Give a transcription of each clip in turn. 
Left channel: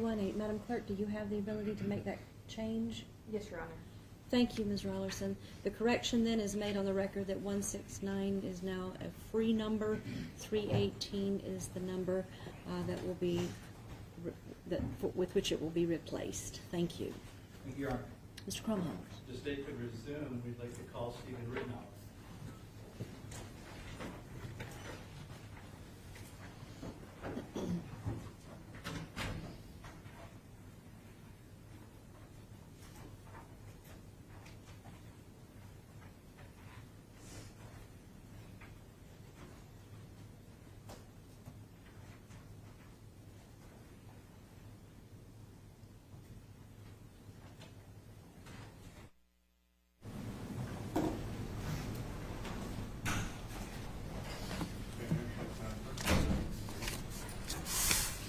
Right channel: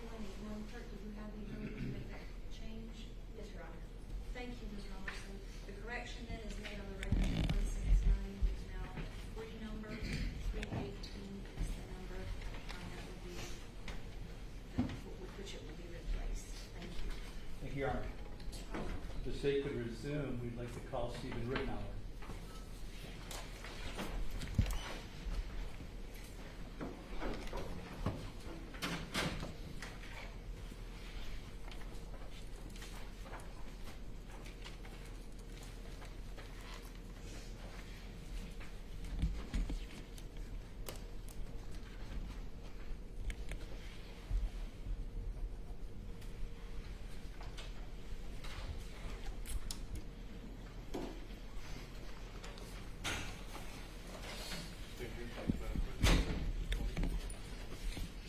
318. Madam Clerk, do you have the ability to make that change? Yes, Your Honor. Thank you, Ms. Rollerson. The correction then is made on the record that 169 is now a free number. 318 is the number that will be with which it will be replaced. Thank you. Thank you, Your Honor. Mr. Cromwell. The state could resume. We'd like to call Stephen Rittenauer.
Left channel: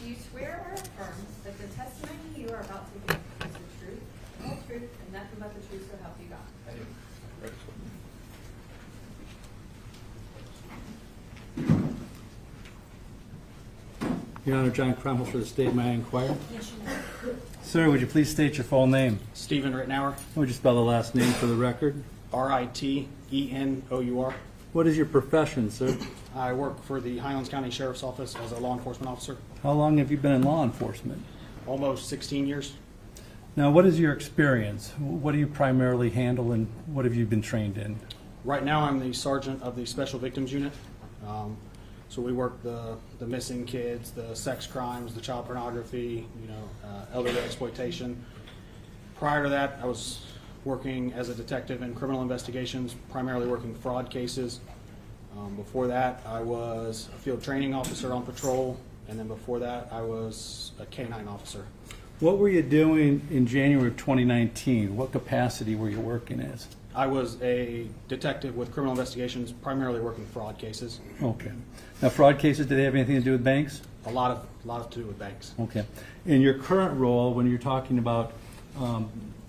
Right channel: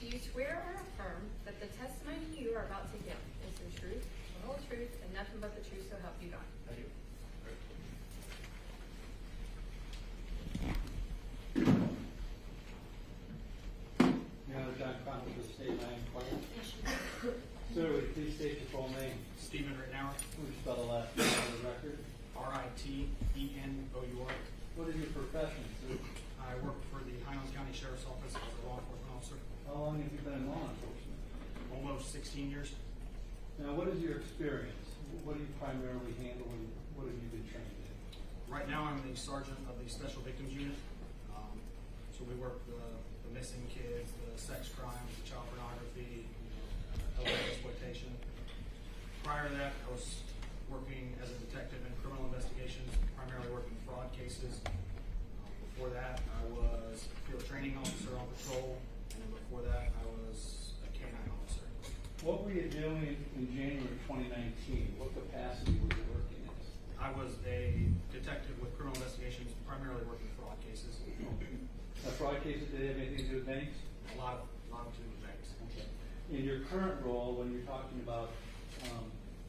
Do you swear or affirm that the testimony you are about to give is the truth, the whole truth, and nothing but the truth, so help you God? I do. Your Honor, John Cromwell for the state. May I inquire? Yes, you may. Sir, would you please state your full name? Stephen Rittenauer, Would you spell the last name for the record? Ritenor. What is your profession, sir? I work for the Highlands County Sheriff's Office as a law enforcement officer. How long have you been in law enforcement? Almost 16 years. Now, what is your experience? What do you primarily handle and what have you been trained in? Right now, I'm the sergeant of the Special Victims Unit. So we work the missing kids, the sex crimes, the child pornography, elderly exploitation. Prior to that, I was working as a detective in criminal investigations, primarily working fraud cases. Before that, I was a field training officer on patrol, and then before that, I was a K-9 officer. What were you doing in January of 2019? What capacity were you working as? I was a detective with criminal investigations, primarily working fraud cases. Okay. Now, fraud cases, do they have anything to do with banks? A lot to do with banks. Okay. In your current role, when you're talking about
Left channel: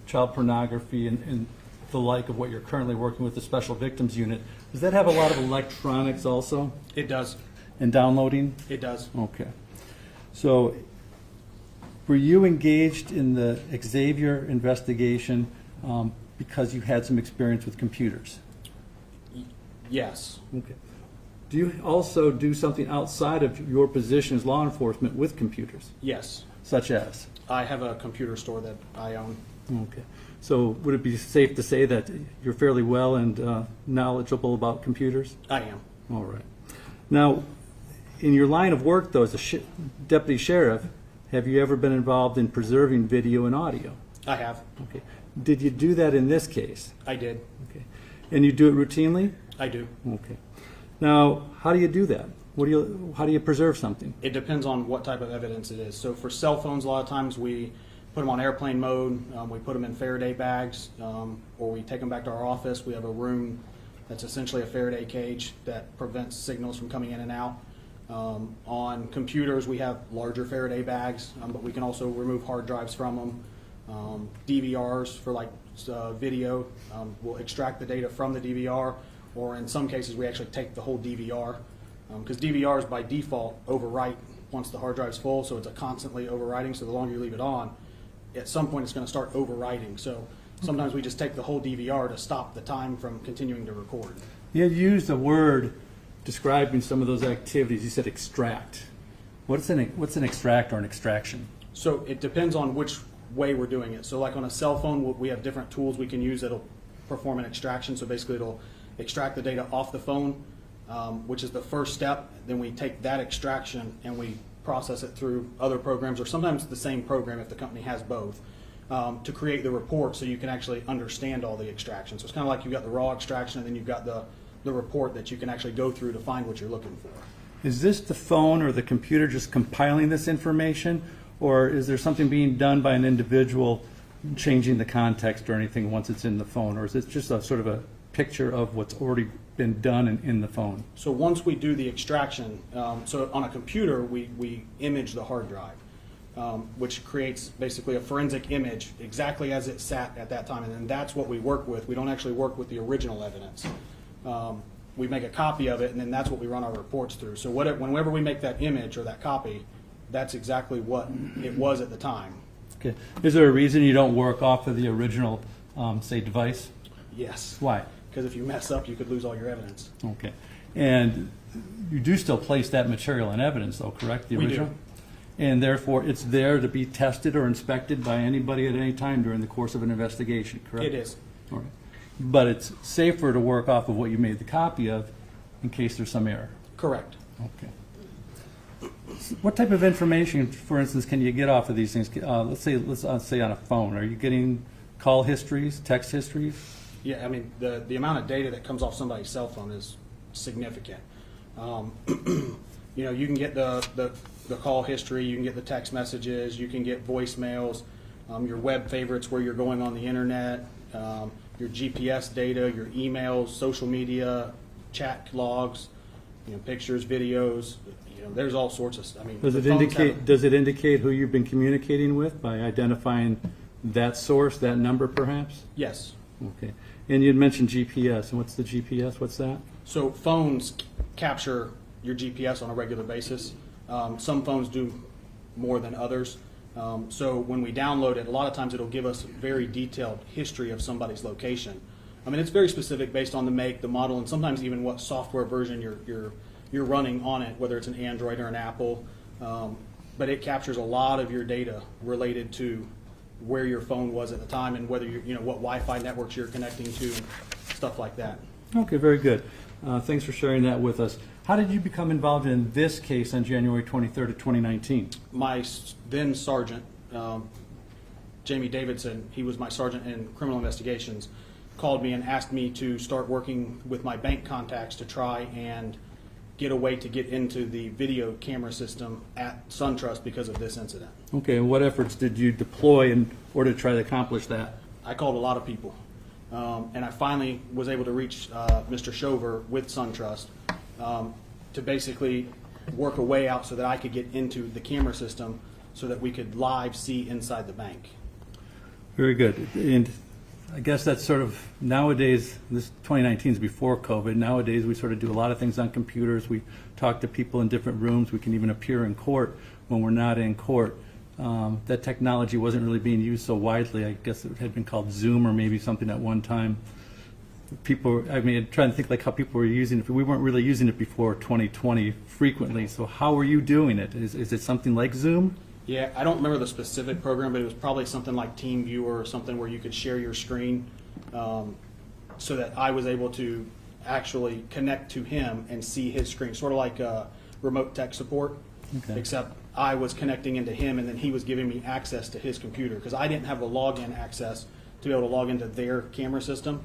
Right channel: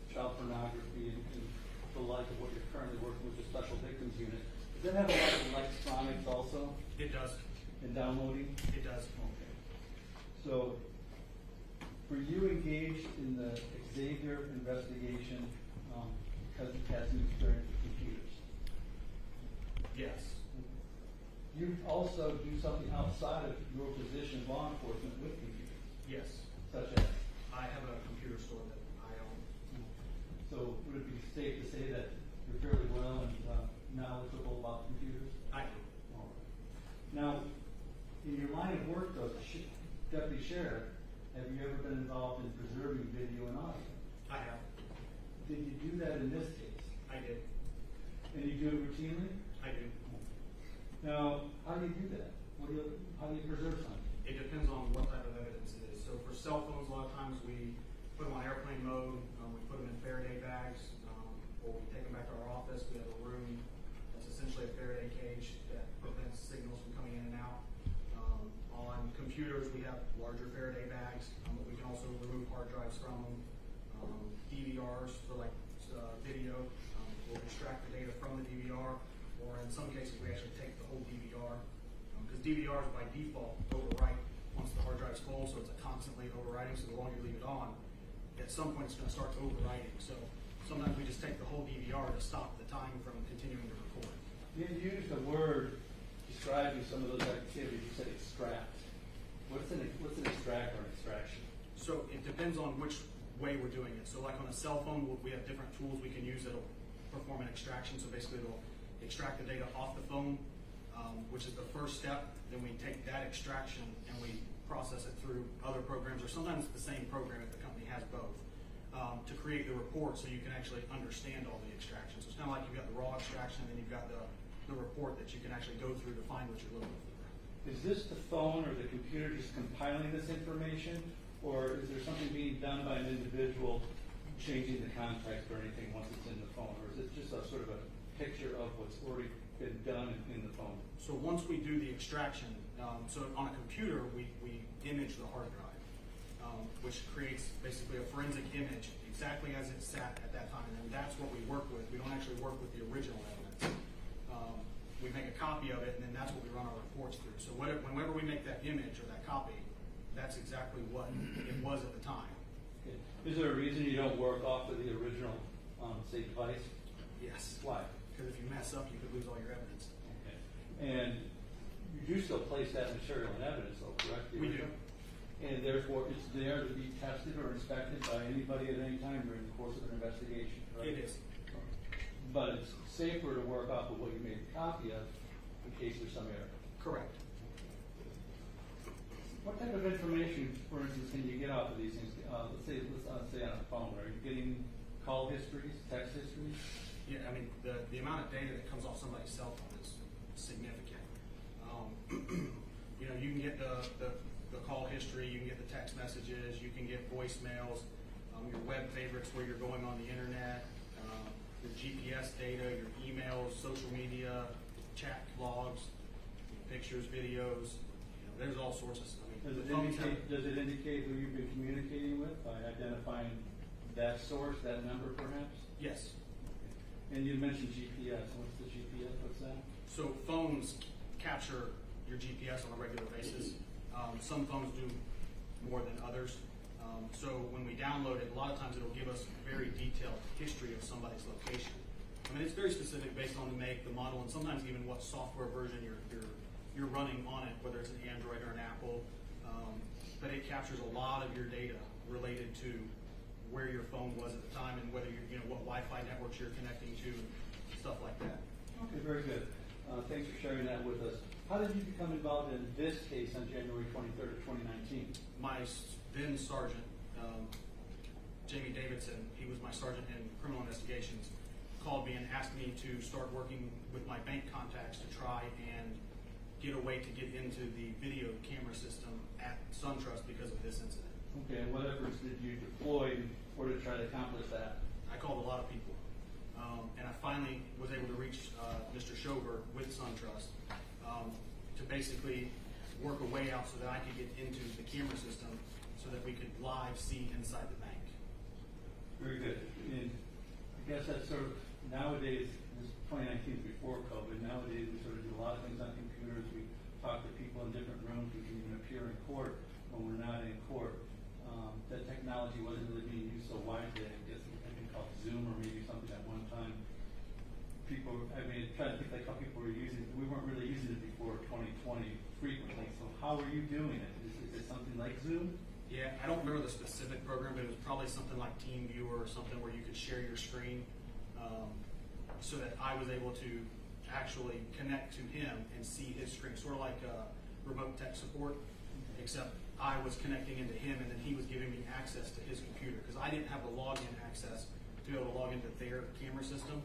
child pornography and the like of what you're currently working with the Special Victims Unit, does that have a lot of electronics also It does. and downloading? It does. Okay. So were you engaged in the Xavier investigation because you had some experience with computers? Yes. Okay. Do you also do something outside of your position as law enforcement with computers, Yes. such as? I have a computer store that I own. Okay. So would it be safe to say that you're fairly well and knowledgeable about computers? I am. All right. Now, in your line of work, though, as a deputy sheriff, have you ever been involved in preserving video and audio? I have. Okay. Did you do that in this case? I did. Okay. And you do it routinely? I do. Okay. Now, how do you do that? How do you preserve something? It depends on what type of evidence it is. So for cell phones, a lot of times we put them on airplane mode. We put them in Faraday bags, or we take them back to our office. We have a room that's essentially a Faraday cage that prevents signals from coming in and out. On computers, we have larger Faraday bags, but we can also remove hard drives from them. DVRs for like video, we'll extract the data from the DVR, or in some cases we actually take the whole DVR, because DVRs by default overwrite once the hard drive's full, so it's a constantly overwriting, so the longer you leave it on, at some point it's going to start overwriting. So sometimes we just take the whole DVR to stop the time from continuing to record. You used a word describing some of those activities. You said extract. What's an extract or an extraction? So it depends on which way we're doing it. So like on a cell phone, we have different tools we can use that'll perform an extraction. So basically it'll extract the data off the phone, which is the first step. Then we take that extraction and we process it through other programs, or sometimes the same program if the company has both, to create the report so you can actually understand all the extractions. So it's kind of like you've got the raw extraction and then you've got the report that you can actually go through to find what you're looking for. Is this the phone or the computer just compiling this information, or is there something being done by an individual changing the context or anything once it's in the phone, or is it just a sort of a picture of what's already been done in the phone? So once we do the extraction, so on a computer we image the hard drive, which creates basically a forensic image exactly as it sat at that time, and then that's what we work with. We don't actually work with the original evidence. We make a copy of it, and then that's what we run our reports through. So whenever we make that image or that copy, that's exactly what it was at the time. Okay. Is there a reason you don't work off of the original, say, device? Yes. Why? Because if you mess up, you could lose all your evidence. Okay. And you do still place that material in evidence, though, correct? The We do. original? And therefore, it's there to be tested or inspected by anybody at any time during the course of an investigation, correct? It is. All right. But it's safer to work off of what you made the copy of in case there's some error. Correct. Okay. What type of information, for instance, can you get off of these things? Let's say on a phone. Are you getting call histories, text histories? Yeah, I mean, the amount of data that comes off somebody's cell phone is significant. You know, you can get the call history, you can get the text messages, you can get voicemails, your web favorites where you're going on the internet, your GPS data, your emails, social media, chat logs, you know, pictures, videos. You know, there's all sorts of. I mean, Does it indicate who you've been communicating with by identifying that source, that number, perhaps? Yes. Okay. And you'd mentioned GPS. And what's the GPS? What's that? So phones capture your GPS on a regular basis. Some phones do more than others. So when we download it, a lot of times it'll give us a very detailed history of somebody's location. I mean, it's very specific based on the make, the model, and sometimes even what software version you're running on it, whether it's an Android or an Apple. But it captures a lot of your data related to where your phone was at the time and whether you know what Wi-Fi networks you're connecting to, and stuff like that. Okay, very good. Thanks for sharing that with us. How did you become involved in this case on January 23rd of 2019? My then sergeant, Jamie Davidson, he was my sergeant in criminal investigations, called me and asked me to start working with my bank contacts to try and get a way to get into the video camera system at SunTrust because of this incident. Okay, and what efforts did you deploy in order to try to accomplish that? I called a lot of people, and I finally was able to reach Mr. Shover with SunTrust to basically work a way out so that I could get into the camera system so that we could live see inside the bank. Very good. And I guess that's sort of nowadays, this 2019 is before COVID. Nowadays, we sort of do a lot of things on computers. We talk to people in different rooms. We can even appear in court when we're not in court. That technology wasn't really being used so widely. I guess it had been called Zoom or maybe something at one time. People, I mean, I'm trying to think like how people were using it. We weren't really using it before 2020 frequently. So how were you doing it? Is it something like Zoom? Yeah, I don't remember the specific program, but it was probably something like TeamViewer or something where you could share your screen so that I was able to actually connect to him and see his screen, sort of like remote tech support, Okay. except I was connecting into him and then he was giving me access to his computer because I didn't have the login access to be able to log into their camera system,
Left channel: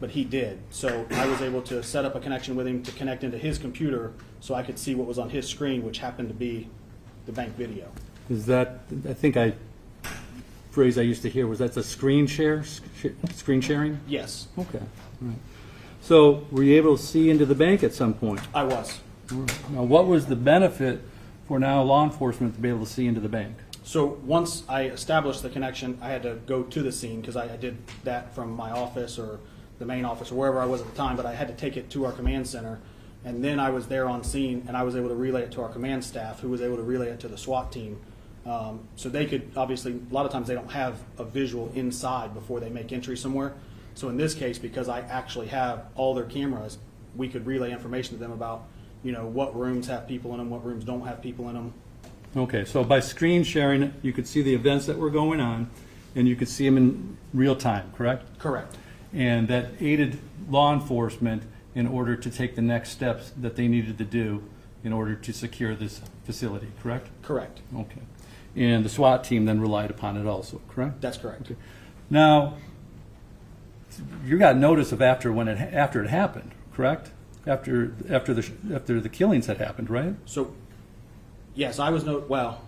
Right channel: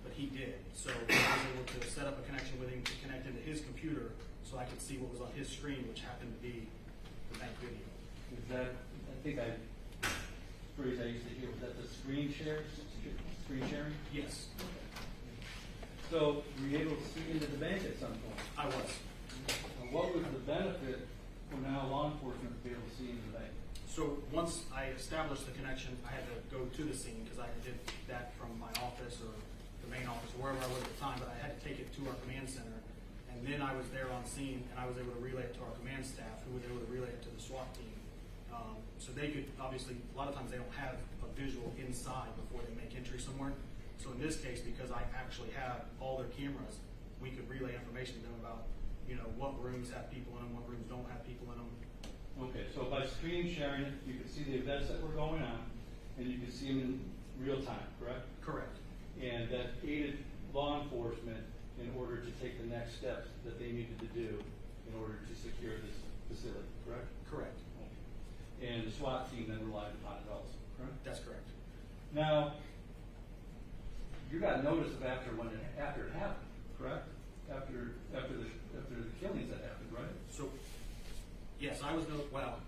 but he did. So I was able to set up a connection with him to connect into his computer so I could see what was on his screen, which happened to be the bank video. Is that, I think phrase I used to hear was that's a screen share, screen sharing? Yes, Okay. Right. So were you able to see into the bank at some point? I was. Now, what was the benefit for now law enforcement to be able to see into the bank? So once I established the connection, I had to go to the scene because I did that from my office or the main office or wherever I was at the time, but I had to take it to our command center. And then I was there on scene and I was able to relay it to our command staff who was able to relay it to the SWAT team. So they could, obviously, a lot of times they don't have a visual inside before they make entry somewhere. So in this case, because I actually have all their cameras, we could relay information to them about, you know, what rooms have people in them, what rooms don't have people in them. Okay, so by screen sharing, you could see the events that were going on and you could see them in real time, correct? Correct. And that aided law enforcement in order to take the next steps that they needed to do in order to secure this facility, correct? Correct. Okay. And the SWAT team then relied upon it also, correct? That's correct. Okay. Now, you got notice of after it happened, correct? After the killings had happened, right? So, yes, I was well,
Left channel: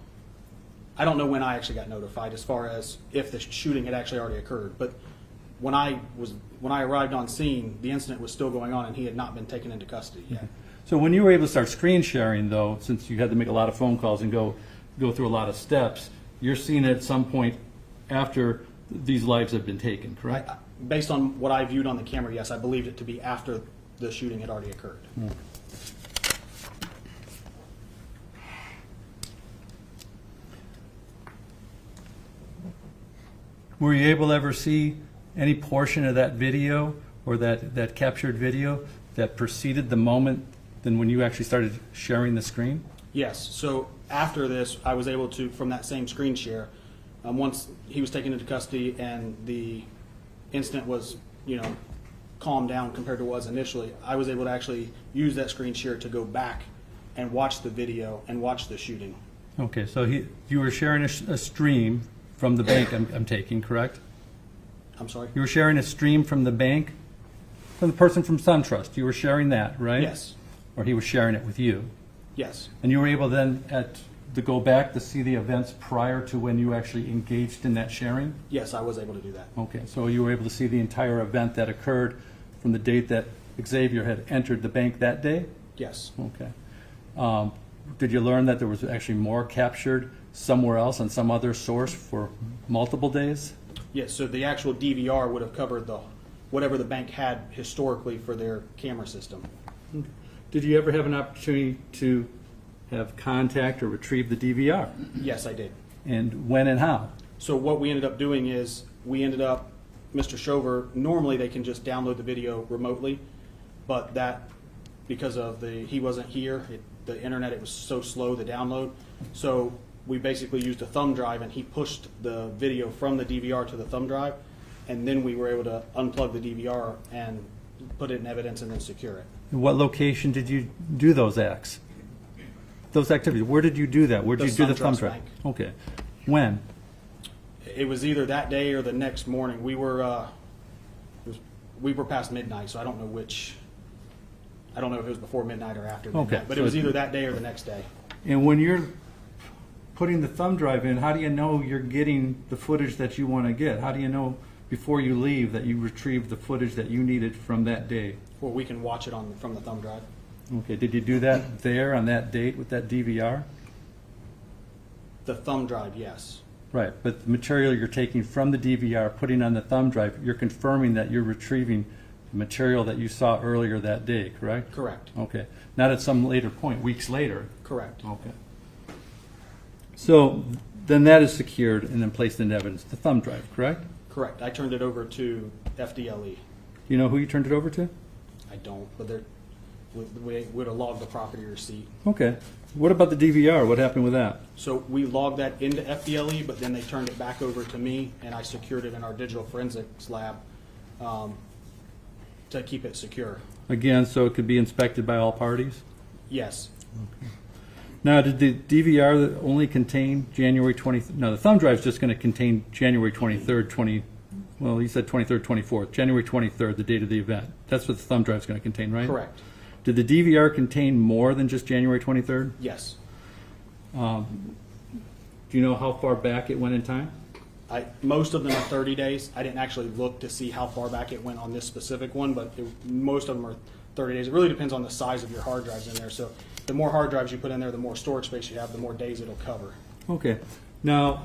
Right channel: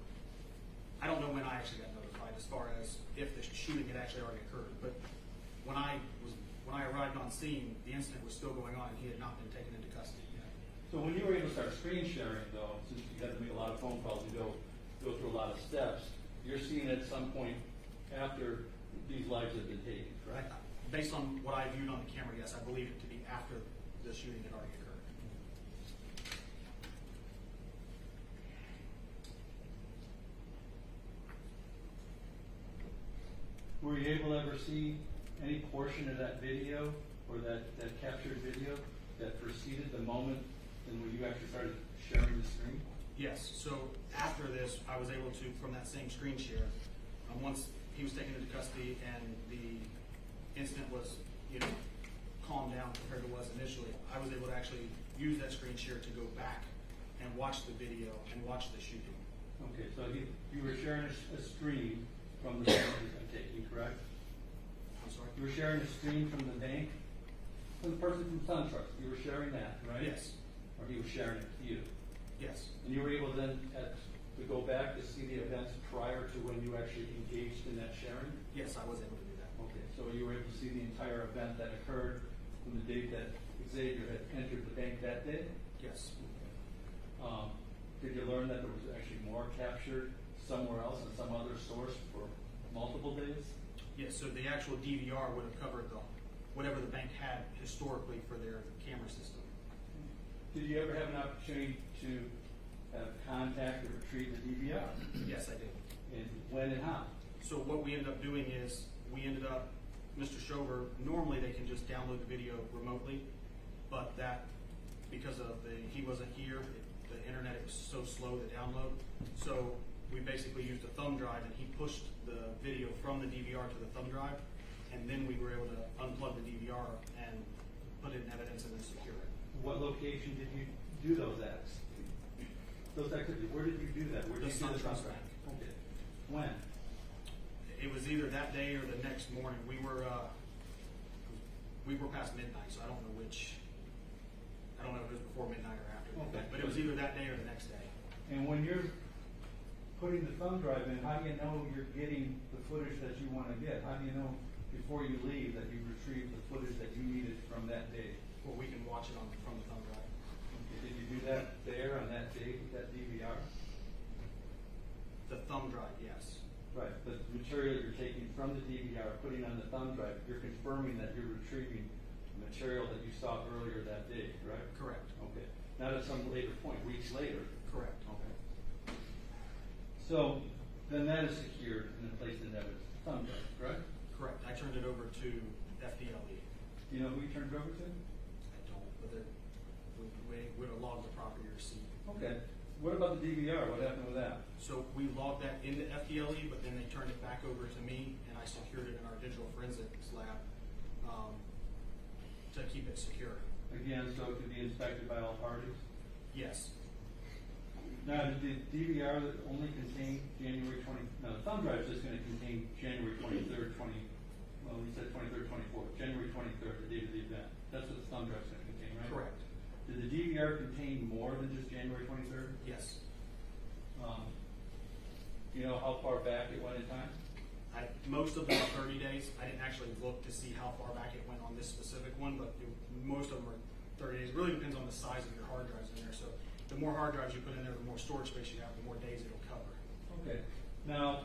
I don't know when I actually got notified as far as if the shooting had actually already occurred, but when I arrived on scene, the incident was still going on and he had not been taken into custody yet. So when you were able to start screen sharing, though, since you had to make a lot of phone calls and go through a lot of steps, you're seeing it at some point after these lives have been taken, correct? Based on what I viewed on the camera, yes, I believed it to be after the shooting had already occurred. Were you able to ever see any portion of that video or that captured video that preceded the moment than when you actually started sharing the screen? Yes, so after this, I was able to, from that same screen share, once he was taken into custody and the incident was, calmed down compared to what was initially, I was able to actually use that screen share to go back and watch the video and watch the shooting. Okay, so you were sharing a stream from the bank, I'm taking, correct? I'm sorry? You were sharing a stream from the bank, from the person from SunTrust. You were sharing that, right? Yes, Or he was sharing it with you. yes, And you were able then to go back to see the events prior to when you actually engaged in that sharing? yes, I was able to do that. Okay, so you were able to see the entire event that occurred from the date that Xavier had entered the bank that day? Yes, Okay. Did you learn that there was actually more captured somewhere else on some other source for multiple days? yes, so the actual DVR would have covered whatever the bank had historically for their camera system. Did you ever have an opportunity to have contact or retrieve the DVR? Yes, I did. And when and how? So what we ended up doing is, Mr. Shover, normally they can just download the video remotely, but because of he wasn't here, the internet, it was so slow to download. So we basically used a thumb drive and he pushed the video from the DVR to the thumb drive, and then we were able to unplug the DVR and put it in evidence and then secure it. What location did you do those acts? Those activities? Where did you do that? Where did you do the thumb SunTrust drive? Bank. Okay. When? It was either that day or the next morning. We were past midnight, so I don't know which. I don't know if it was before midnight or after midnight, Okay, but so it was either that day or the next day. And when you're putting the thumb drive in, how do you know you're getting the footage that you want to get? How do you know before you leave that you retrieved the footage that you needed from that day? Well, we can watch it from the thumb drive. Okay, did you do that there on that date with that DVR? The thumb drive, yes. Right, but the material you're taking from the DVR, putting on the thumb drive, you're confirming that you're retrieving the material that you saw earlier that day, correct? Correct. Okay, not at some later point, weeks later. Correct. Okay. So then that is secured and then placed in evidence, the thumb drive, correct? Correct. I turned it over to FDLE. You know who you turned it over to? I don't, but we would have logged the property receipt. Okay. What about the DVR? What happened with that? So we logged that into FDLE, but then they turned it back over to me, and I secured it in our digital forensics lab to keep it secure. Again, so it could be inspected by all parties? Yes. Now, did the DVR only contain January 20th? No, the thumb drive is just going to contain January 23rd, well, you said 23rd, 24th, January 23rd, the date of the event. That's what the thumb drive is going to contain, right? Correct. Did the DVR contain more than just January 23rd? Yes. Do you know how far back it went in time? Most of them are 30 days. I didn't actually look to see how far back it went on this specific one, but most of them are 30 days. It really depends on the size of your hard drives in there. So the more hard drives you put in there, the more storage space you have, the more days it'll cover. Okay. Now,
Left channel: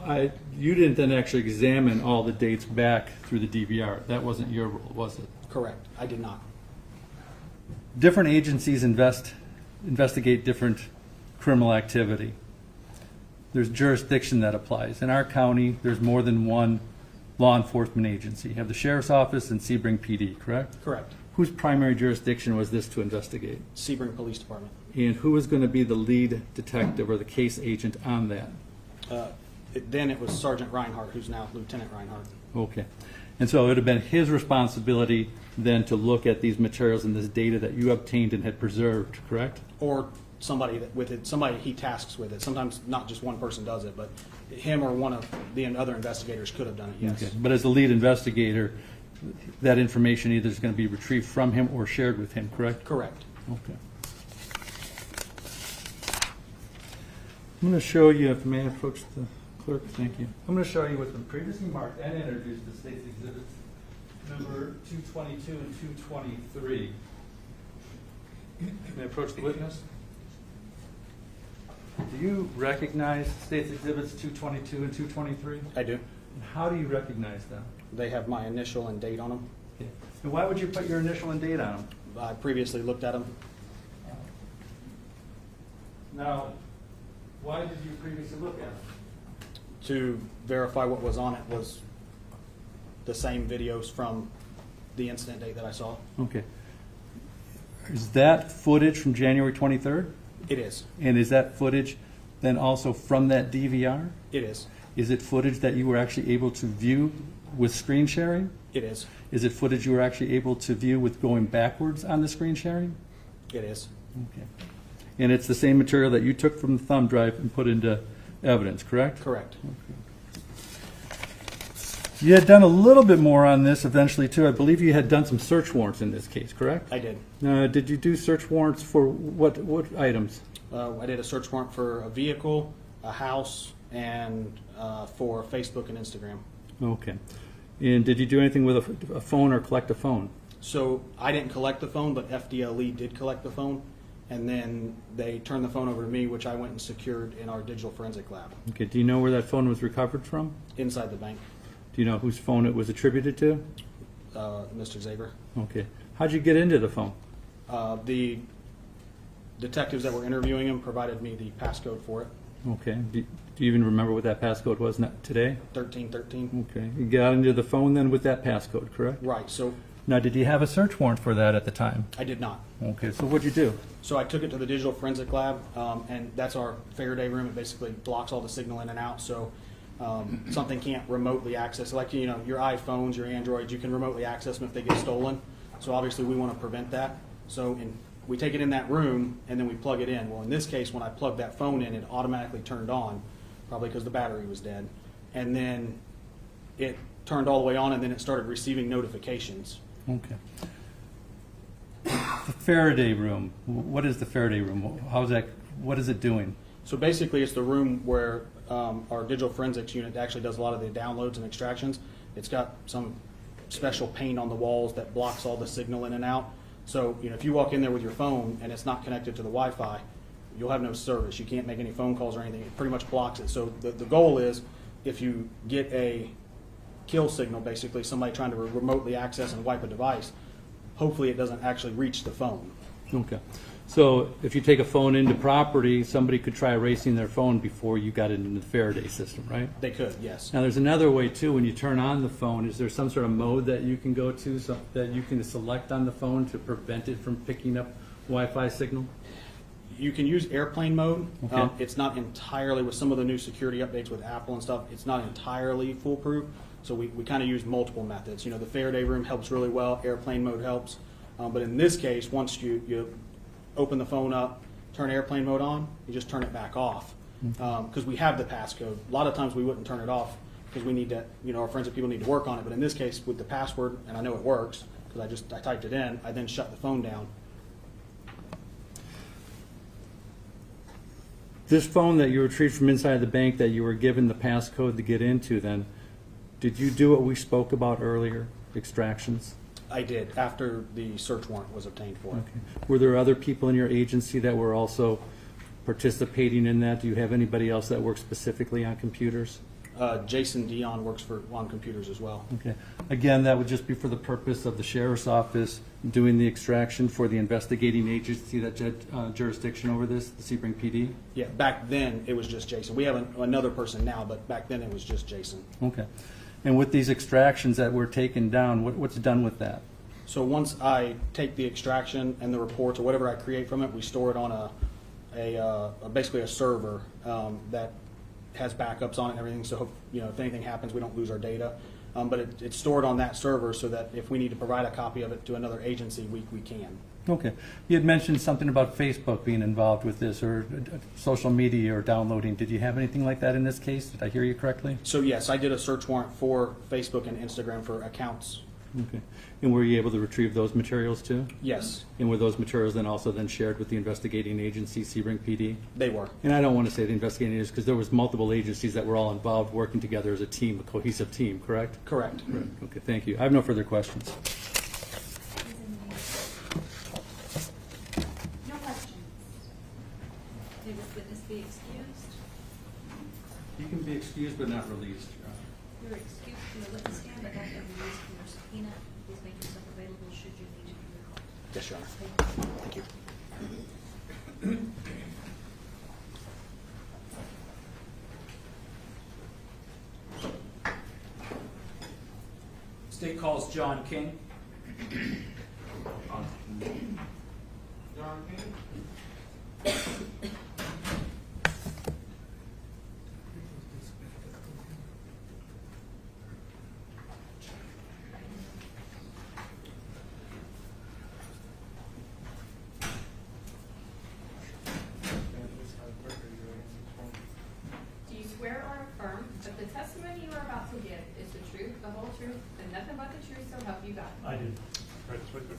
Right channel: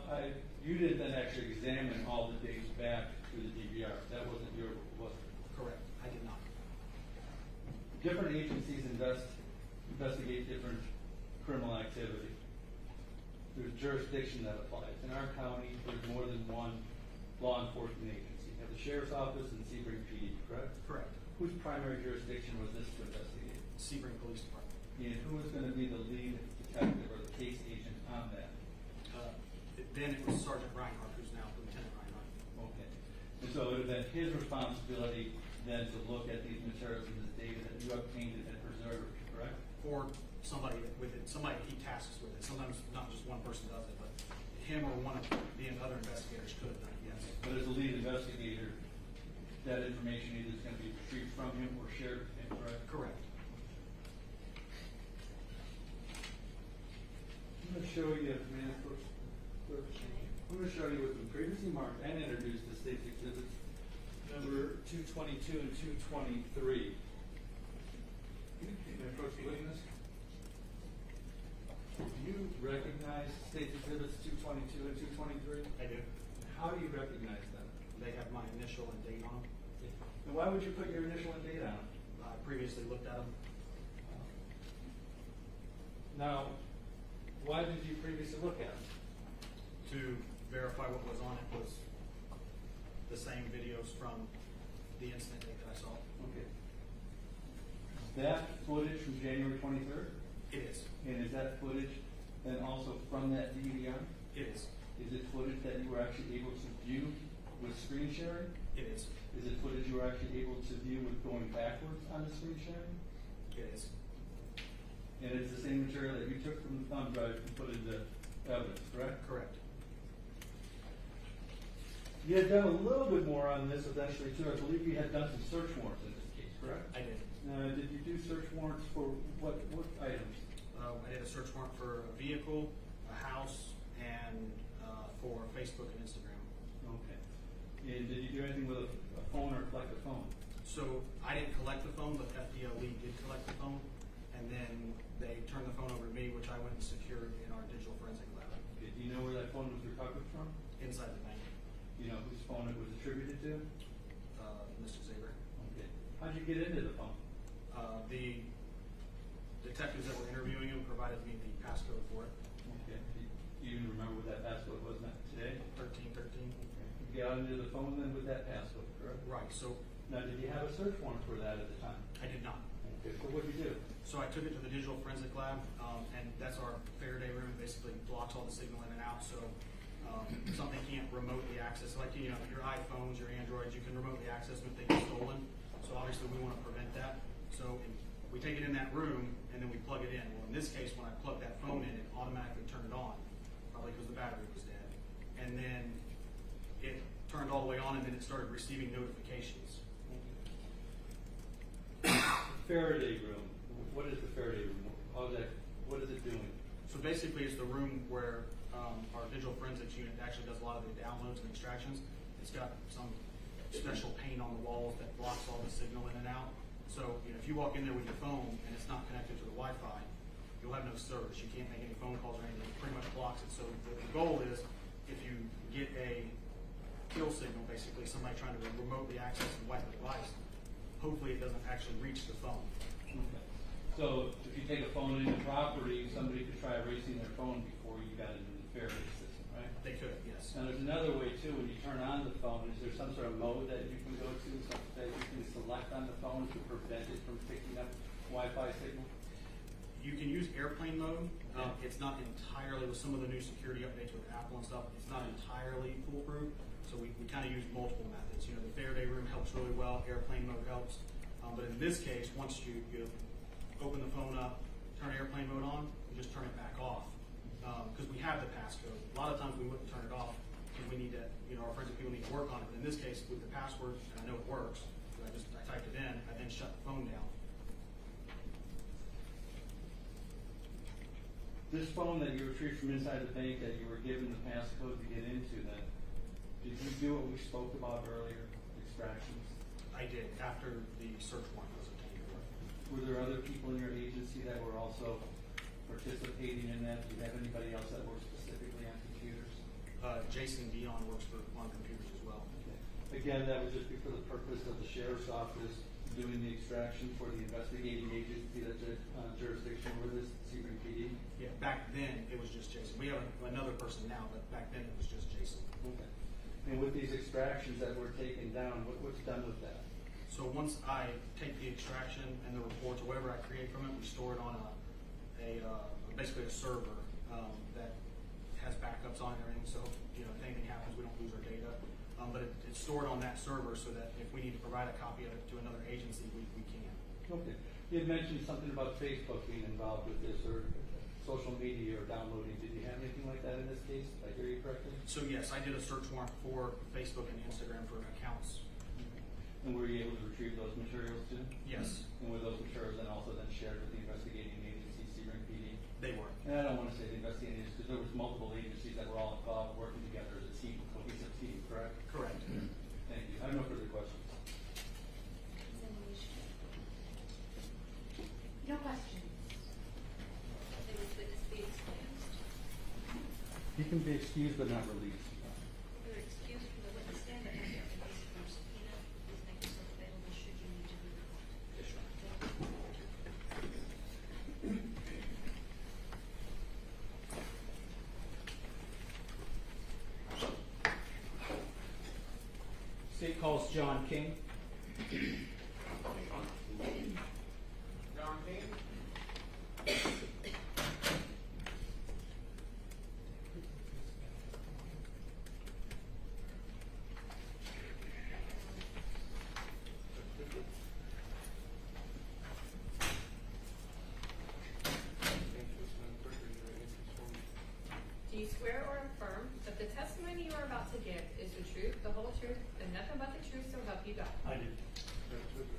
you didn't then actually examine all the dates back through the DVR. That wasn't your rule, was it? Correct. I did not. Different agencies investigate different criminal activity. There's jurisdiction that applies. In our county, there's more than one law enforcement agency. You have the Sheriff's Office and Sebring PD, correct? Correct. Whose primary jurisdiction was this to investigate? Sebring Police Department. And who was going to be the lead detective or the case agent on that? Then it was Sergeant Reinhardt, who's now Lieutenant Reinhardt. Okay. And so it would have been his responsibility then to look at these materials and this data that you obtained and had preserved, correct? Or somebody somebody he tasks with it. Sometimes not just one person does it, but him or one of the other investigators could have done it, yes. Okay. But as the lead investigator, that information either is going to be retrieved from him or shared with him, correct? Correct. Okay. I'm going to show you, if I may approach the clerk, thank you. I'm going to show you what the previously marked and introduced the state's exhibits, number 222 and 223. May I approach the witness? Do you recognize state's exhibits 222 and 223? I do. And how do you recognize them? They have my initial and date on them. Okay. And why would you put your initial and date on them? I previously looked at them. Now, why did you previously look at them? To verify what was on it was the same videos from the incident date that I saw. Okay. Is that footage from January 23rd? It is. And is that footage then also from that DVR? It is. Is it footage that you were actually able to view with screen sharing? It is. Is it footage you were actually able to view with going backwards on the screen sharing? It is. Okay. And it's the same material that you took from the thumb drive and put into evidence, correct? Correct. You had done a little bit more on this eventually too. I believe you had done some search warrants in this case, correct? I did. Did you do search warrants for what items? I did a search warrant for a vehicle, a house, and for Facebook and Instagram. Okay. And did you do anything with a phone or collect a phone? So I didn't collect the phone, but FDLE did collect the phone, and then they turned the phone over to me, which I went and secured in our digital forensic lab Okay. Do you know where that phone was recovered from? inside the bank. Do you know whose phone it was attributed to? Mr. Xavier. Okay. How'd you get into the phone? The detectives that were interviewing him provided me the passcode for it, Okay. Do you even remember what that passcode was today? 1313. Okay. You got into the phone then with that passcode, correct? Right, so Now, did you have a search warrant for that at the time? I did not. Okay. So what'd you do? So I took it to the digital forensic lab, and that's our Faraday room. It basically blocks all the signal in and out, so something can't remotely access. Like, you know, your iPhones, your Androids, you can remotely access them if they get stolen. So obviously we want to prevent that. So we take it in that room, and then we plug it in. Well, in this case, when I plugged that phone in, it automatically turned on, probably because the battery was dead. And then it turned all the way on, and then it started receiving notifications. Okay. The Faraday room. What is the Faraday room? How's that? What is it doing? So basically, it's the room where our digital forensics unit actually does a lot of the downloads and extractions. It's got some special paint on the walls that blocks all the signal in and out. So, you know, if you walk in there with your phone and it's not connected to the Wi-Fi, you'll have no service. You can't make any phone calls or anything. It pretty much blocks it. So the goal is, if you get a kill signal, basically somebody trying to remotely access and wipe a device, hopefully it doesn't actually reach the phone. Okay. So if you take a phone into property, somebody could try erasing their phone before you got it into the Faraday system, right? They could, yes. Now, there's another way too. When you turn on the phone, is there some sort of mode that you can go to, so that you can select on the phone to prevent it from picking up Wi-Fi signal? You can use airplane mode. Okay. It's not entirely, with some of the new security updates with Apple and stuff, it's not entirely foolproof. So we kind of use multiple methods. You know, the Faraday room helps really well. Airplane mode helps. But in this case, once you open the phone up, turn airplane mode on, you just turn it back off. Because we have the passcode. A lot of times we wouldn't turn it off because we need to, you know, our forensic people need to work on it. But in this case, with the password, and I know it works because I typed it in, I then shut the phone down. This phone that you retrieved from inside the bank that you were given the passcode to get into, then, did you do what we spoke about earlier, extractions? I did, after the search warrant was obtained for it. Okay. Were there other people in your agency that were also participating in that? Do you have anybody else that works specifically on computers? Jason Dion works on computers as well. Okay. Again, that would just be for the purpose of the sheriff's office doing the extraction for the investigating agency that jurisdiction over this, the Sebring PD? Yeah, back then it was just Jason. We have another person now, but back then it was just Jason. Okay. And with these extractions that were taken down, what's done with that? So once I take the extraction and the reports or whatever I create from it, we store it on basically a server that has backups on it and everything. So, you know, if anything happens, we don't lose our data. But it's stored on that server so that if we need to provide a copy of it to another agency, we can. Okay. You had mentioned something about Facebook being involved with this, or social media or downloading. Did you have anything like that in this case? Did I hear you correctly? So yes, I did a search warrant for Facebook and Instagram for accounts. Okay. And were you able to retrieve those materials too? Yes, And were those materials then also then shared with the investigating agency, Sebring PD? they were. And I don't want to say the investigating agency because there was multiple agencies that were all involved working together as a team, a cohesive team, correct? Correct. Okay, thank you. I have no further questions. No questions. May this witness be excused? You can be excused but not released, Your Honor. You're excused from the witness stand, but not released from your subpoena. Please make yourself available should you need to be called. Yes, Your Honor. Thank you. calls John King. Do you swear or affirm that the testimony you are about to give is the truth, the whole truth, and nothing but the truth, so help you God? I do. Right this way, sir.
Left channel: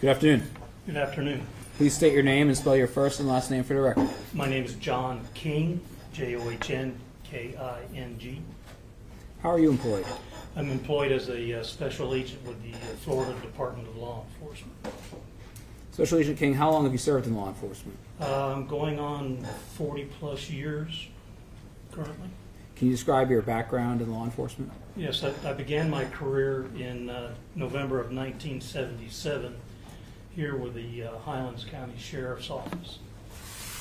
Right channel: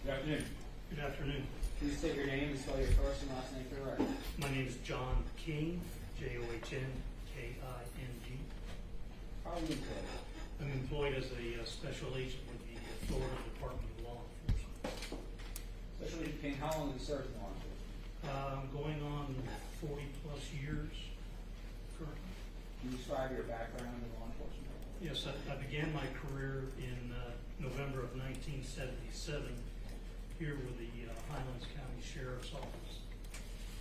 Good afternoon. Good afternoon. Please state your name and spell your first and last name for the record. My name is John King, John King. How are you employed? I'm employed as a special agent with the Florida Department of Law Enforcement. Special Agent King, how long have you served in law enforcement? I'm going on 40-plus years currently. Can you describe your background in law enforcement? Yes, I began my career in November of 1977 here with the Highlands County Sheriff's Office.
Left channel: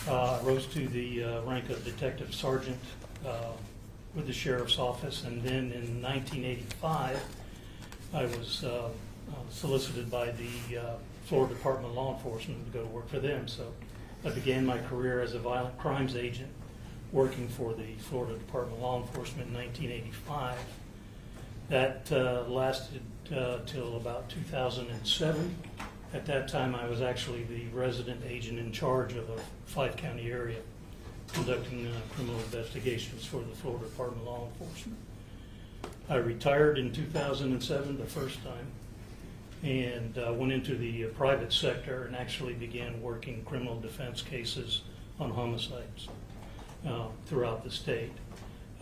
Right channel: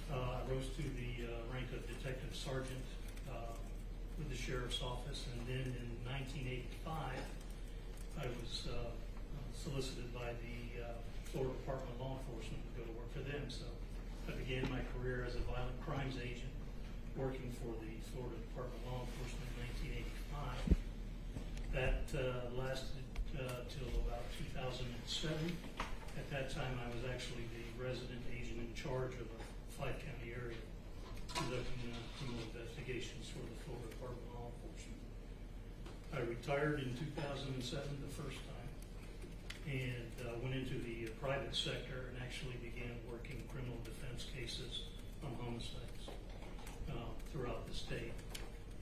I rose to the rank of Detective Sergeant with the Sheriff's Office, and then in 1985 I was solicited by the Florida Department of Law Enforcement to go to work for them. So I began my career as a violent crimes agent working for the Florida Department of Law Enforcement in 1985. That lasted till about 2007. At that time, I was actually the resident agent in charge of a 5-county area conducting criminal investigations for the Florida Department of Law Enforcement. I retired in 2007 the first time and went into the private sector and actually began working criminal defense cases on homicides throughout the state.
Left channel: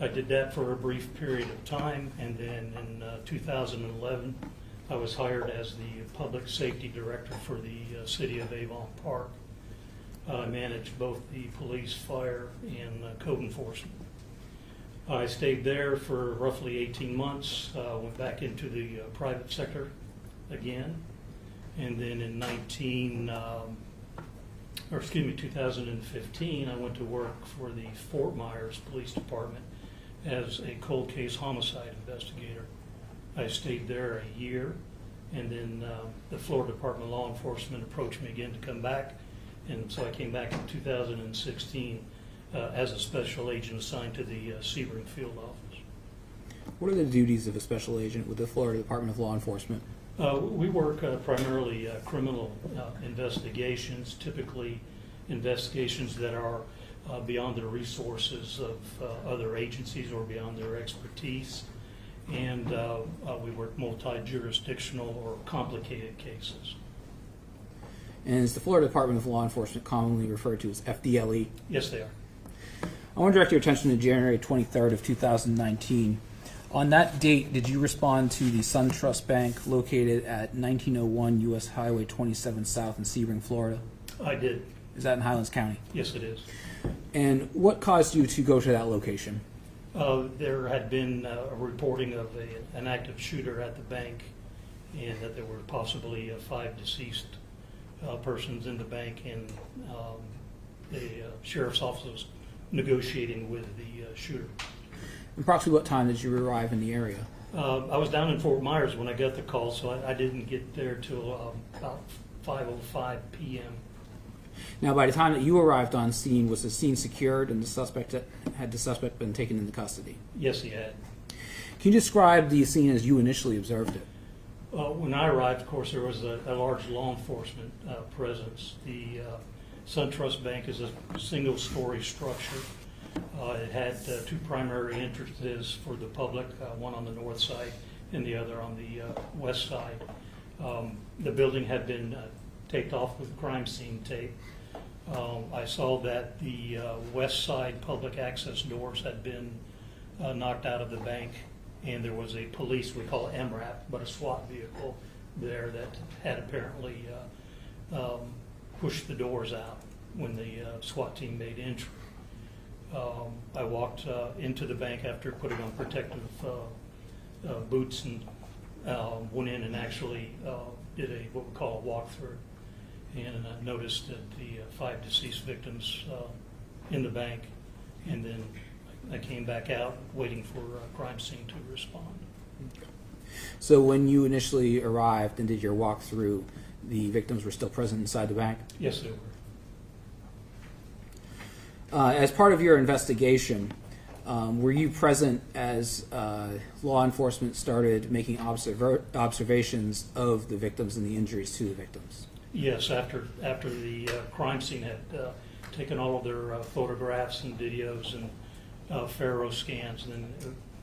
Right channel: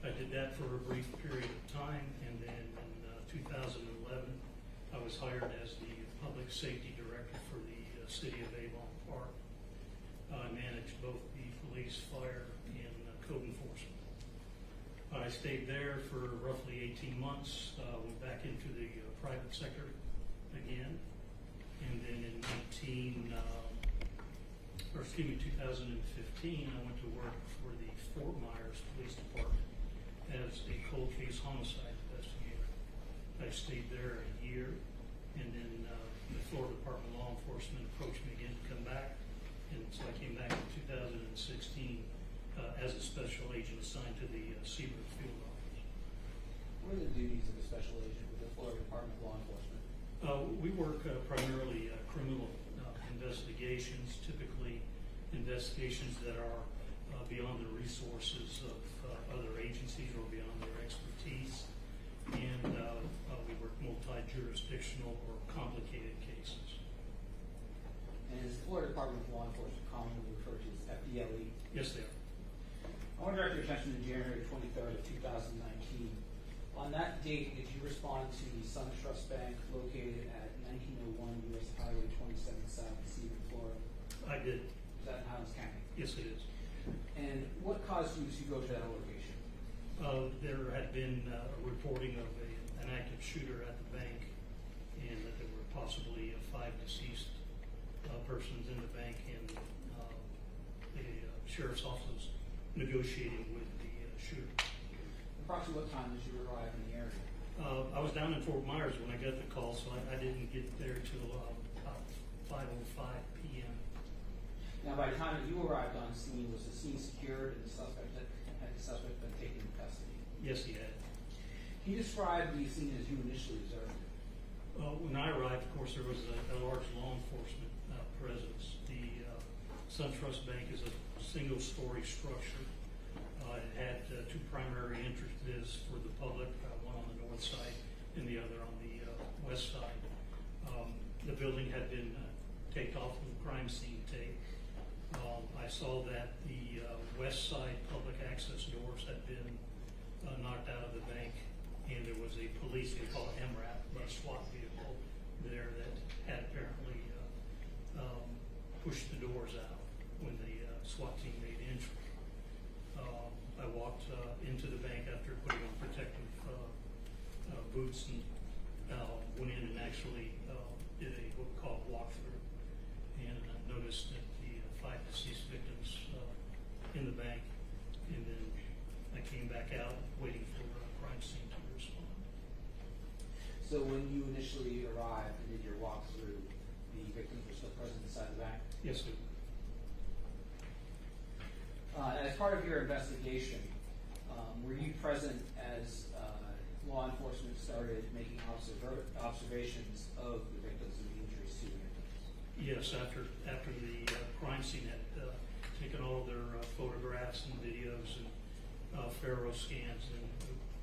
I did that for a brief period of time, and then in 2011 I was hired as the public safety director for the city of Avon Park. I managed both the police, fire, and code enforcement. I stayed there for roughly 18 months, went back into the private sector again, and then in 2015, I went to work for the Fort Myers Police Department as a cold case homicide investigator. I stayed there a year, and then the Florida Department of Law Enforcement approached me again to come back, and so I came back in 2016 as a special agent assigned to the Sebring field office. What are the duties of a special agent with the Florida Department of Law Enforcement? We work primarily criminal investigations, typically investigations that are beyond the resources of other agencies or beyond their expertise. And we work multi-jurisdictional or complicated cases. And is the Florida Department of Law Enforcement commonly referred to as FDLE? Yes, they are. I want to direct your attention to January 23rd of 2019. On that date, did you respond to the SunTrust Bank located at 1901 U.S. Highway 27 South in Sebring, Florida? I did. Is that in Highlands County? Yes, it is. And what caused you to go to that location? There had been a reporting of an active shooter at the bank, and that there were possibly 5 deceased persons in the bank, and the sheriff's office was negotiating with the shooter. Approximately what time did you arrive in the area? I was down in Fort Myers when I got the call, so I didn't get there till about 5:05 p.m. Now, by the time that you arrived on scene, was the scene secured and had the suspect been taken into custody? Yes, he had. Can you describe the scene as you initially observed it? When I arrived, of course, there was a large law enforcement presence. The SunTrust Bank is a single-story structure. It had 2 primary entrances for the public, one on the north side and the other on the west side. The building had been taped off with crime scene tape. I saw that the west side public access doors had been knocked out of the bank, and there was a police, we call it MRAP, but a SWAT vehicle there that had apparently pushed the doors out when the SWAT team made entry. I walked into the bank after putting on protective boots and went in and actually did what we call a walkthrough. and I noticed that the 5 deceased victims in the bank, and then I came back out waiting for a crime scene to respond. So when you initially arrived and did your walkthrough, the victims were still present inside the bank? Yes, they were. As part of your investigation, were you present as law enforcement started making observations of the victims and the injuries to the victims? Yes, after the crime scene had taken all of their photographs and videos and Faro scans, and then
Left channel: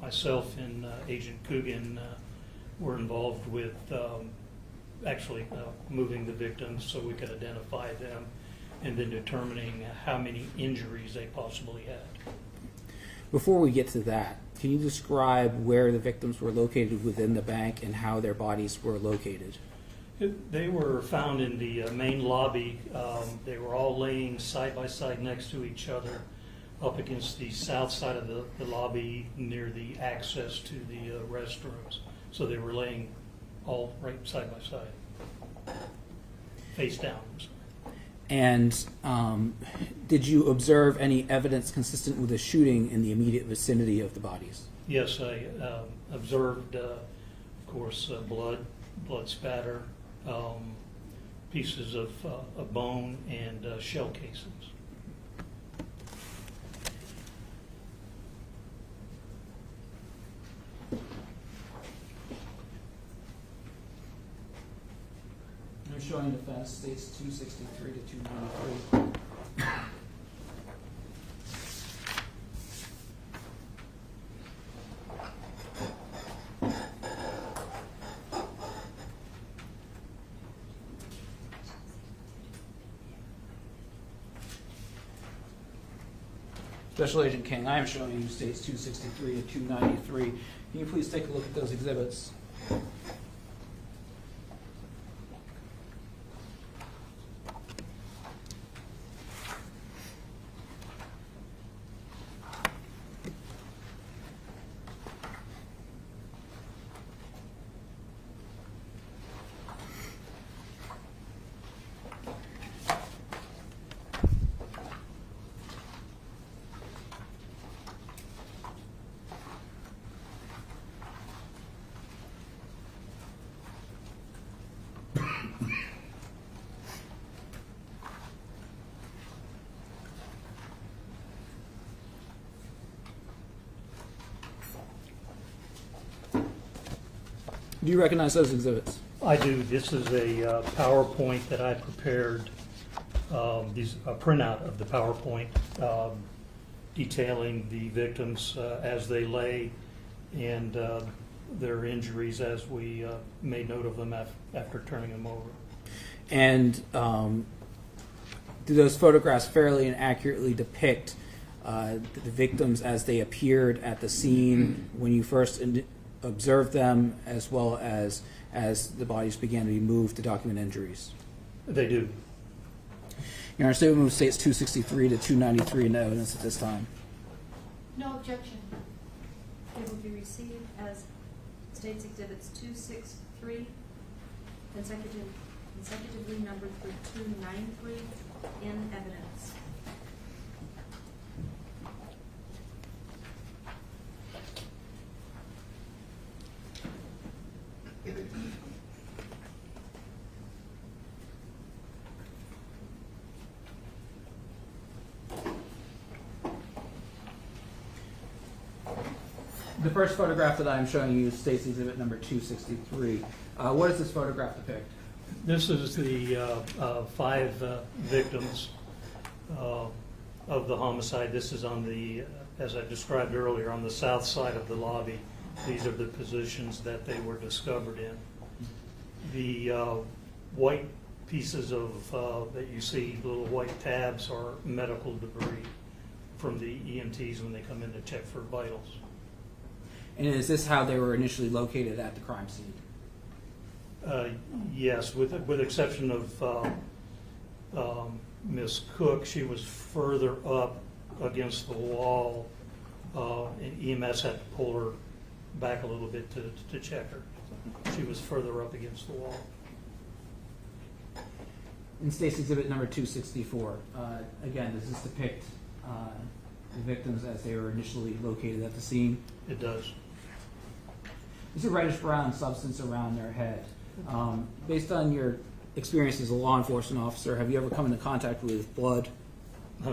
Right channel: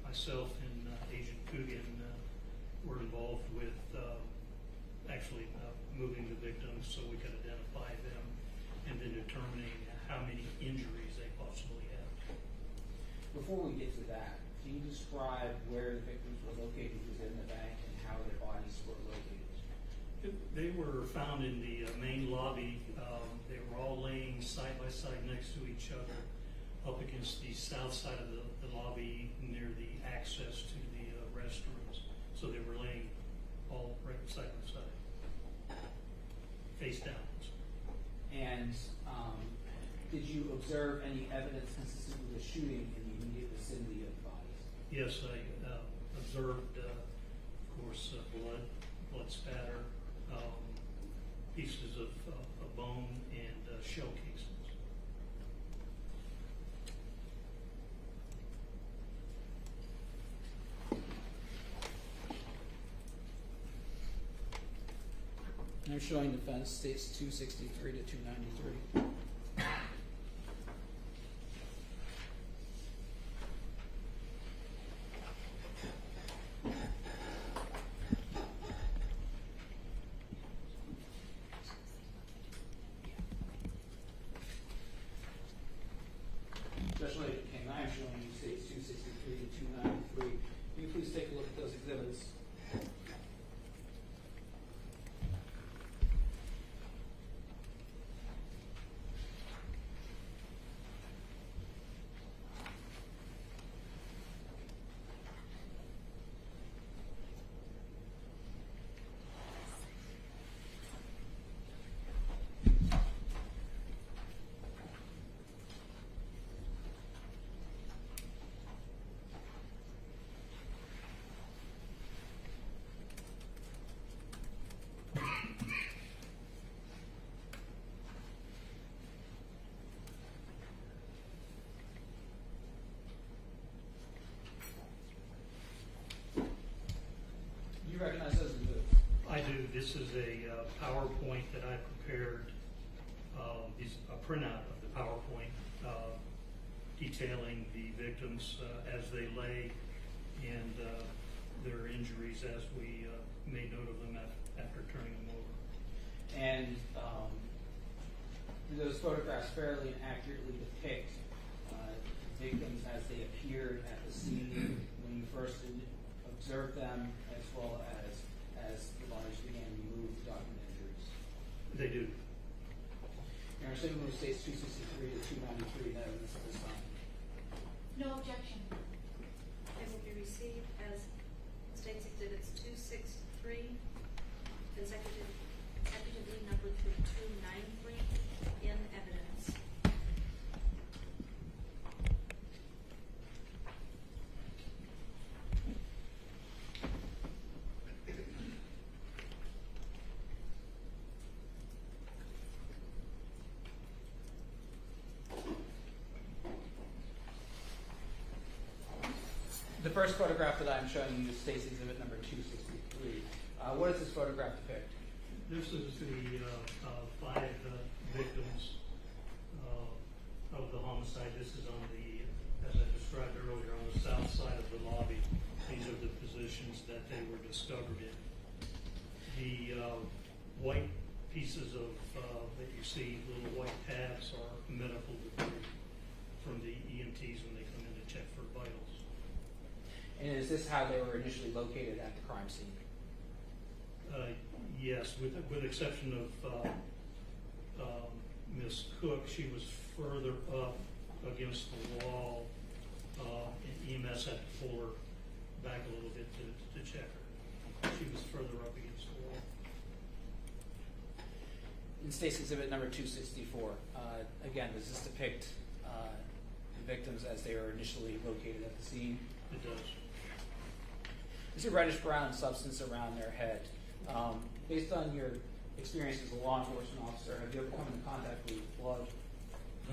myself and Agent Coogan were involved with actually moving the victims so we could identify them, and then determining how many injuries they possibly had. Before we get to that, can you describe where the victims were located within the bank and how their bodies were located? They were found in the main lobby. They were all laying side by side next to each other up against the south side of the lobby near the access to the restrooms. So they were laying all right side by side, face down. And did you observe any evidence consistent with a shooting in the immediate vicinity of the bodies? Yes, I observed, of course, blood spatter, pieces of bone, and shell casings. I'm showing defense states 263 to 293. Special Agent King, I am showing you states 263 to 293. Can you please take a look at those exhibits? Do you recognize those exhibits? I do. This is a PowerPoint that I prepared. These a printout of the PowerPoint detailing the victims as they lay, and their injuries as we made note of them after turning them over. And do those photographs fairly and accurately depict the victims as they appeared at the scene when you first observed them, as well as the bodies began to be moved to document injuries? They do. Your Honor, statement of states 263 to 293 in evidence at this time. No objection. They will be received as States Exhibits 263, consecutively numbered through 293 in evidence. The first photograph that I am showing you is States Exhibit number 263. What does this photograph depict? This is the 5 victims of the homicide. This is on the, as I described earlier, on the south side of the lobby. These are the positions that they were discovered in. The white pieces of that you see, little white tabs, are medical debris from the EMTs when they come in to check for vitals. And is this how they were initially located at the crime scene? Yes, with exception of Miss Cook. She was further up against the wall, and EMS had to pull her back a little bit to check her. She was further up against the wall. In State's Exhibit number 264, again, does this depict the victims as they were initially located at the scene? It does. There's a reddish-brown substance around their head. Based on your experience as a law enforcement officer, have you ever come into contact with blood?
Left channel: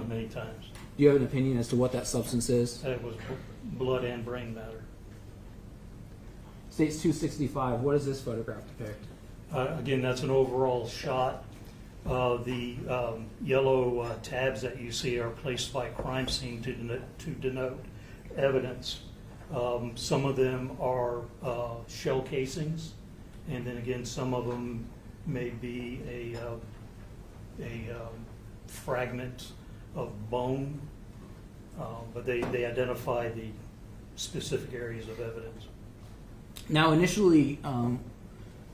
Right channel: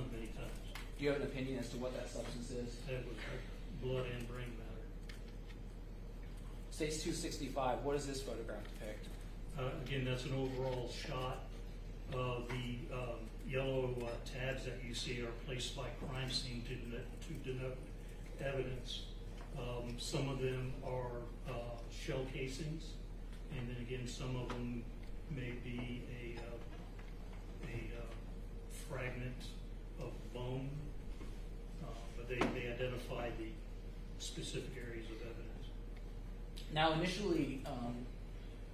Many times. Do you have an opinion as to what that substance is? It was blood and brain matter. State's 265, what does this photograph depict? Again, that's an overall shot. The yellow tabs that you see are placed by crime scene to denote evidence. Some of them are shell casings, and then again, some of them may be a fragment of bone, but they identify the specific areas of evidence. Now, initially,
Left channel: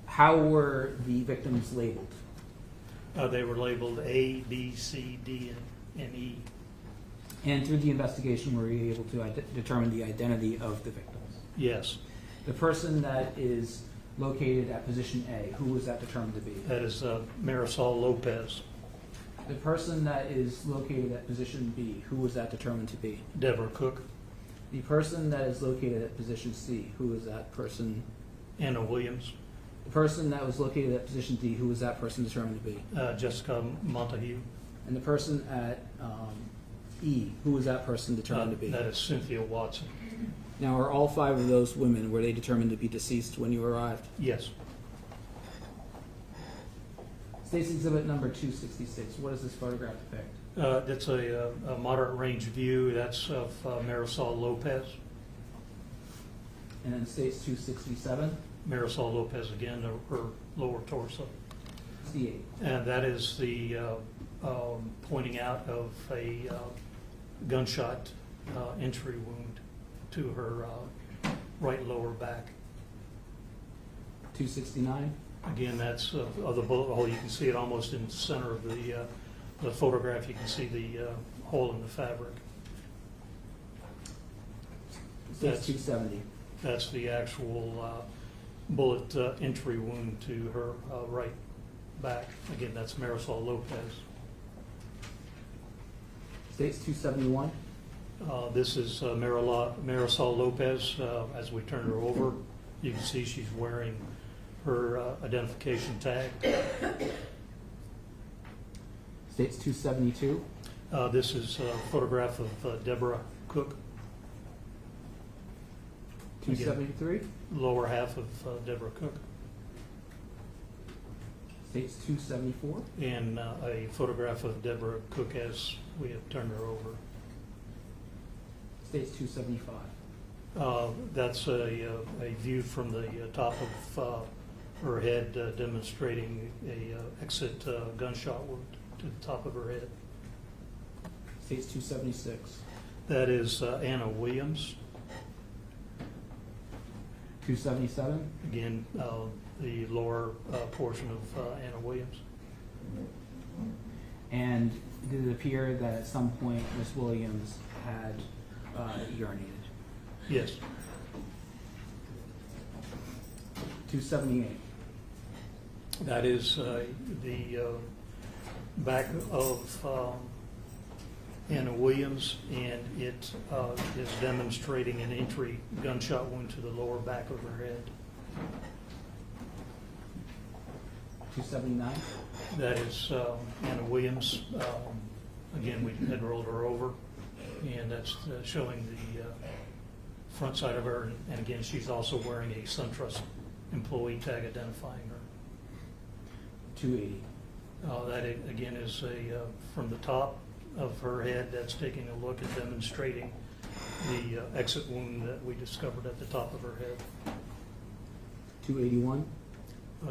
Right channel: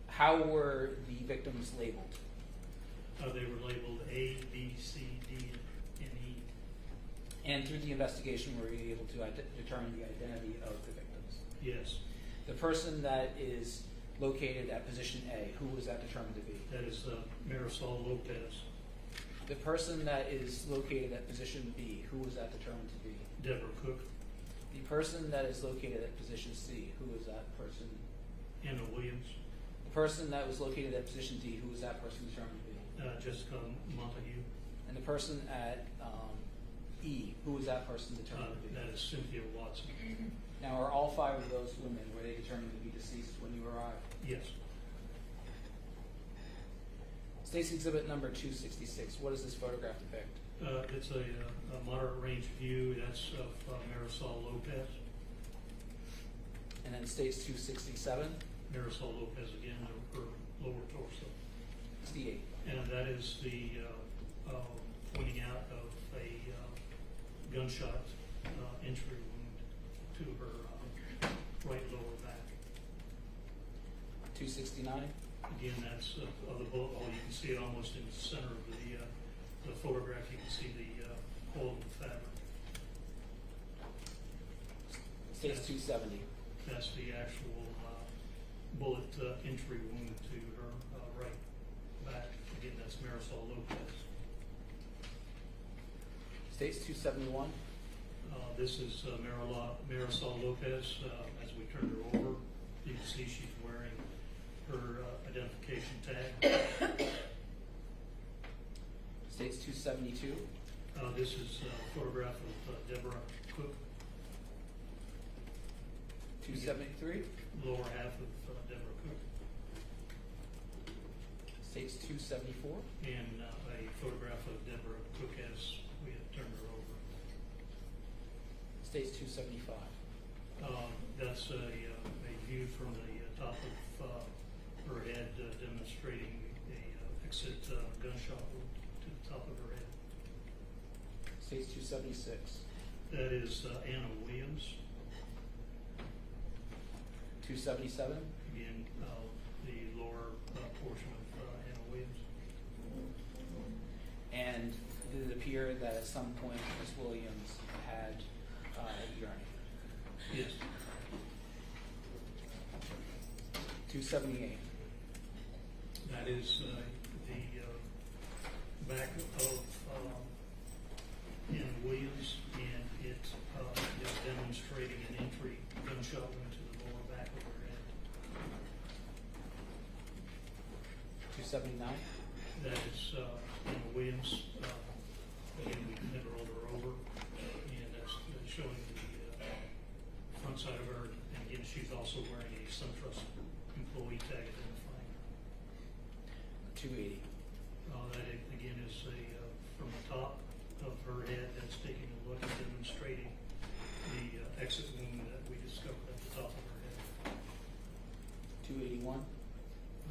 how were the victims labeled? They were labeled A, B, C, D, and E. And through the investigation, were you able to determine the identity of the victims? Yes, The person that is located at position A, who was that determined to be? that is Marisol Lopez, The person that is located at position B, who was that determined to be? Deborah Cook, The person that is located at position C, who was that person? Anna Williams, The person that was located at position D, who was that person determined to be? Jessica Montague. And the person at E, who was that person determined to be? That is Cynthia Watson. Now, are all 5 of those women, were they determined to be deceased when you arrived? Yes. State's Exhibit number 266, what does this photograph depict? It's a moderate range view. That's of Marisol Lopez. And then State's 267, Marisol Lopez again, her lower torso. 68. And that is the pointing out of a gunshot entry wound to her right lower back. 269, Again, that's of the bullet hole. You can see it almost in the center of the photograph. You can see the hole in the fabric. State's 270. That's the actual bullet entry wound to her right back. Again, that's Marisol Lopez. State's 271. This is Marisol Lopez. As we turn her over, you can see she's wearing her identification tag. State's 272. This is a photograph of Deborah Cook, 273. lower half of Deborah Cook, State's 274. and a photograph of Deborah Cook as we have turned her over. State's 275. That's a view from the top of her head, demonstrating a exit gunshot wound to the top of her head. State's 276. That is Anna Williams. 277. Again, the lower portion of Anna Williams. And did it appear that at some point Miss Williams had urinated? Yes. 278. That is the back of Anna Williams, and it is demonstrating an entry gunshot wound to the lower back of her head. 279. That is Anna Williams. Again, we had rolled her over, and that's showing the front side of her. And again, she's also wearing a SunTrust employee tag identifying her. 280. That again is from the top of her head. That's taking a look and demonstrating the exit wound that we discovered at the top of her head. 281.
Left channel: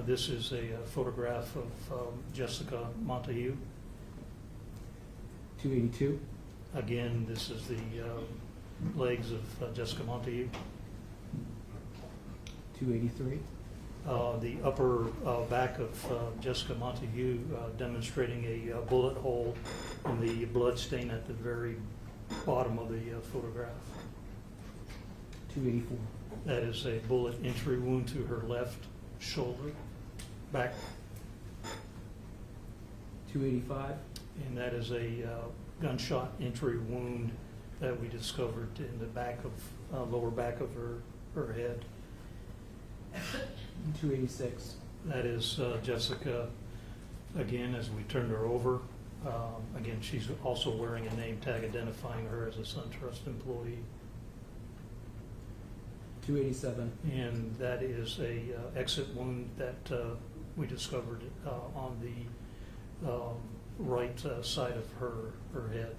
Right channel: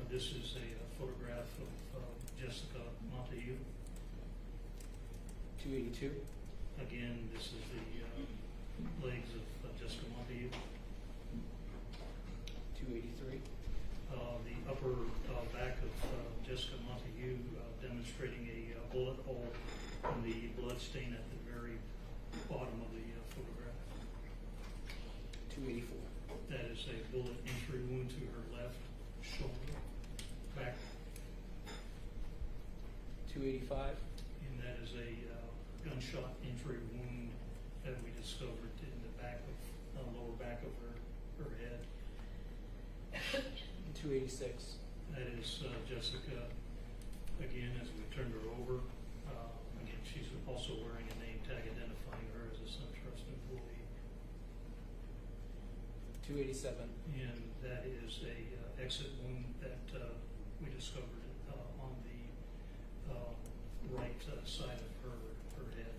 This is a photograph of Jessica Montague. 282. Again, this is the legs of Jessica Montague. 283. The upper back of Jessica Montague, demonstrating a bullet hole and the blood stain at the very bottom of the photograph. 284. That is a bullet entry wound to her left shoulder, back. 285. And that is a gunshot entry wound that we discovered in the back of, lower back of her head. 286. That is Jessica, again, as we turned her over. Again, she's also wearing a name tag identifying her as a SunTrust employee. 287. And that is a exit wound that we discovered on the right side of her head.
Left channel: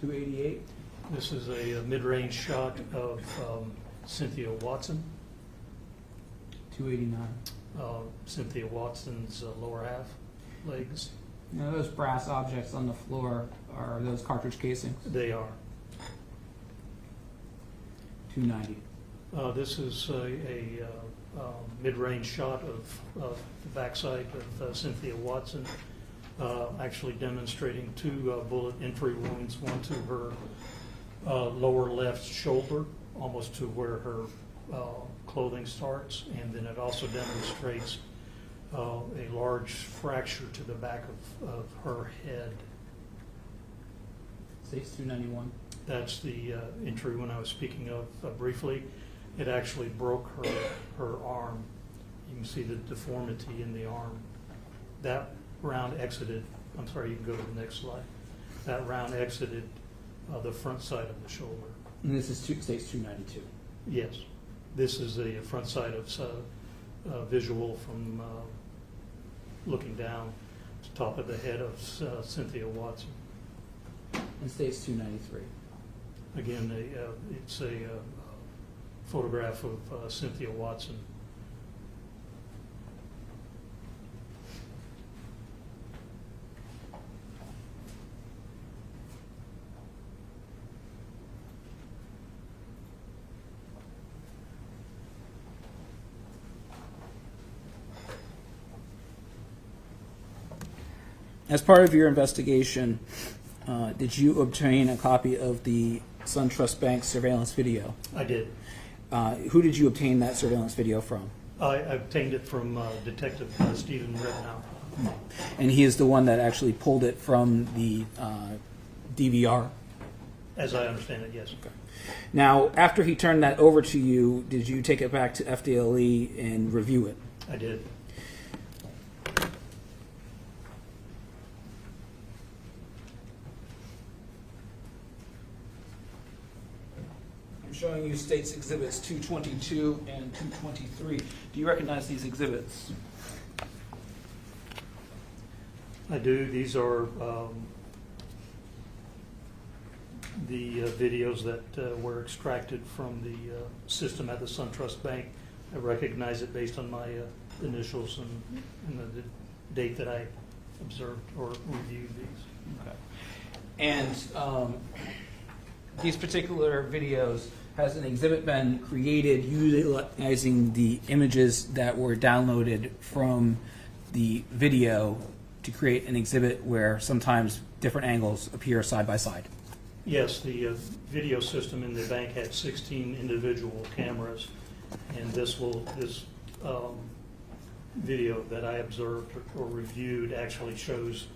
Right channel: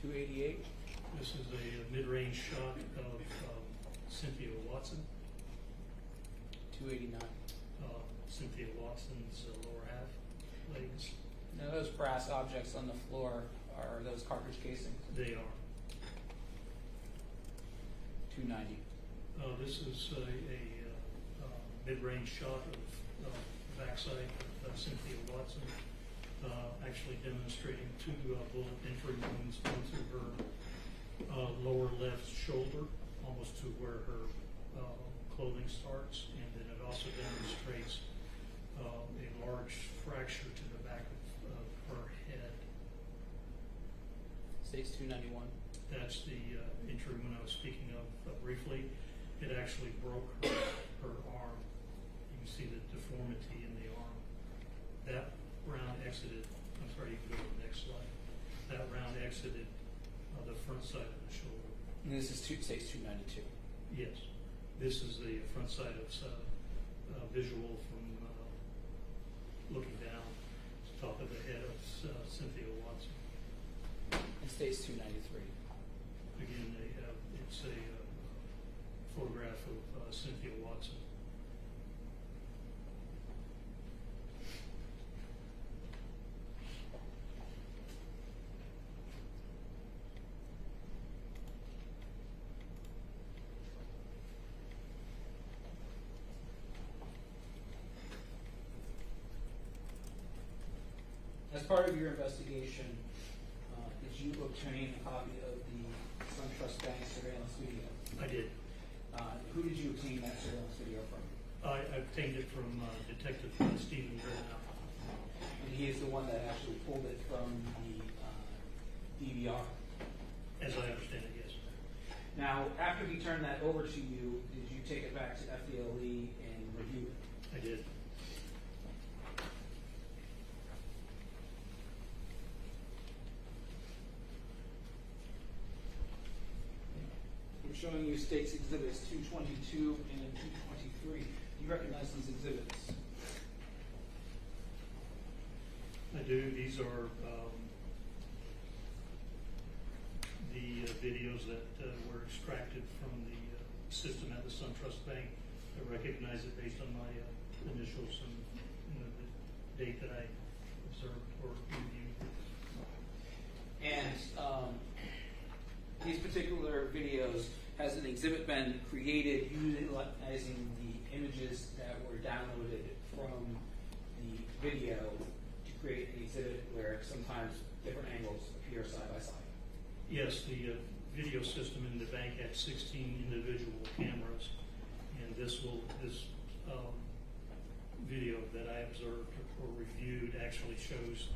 288. This is a mid-range shot of Cynthia Watson. 289. Cynthia Watson's lower half legs. Now those brass objects on the floor, are those cartridge casings? They are. 290. This is a mid-range shot of the backside of Cynthia Watson, actually demonstrating two bullet entry wounds, one to her lower left shoulder, almost to where her clothing starts, and then it also demonstrates a large fracture to the back of her head. States 291. That's the entry when I was speaking of briefly. It actually broke her arm. You can see the deformity in the arm. That round exited, I'm sorry, you can go to the next slide. That round exited the front side of the shoulder. And this is states 292. Yes. This is the front side of visual from looking down to top of the head of Cynthia Watson. And states 293. Again, it's a photograph of Cynthia Watson. As part of your investigation, did you obtain a copy of the SunTrust Bank surveillance video? I did. Who did you obtain that surveillance video from? I obtained it from Detective Stephen Rednow. And he is the one that actually pulled it from the DVR? As I understand it, yes. Now, after he turned that over to you, did you take it back to FDLE and review it? I did. I'm showing you states exhibits 222 and 223. Do you recognize these exhibits? I do. These are the videos that were extracted from the system at the SunTrust Bank. I recognize it based on my initials and the date that I observed or reviewed these. Okay. And these particular videos, has an exhibit been created utilizing the images that were downloaded from the video to create an exhibit where sometimes different angles appear side by side? Yes, the video system in the bank had 16 individual cameras, and this video that I observed or reviewed actually shows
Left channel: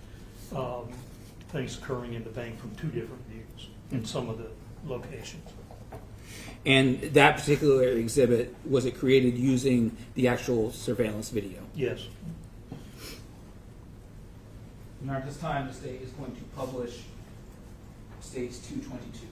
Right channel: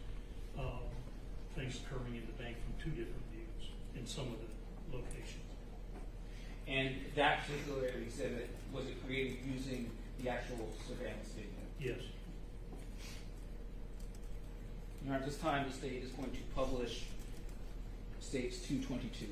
things occurring in the bank from two different views in some of the locations. And that particular exhibit, was it created using the actual surveillance video? Yes. Now at this time, the state is going to publish states 222.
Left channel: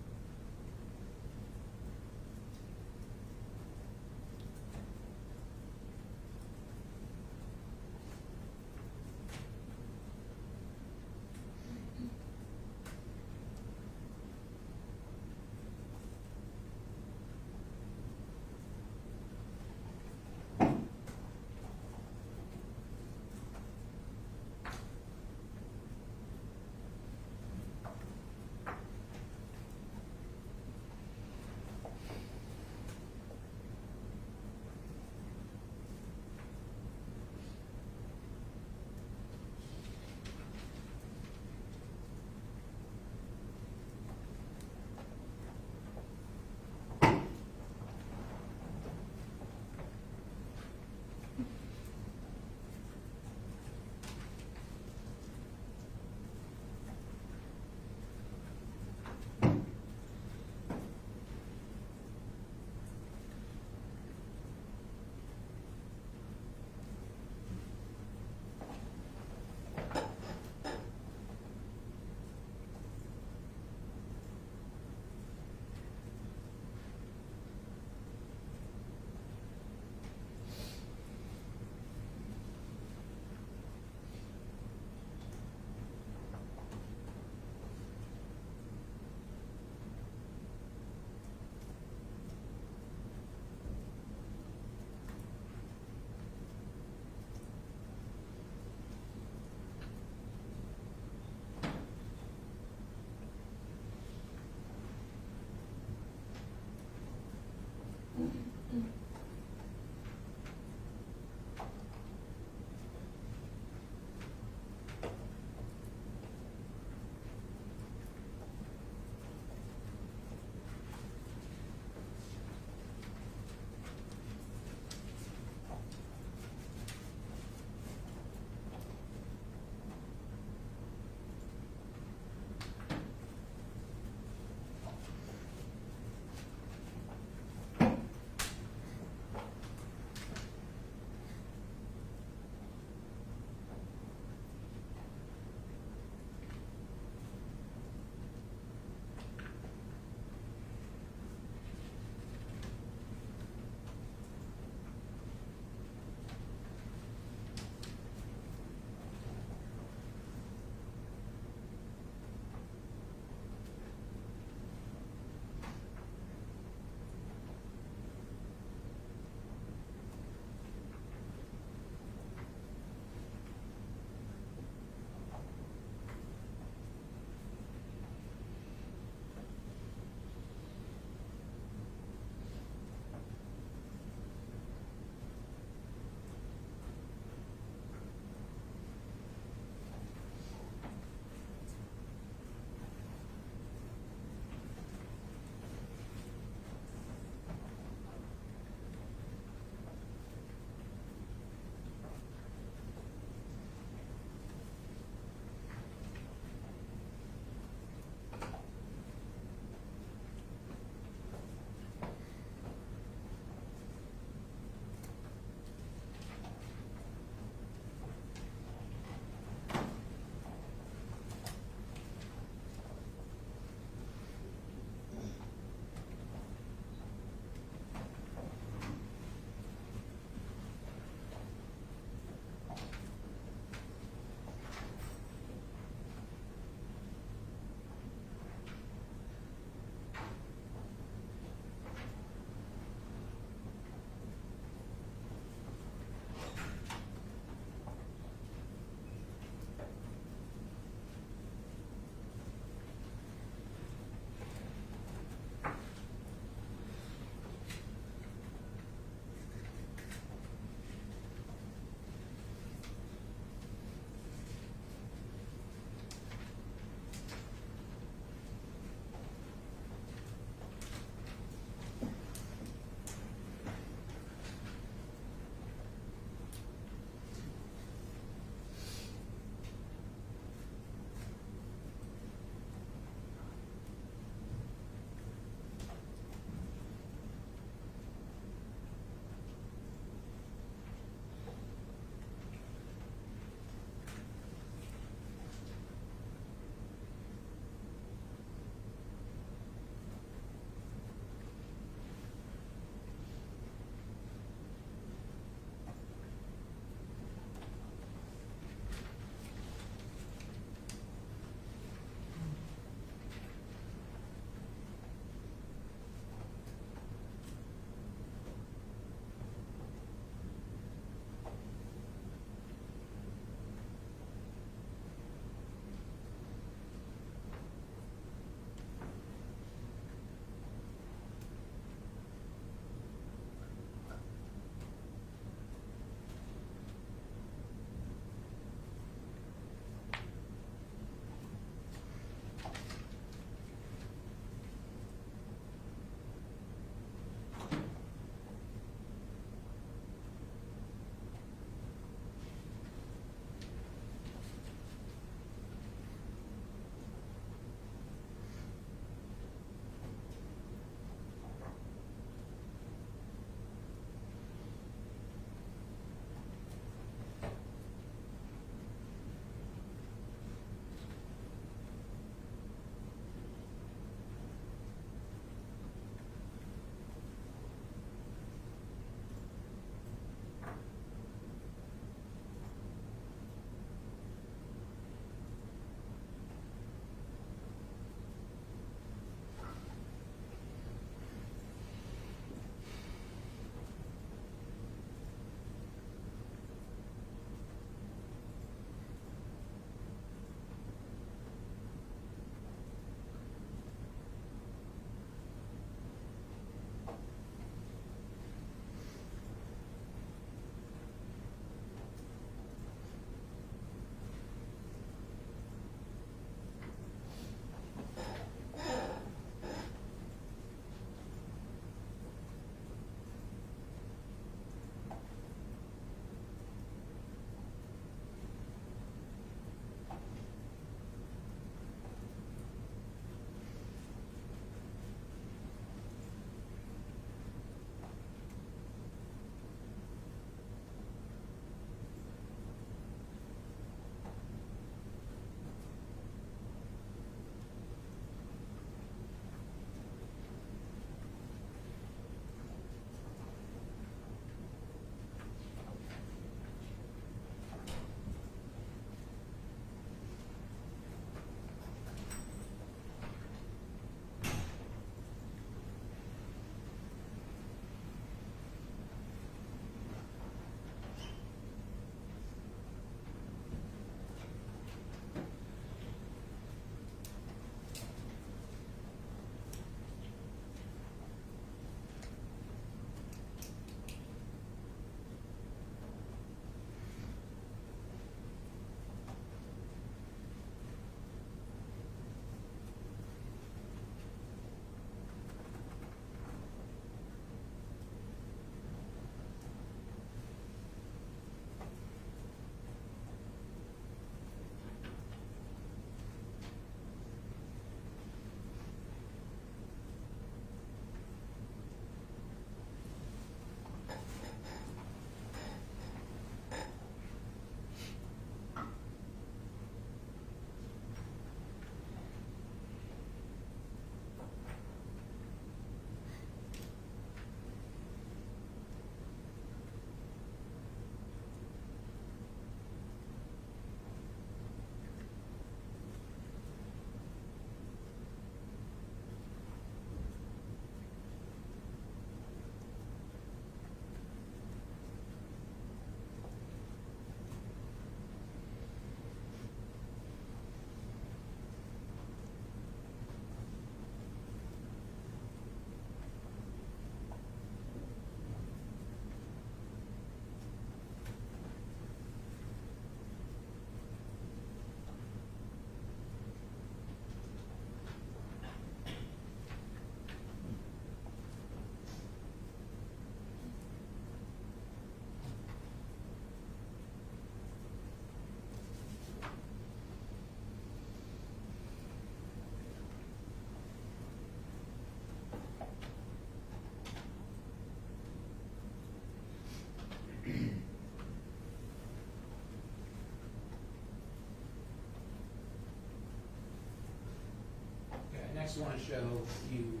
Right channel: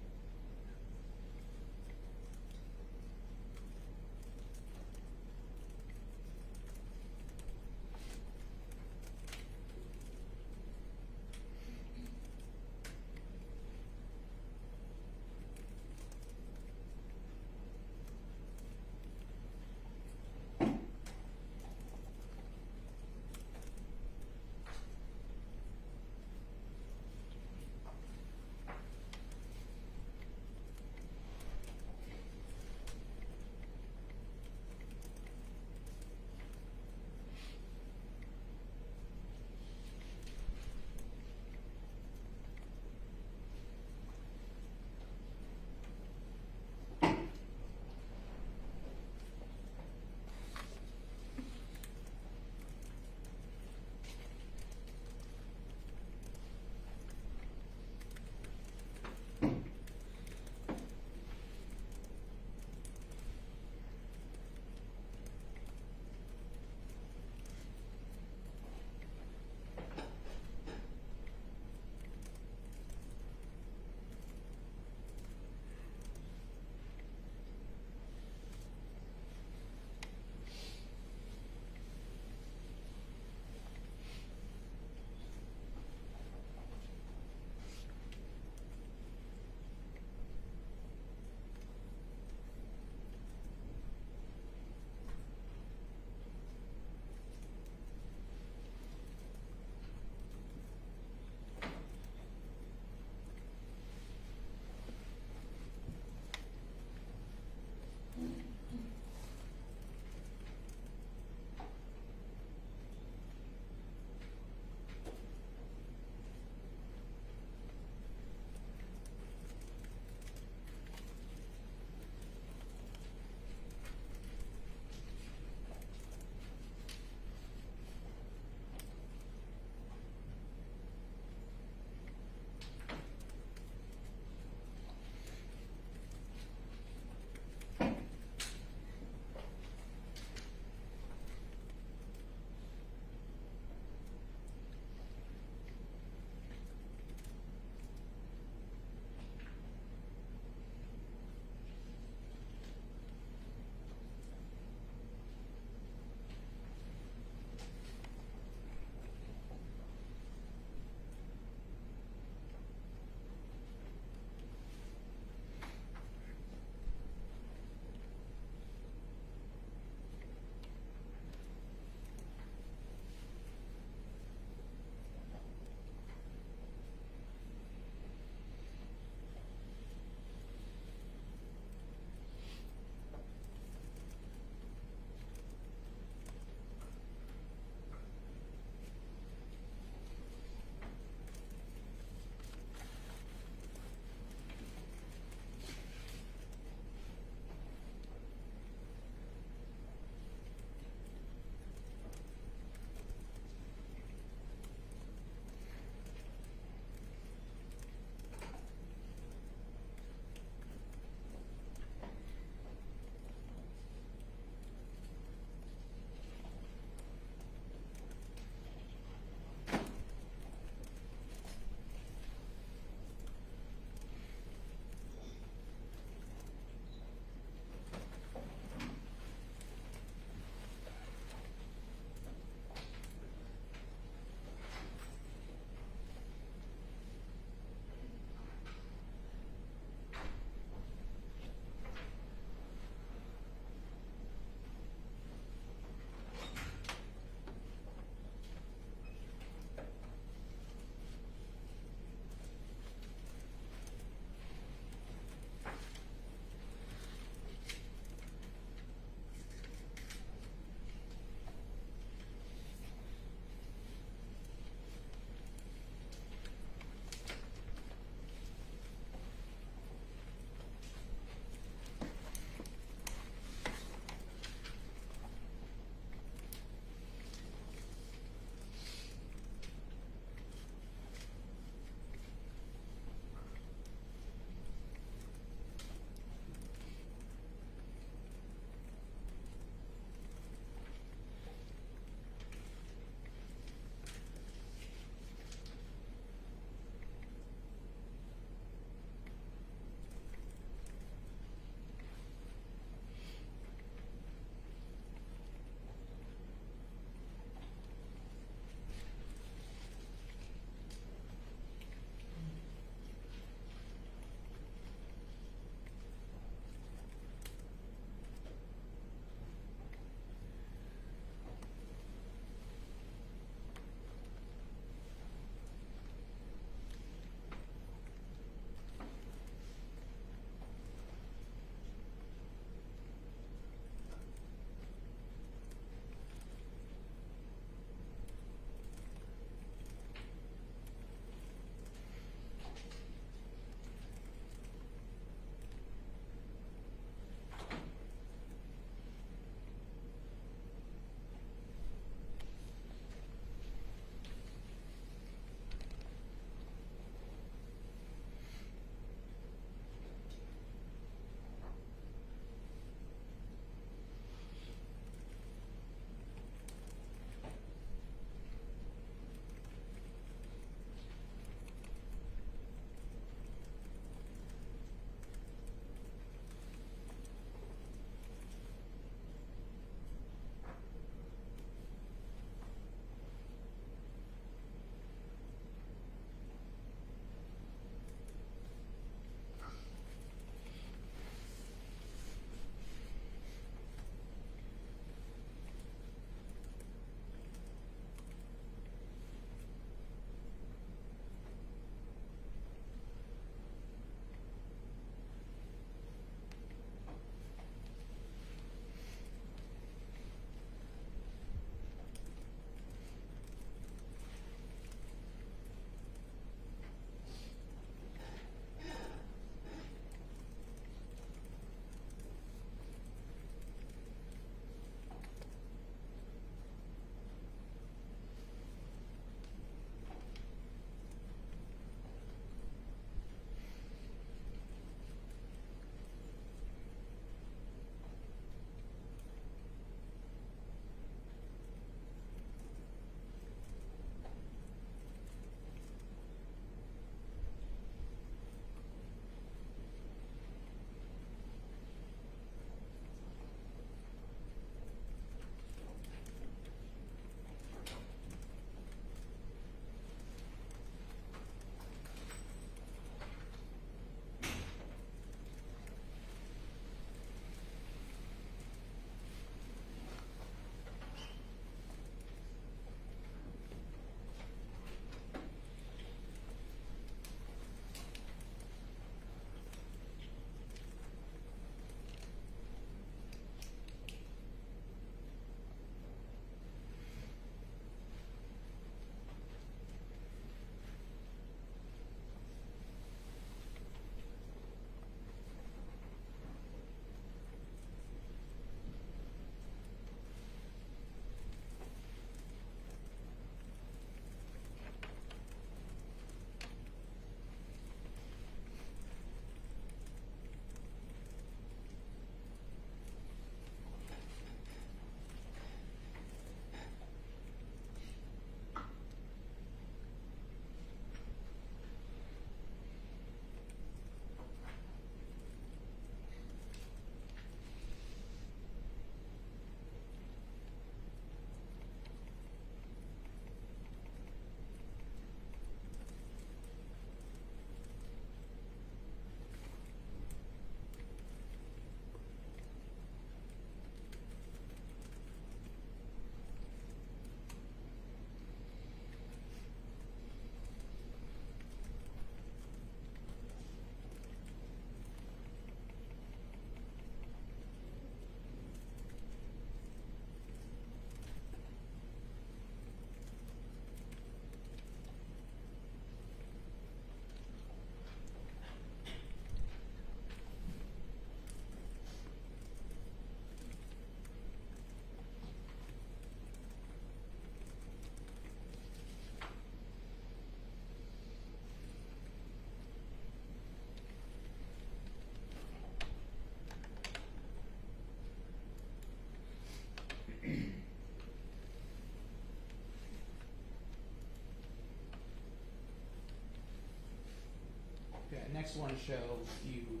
next one to show you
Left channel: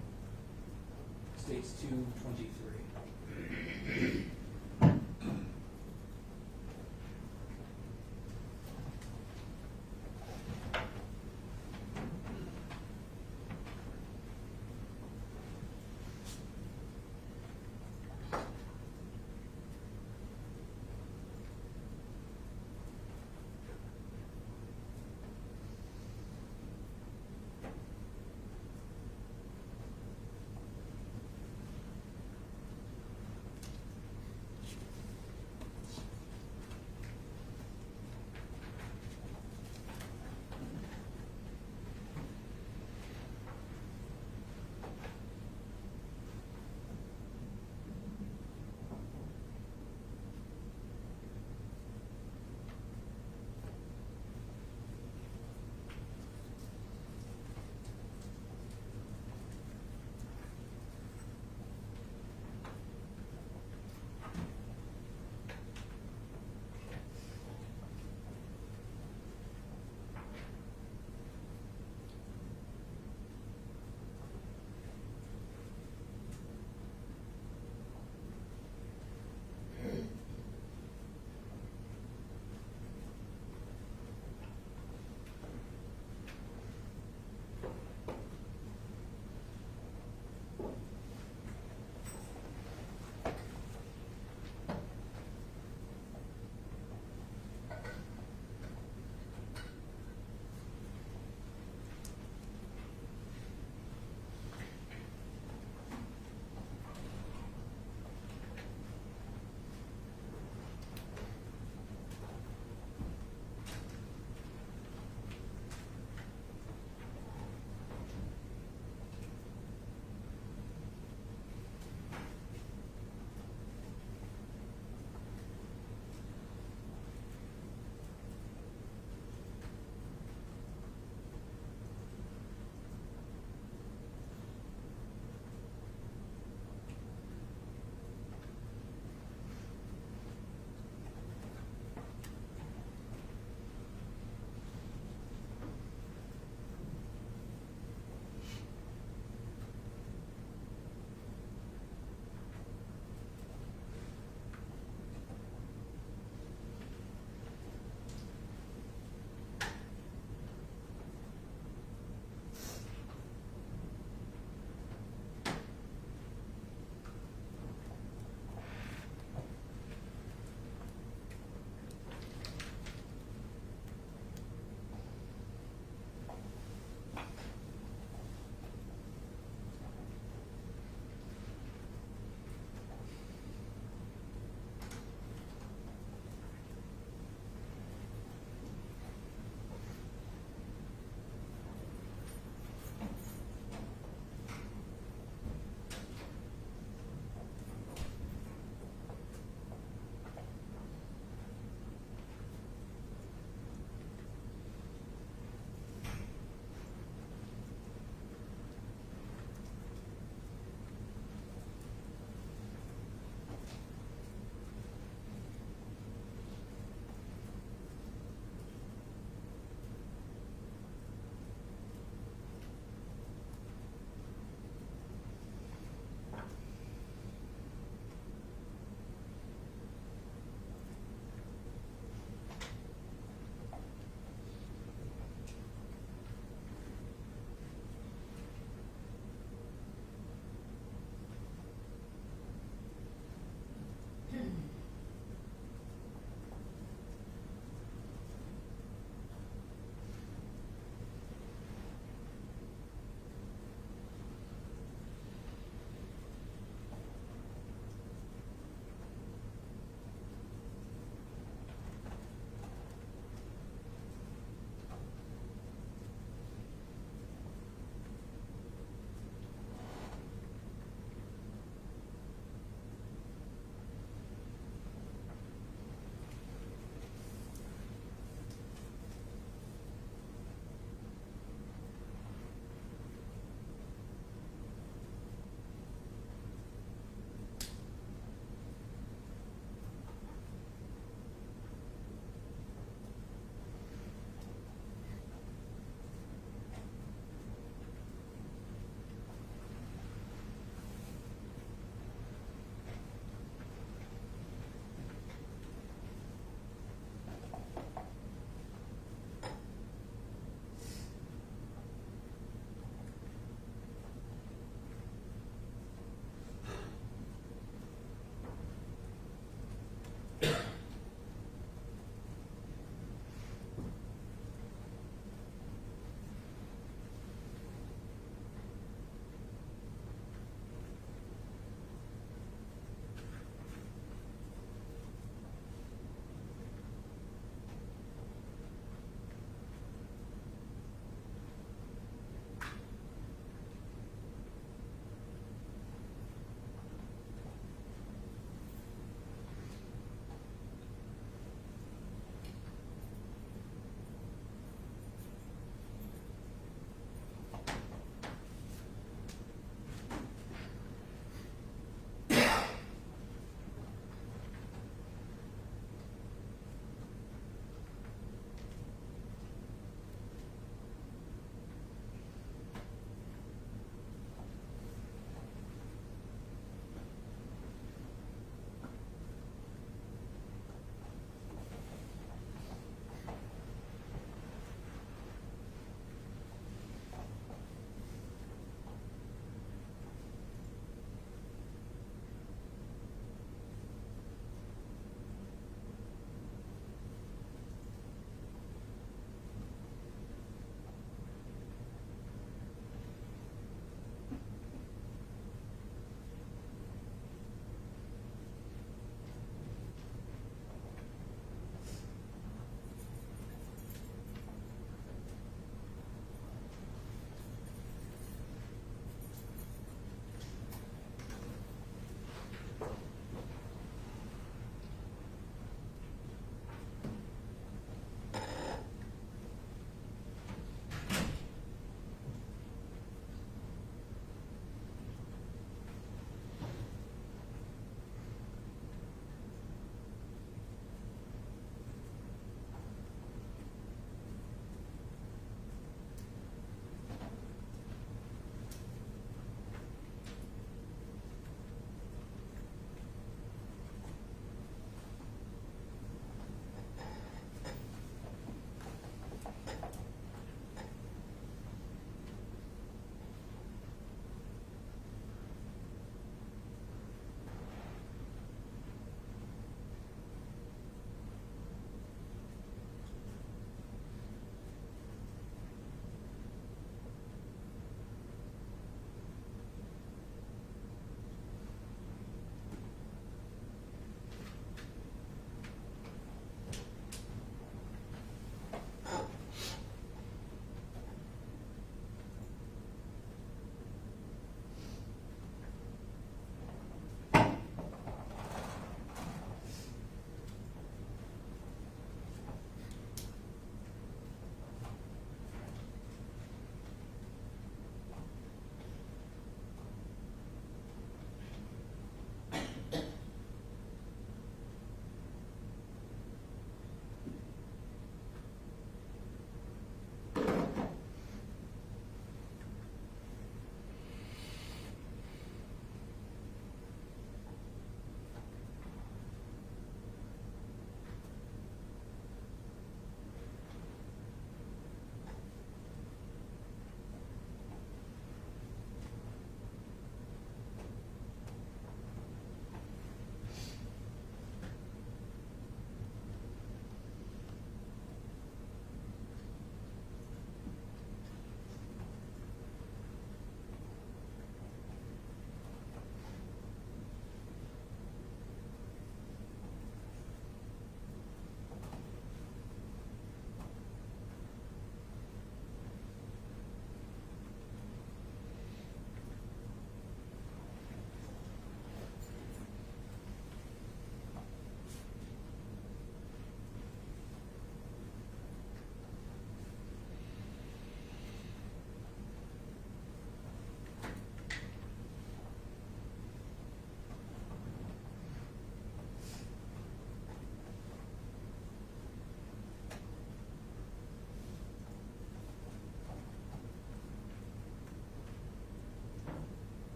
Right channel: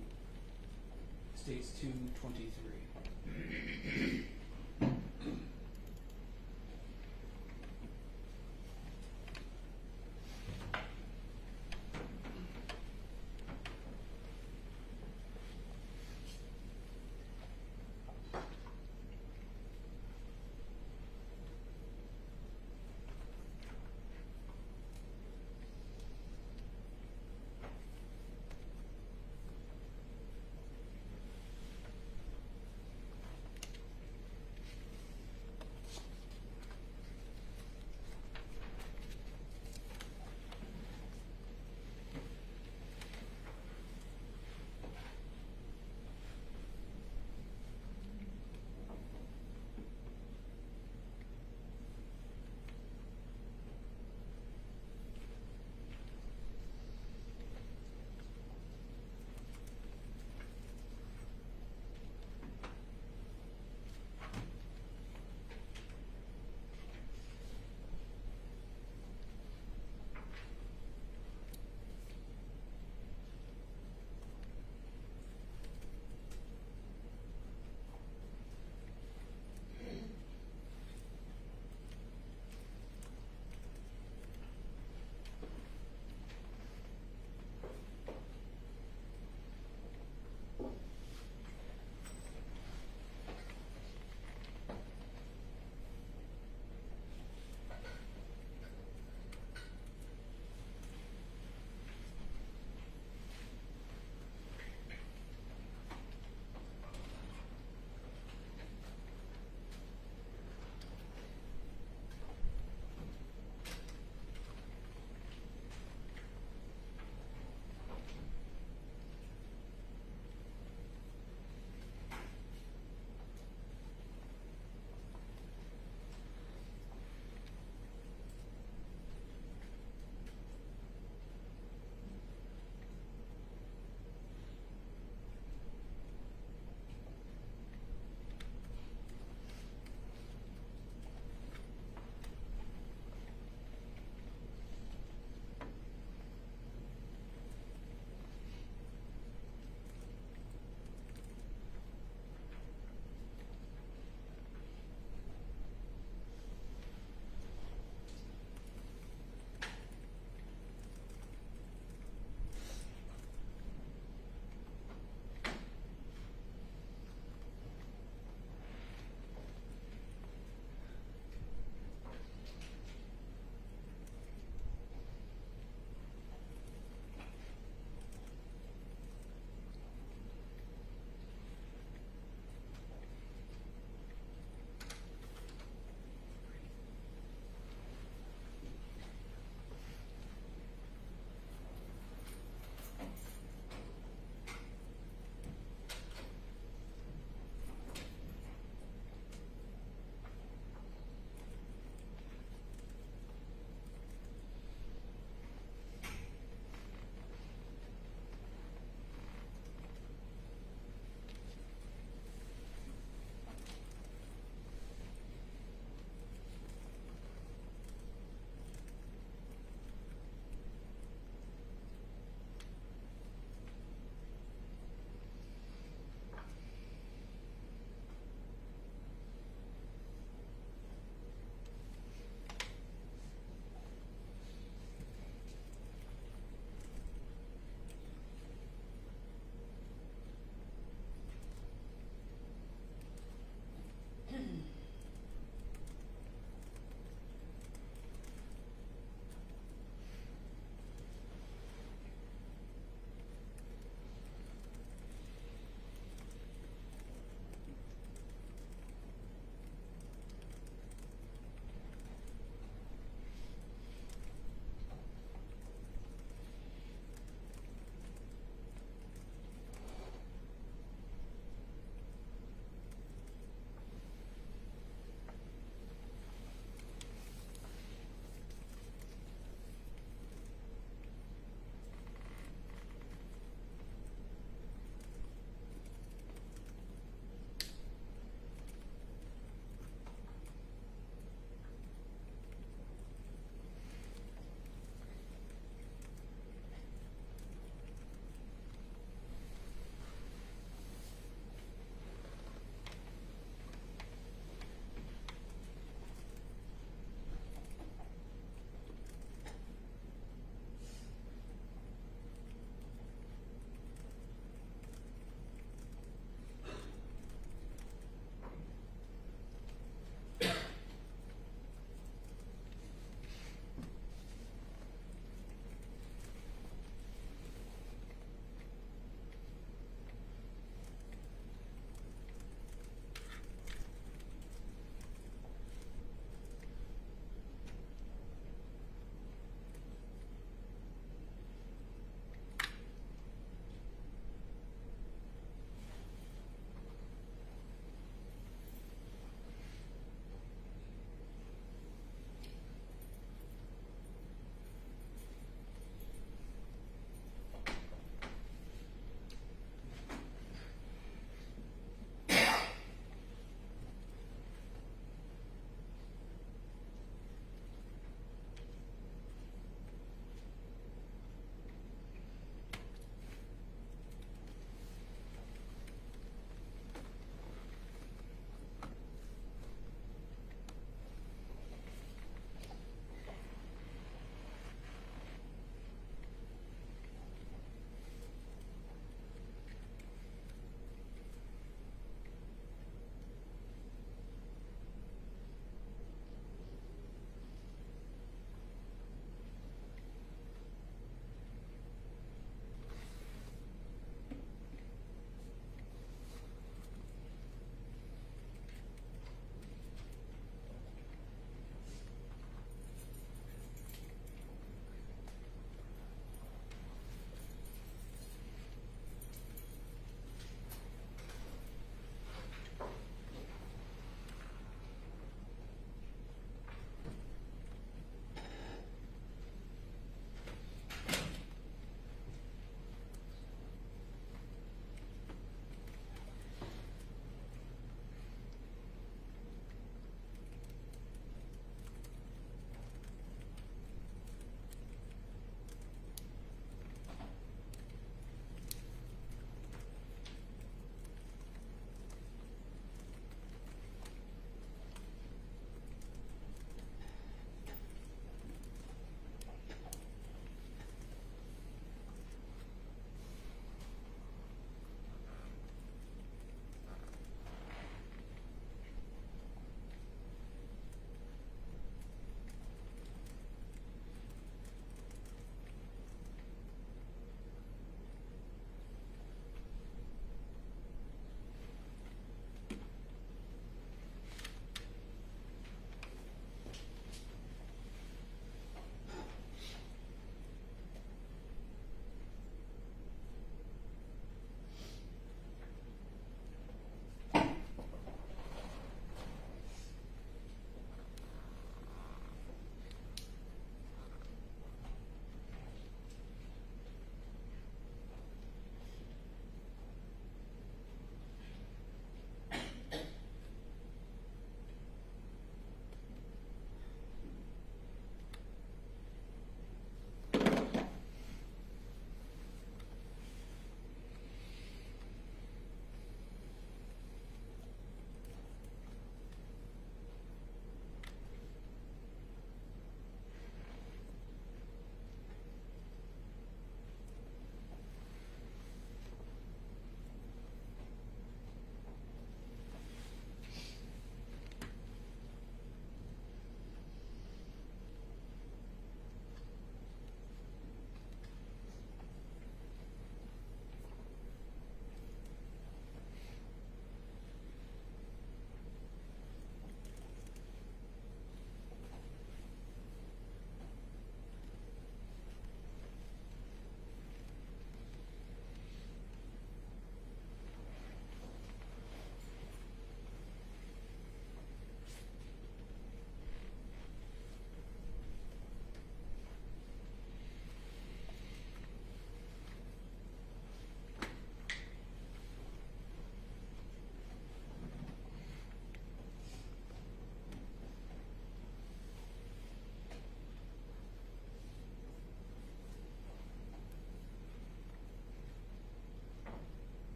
states 223.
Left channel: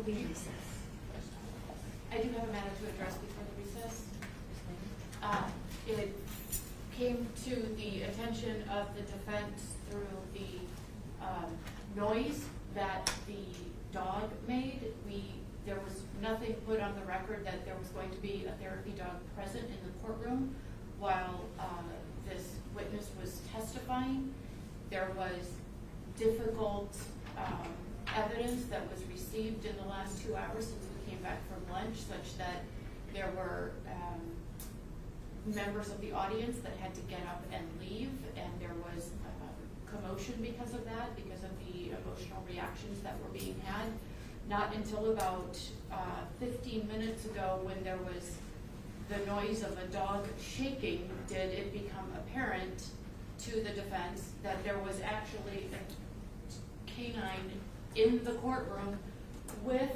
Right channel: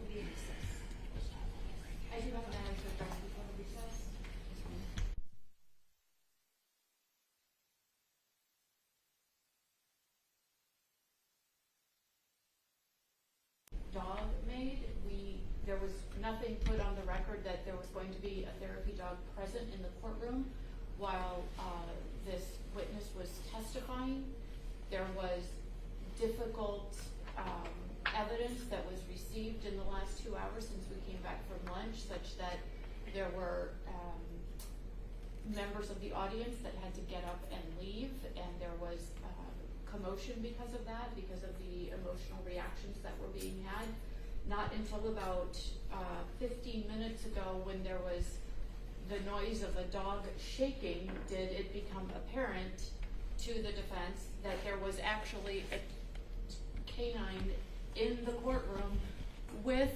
We'll be in recess. I do have a matter to address before the recess. It came to the attention of the defense through the noise that the dog made. There was nothing put on the record that there was going to be a therapy dog present in the courtroom while this witness was testifying. There was difficult evidence that was received in the last 2 hours since we came back from lunch, such that there were members of the audience that had to get up and leave, and there was commotion because of that, because of the emotional reactions that were being had. Not until about 15 minutes ago, when there was the noise of a dog shaking, did it become apparent to the defense that there was actually a canine in the courtroom with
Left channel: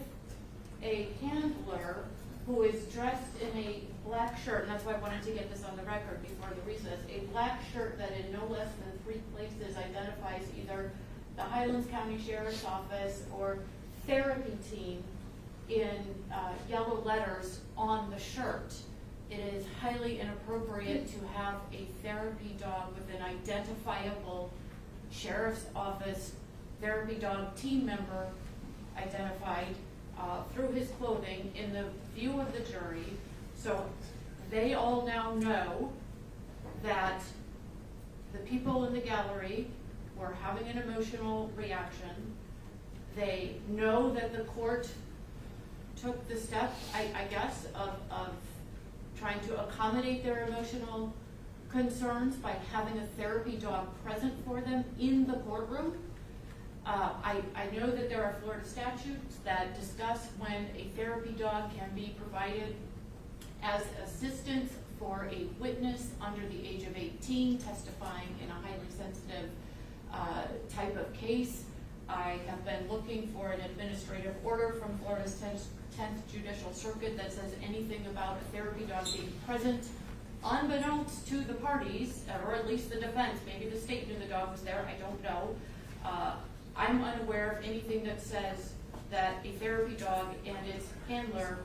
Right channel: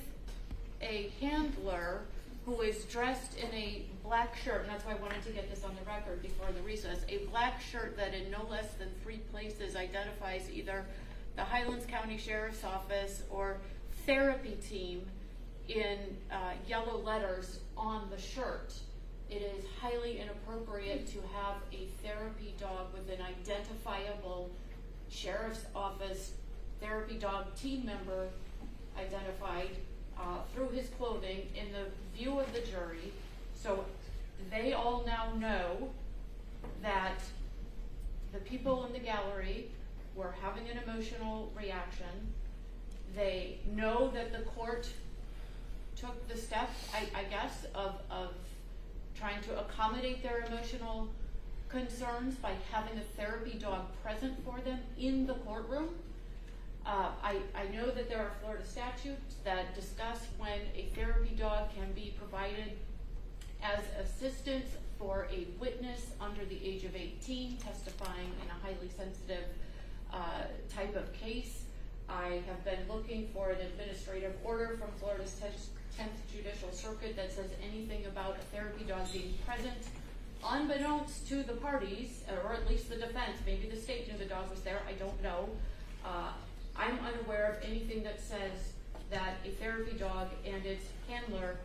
a handler who is dressed in a black shirt, and that's why I wanted to get this on the record before the recess, a black shirt that in no less than 3 places identifies either the Highlands County Sheriff's Office or therapy team in yellow letters on the shirt. It is highly inappropriate to have a therapy dog with an identifiable Sheriff's Office therapy dog team member identified through his clothing in the view of the jury. So they all now know that the people in the gallery were having an emotional reaction. They know that the court took the step, I guess, of trying to accommodate their emotional concerns by having a therapy dog present for them in the courtroom. I know that there are Florida statutes that discuss when a therapy dog can be provided as assistance for a witness under the age of 18 testifying in a highly sensitive type of case. I have been looking for an administrative order from Florida's 10th Judicial Circuit that says anything about a therapy dog being present, unbeknownst to the parties, or at least the defense. Maybe the state knew the dog was there, I don't know. I'm unaware of anything that says that a therapy dog and its handler,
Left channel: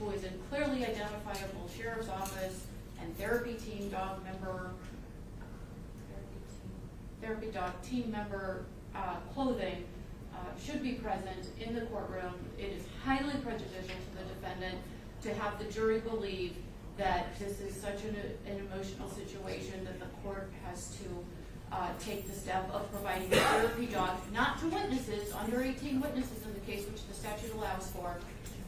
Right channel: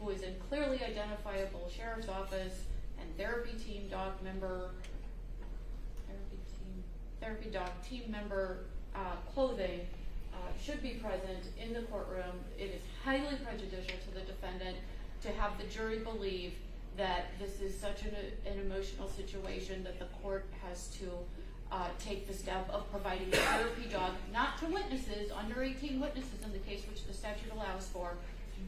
who is in clearly identifiable Sheriff's Office and therapy team dog member, therapy dog team member clothing, should be present in the courtroom. It is highly prejudicial to the defendant to have the jury believe that this is such an emotional situation that the court has to take the step of providing a therapy dog, not to witnesses, under 18 witnesses in the case, which the statute allows for,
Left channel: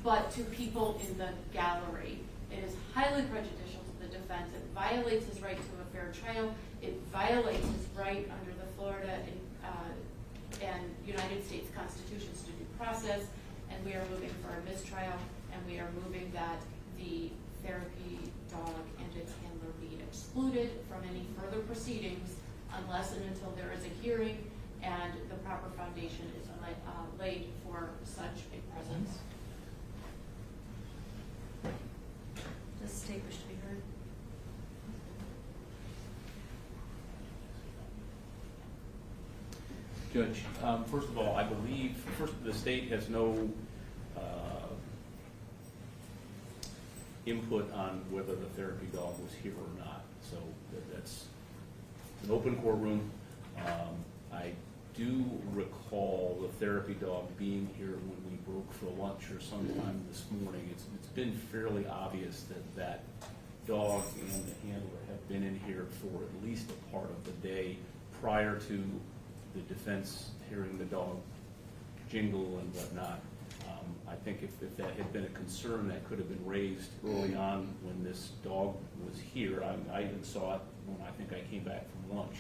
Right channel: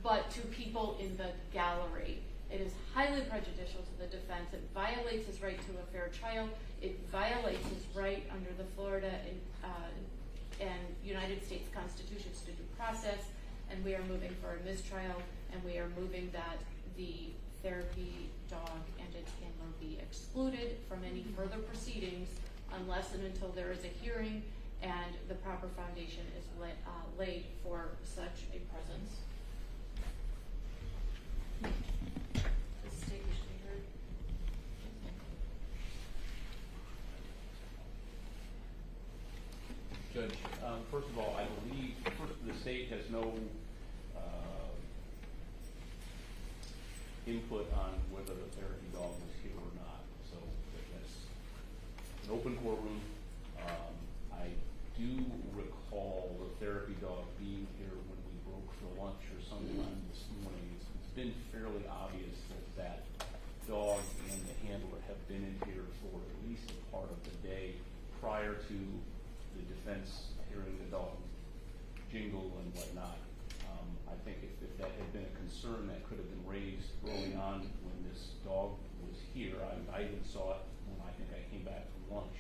but to people in the gallery. It is highly prejudicial to the defense. It violates his right to a fair trial. It violates his right under the Florida and United States Constitutions to due process, and we are moving for a mistrial, and we are moving that the therapy dog and its handler be excluded from any further proceedings unless and until there is a hearing and the proper foundation is laid for such a presence. Does the state wish to be heard? Judge, first of all, I believe the state has no input on whether the therapy dog was here or not. So that's an open courtroom. I do recall the therapy dog being here when we broke for lunch or sometime this morning. It's been fairly obvious that dog and the handler have been in here for at least a part of the day prior to the defense hearing the dog jingle and whatnot. I think if that had been a concern that could have been raised early on when this dog was here. I even saw it when I think I came back from lunch.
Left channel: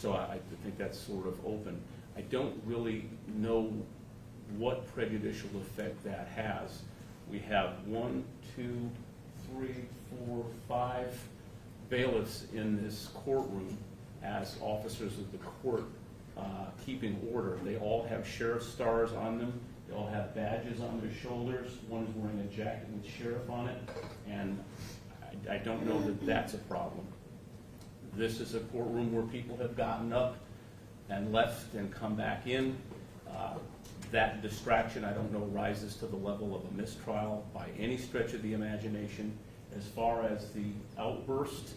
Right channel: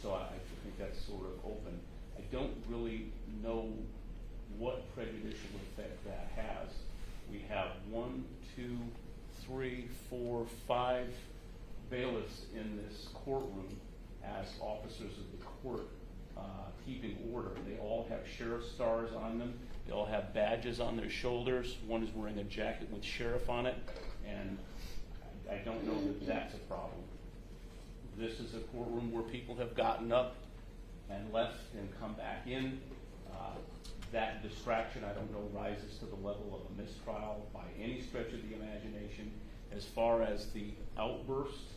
So I think that's sort of open. I don't really know what prejudicial effect that has. We have 1, 2, 3, 4, 5 bailiffs in this courtroom as officers of the court keeping order. They all have sheriff stars on them. They all have badges on their shoulders. One is wearing a jacket with sheriff on it, and I don't know that that's a problem. This is a courtroom where people have gotten up and left and come back in. That distraction, I don't know, rises to the level of a mistrial by any stretch of the imagination. As far as the outburst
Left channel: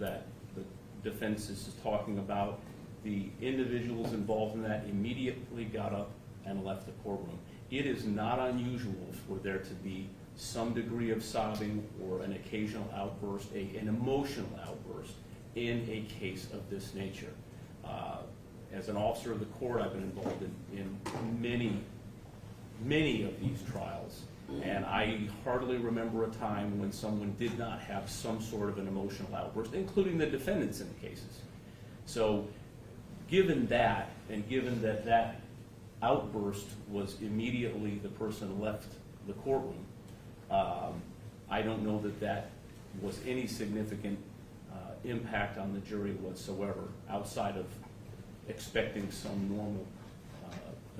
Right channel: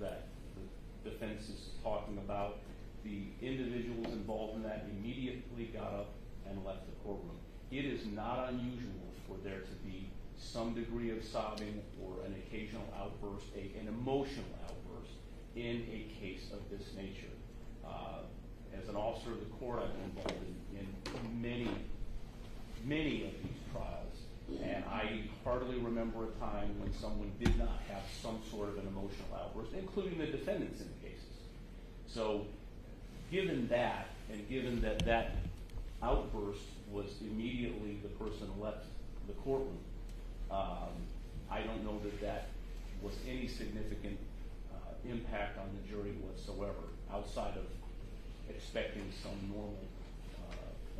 that the defense is talking about, the individuals involved in that immediately got up and left the courtroom. It is not unusual for there to be some degree of sobbing or an occasional outburst, an emotional outburst in a case of this nature. As an officer of the court, I've been involved in many of these trials, and I hardly remember a time when someone did not have some sort of an emotional outburst, including the defendants in the cases. So given that, and given that that outburst was immediately the person left the courtroom, I don't know that that was any significant impact on the jury whatsoever, outside of expecting some normal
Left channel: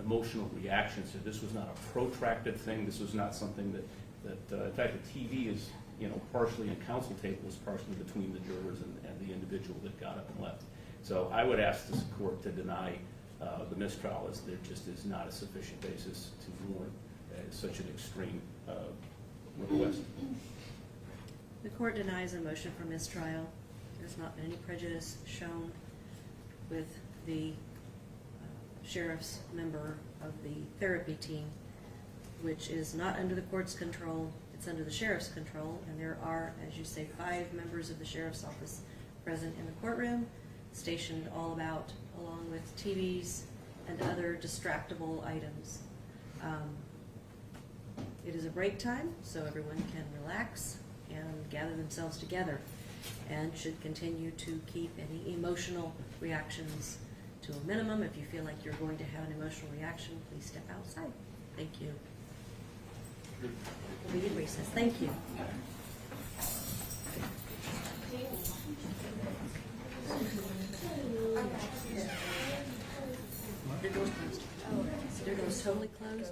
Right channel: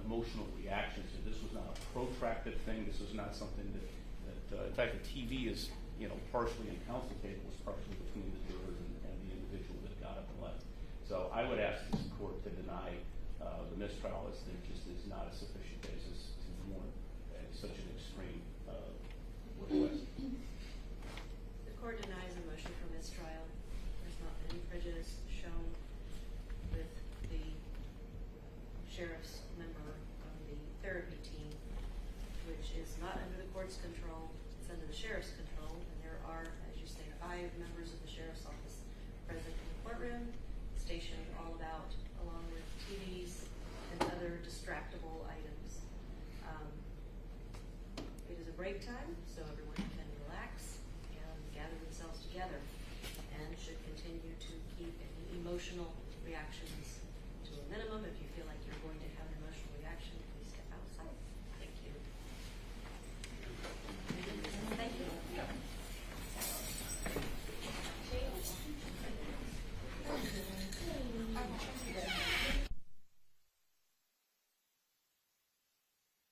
emotional reactions. So this was not a protracted thing. This was not something that in fact, the TV is, partially in counsel tables, partially between the jurors and the individual that got up and left. So I would ask this court to deny the mistrial, as there just is not a sufficient basis to warrant such an extreme request. The court denies a motion for mistrial. There's not any prejudice shown with the sheriff's member of the therapy team, which is not under the court's control. It's under the sheriff's control, and there are, as you say, 5 members of the sheriff's office present in the courtroom, stationed all about, along with TVs and other distractible items. It is a break time, so everyone can relax and gather themselves together, and should continue to keep any emotional reactions to a minimum. If you feel like you're going to have an emotional reaction, please step outside. Thank you. We'll be in recess. Thank you. The door's closed. The door's totally closed.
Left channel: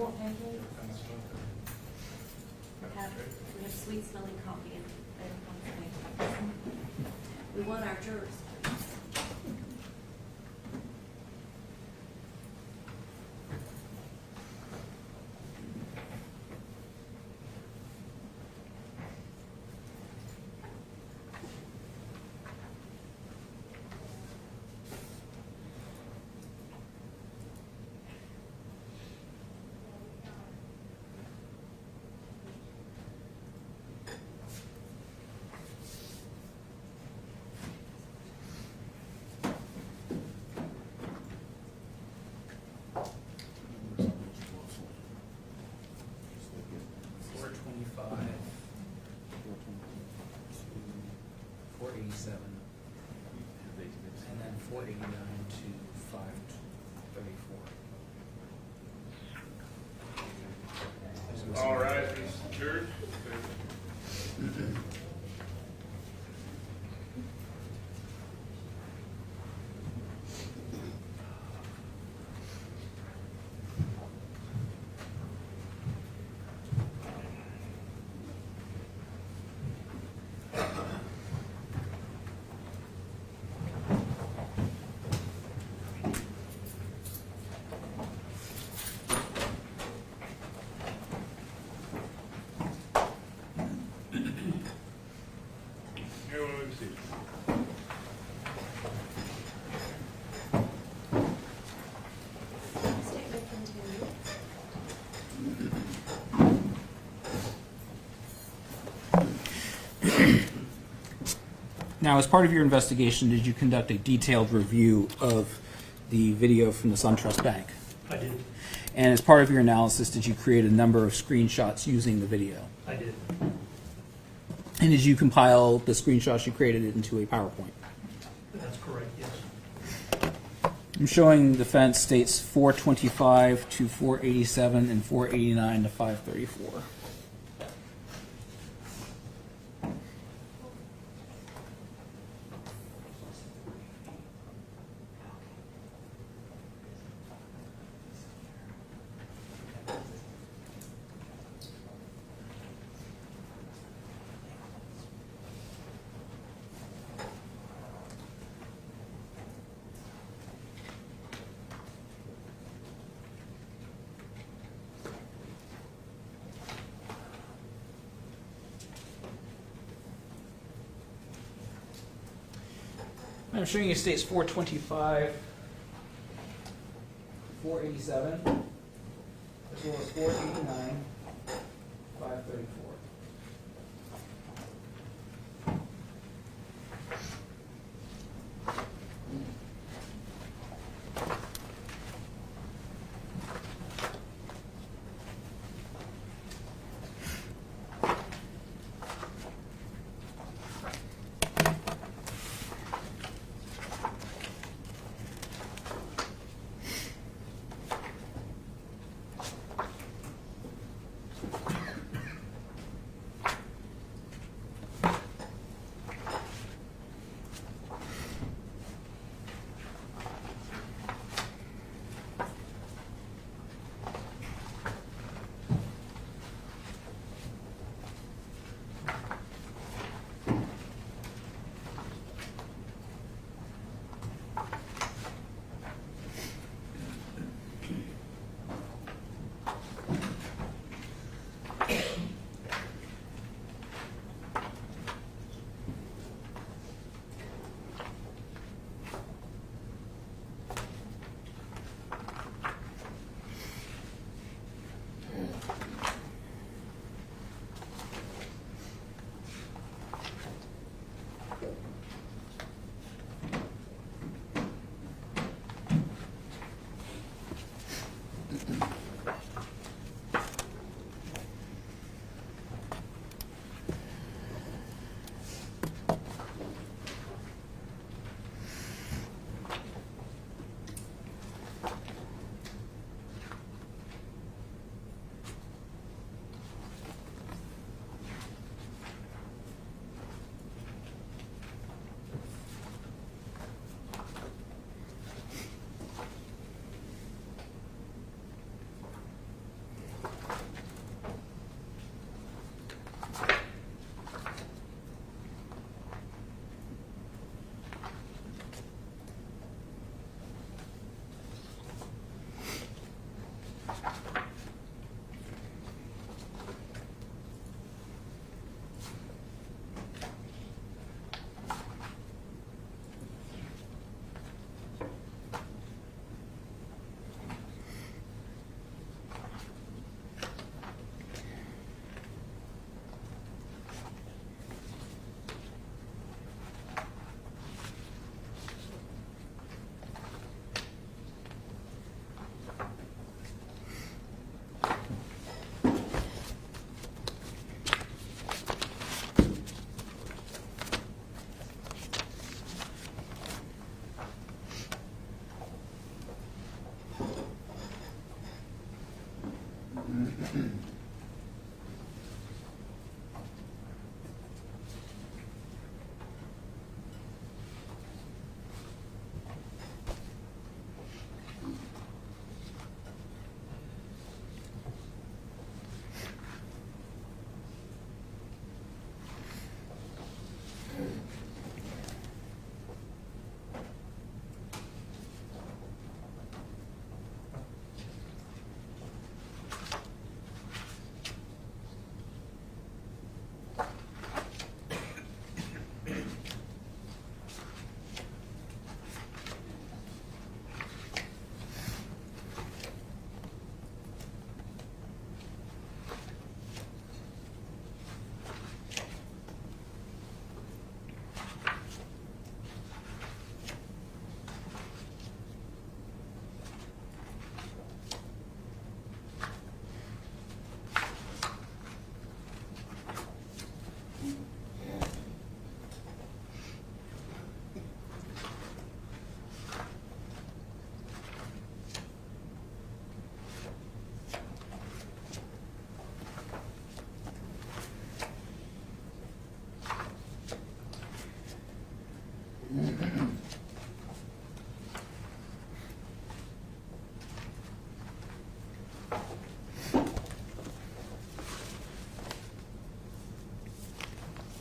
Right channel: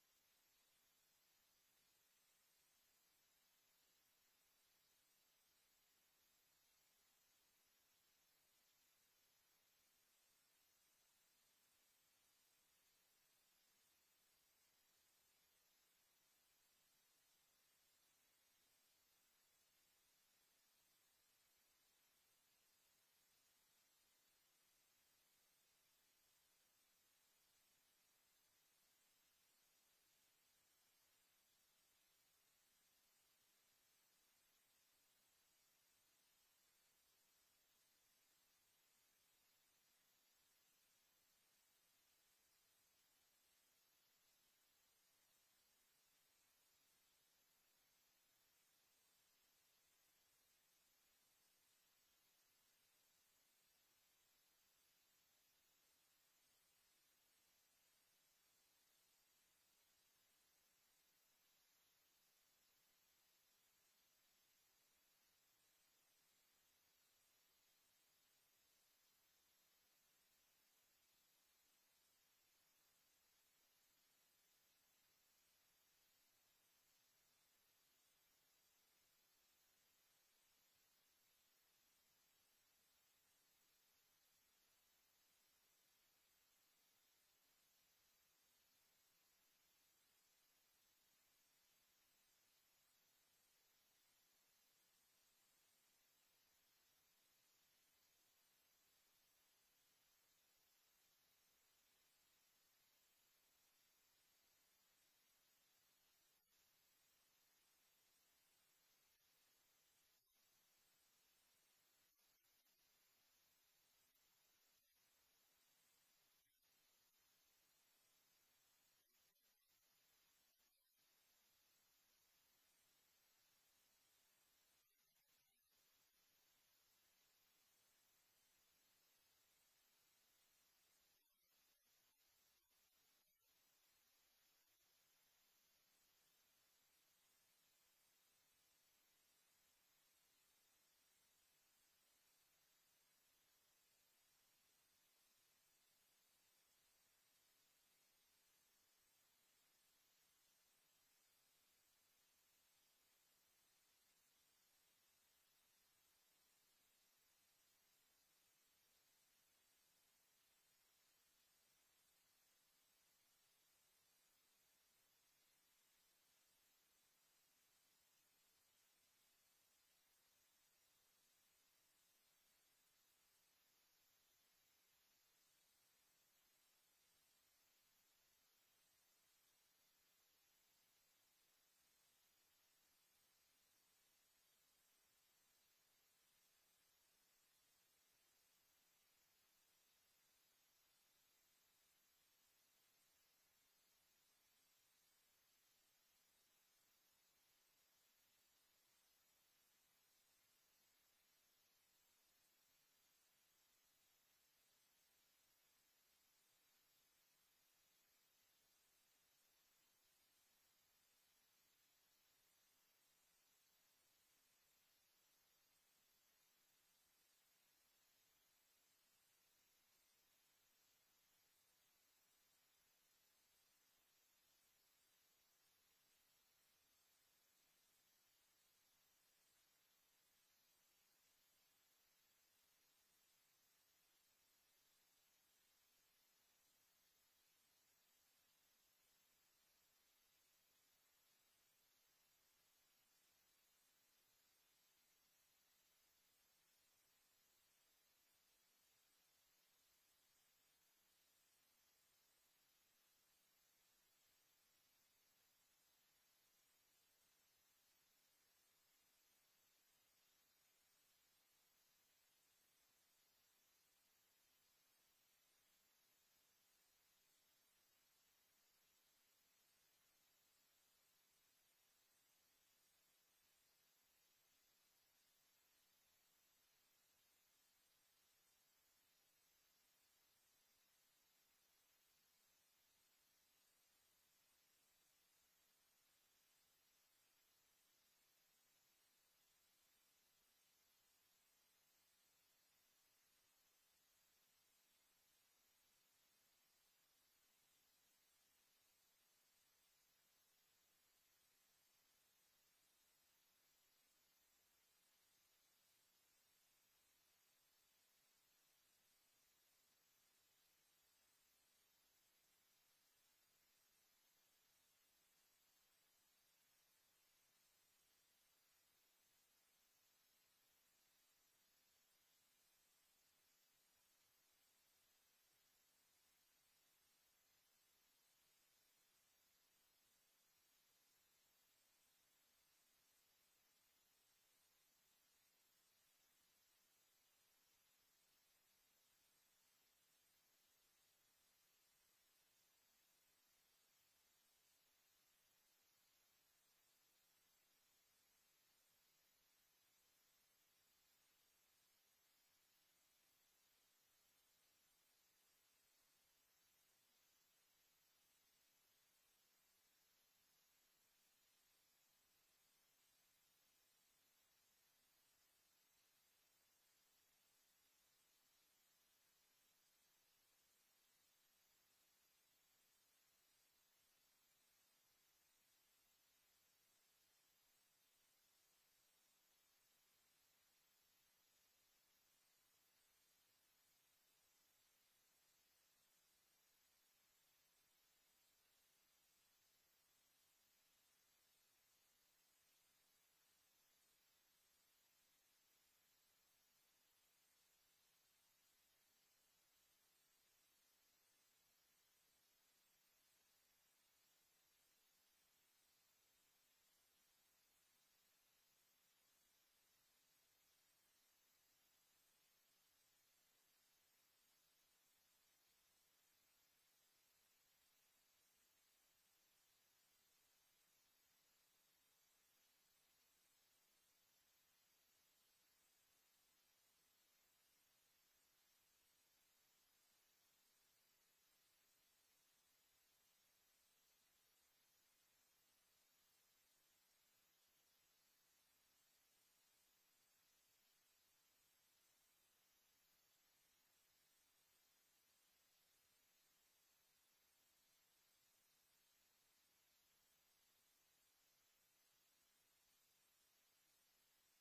want pancakes? We have sweet smelling coffee and pancakes. We want our jurors. And then 489 to 534. All right, Mr. Church. Here we see. Statement continued. Now, as part of your investigation, did you conduct a detailed review of the video from the SunTrust Bank? I did. And as part of your analysis, did you create a number of screenshots using the video? I did. And did you compile the screenshots you created into a PowerPoint? That's correct, yes. I'm showing the fence states 425 to 487 and 489 to 534. I'm showing you states 425, 487, as well as 489, 534.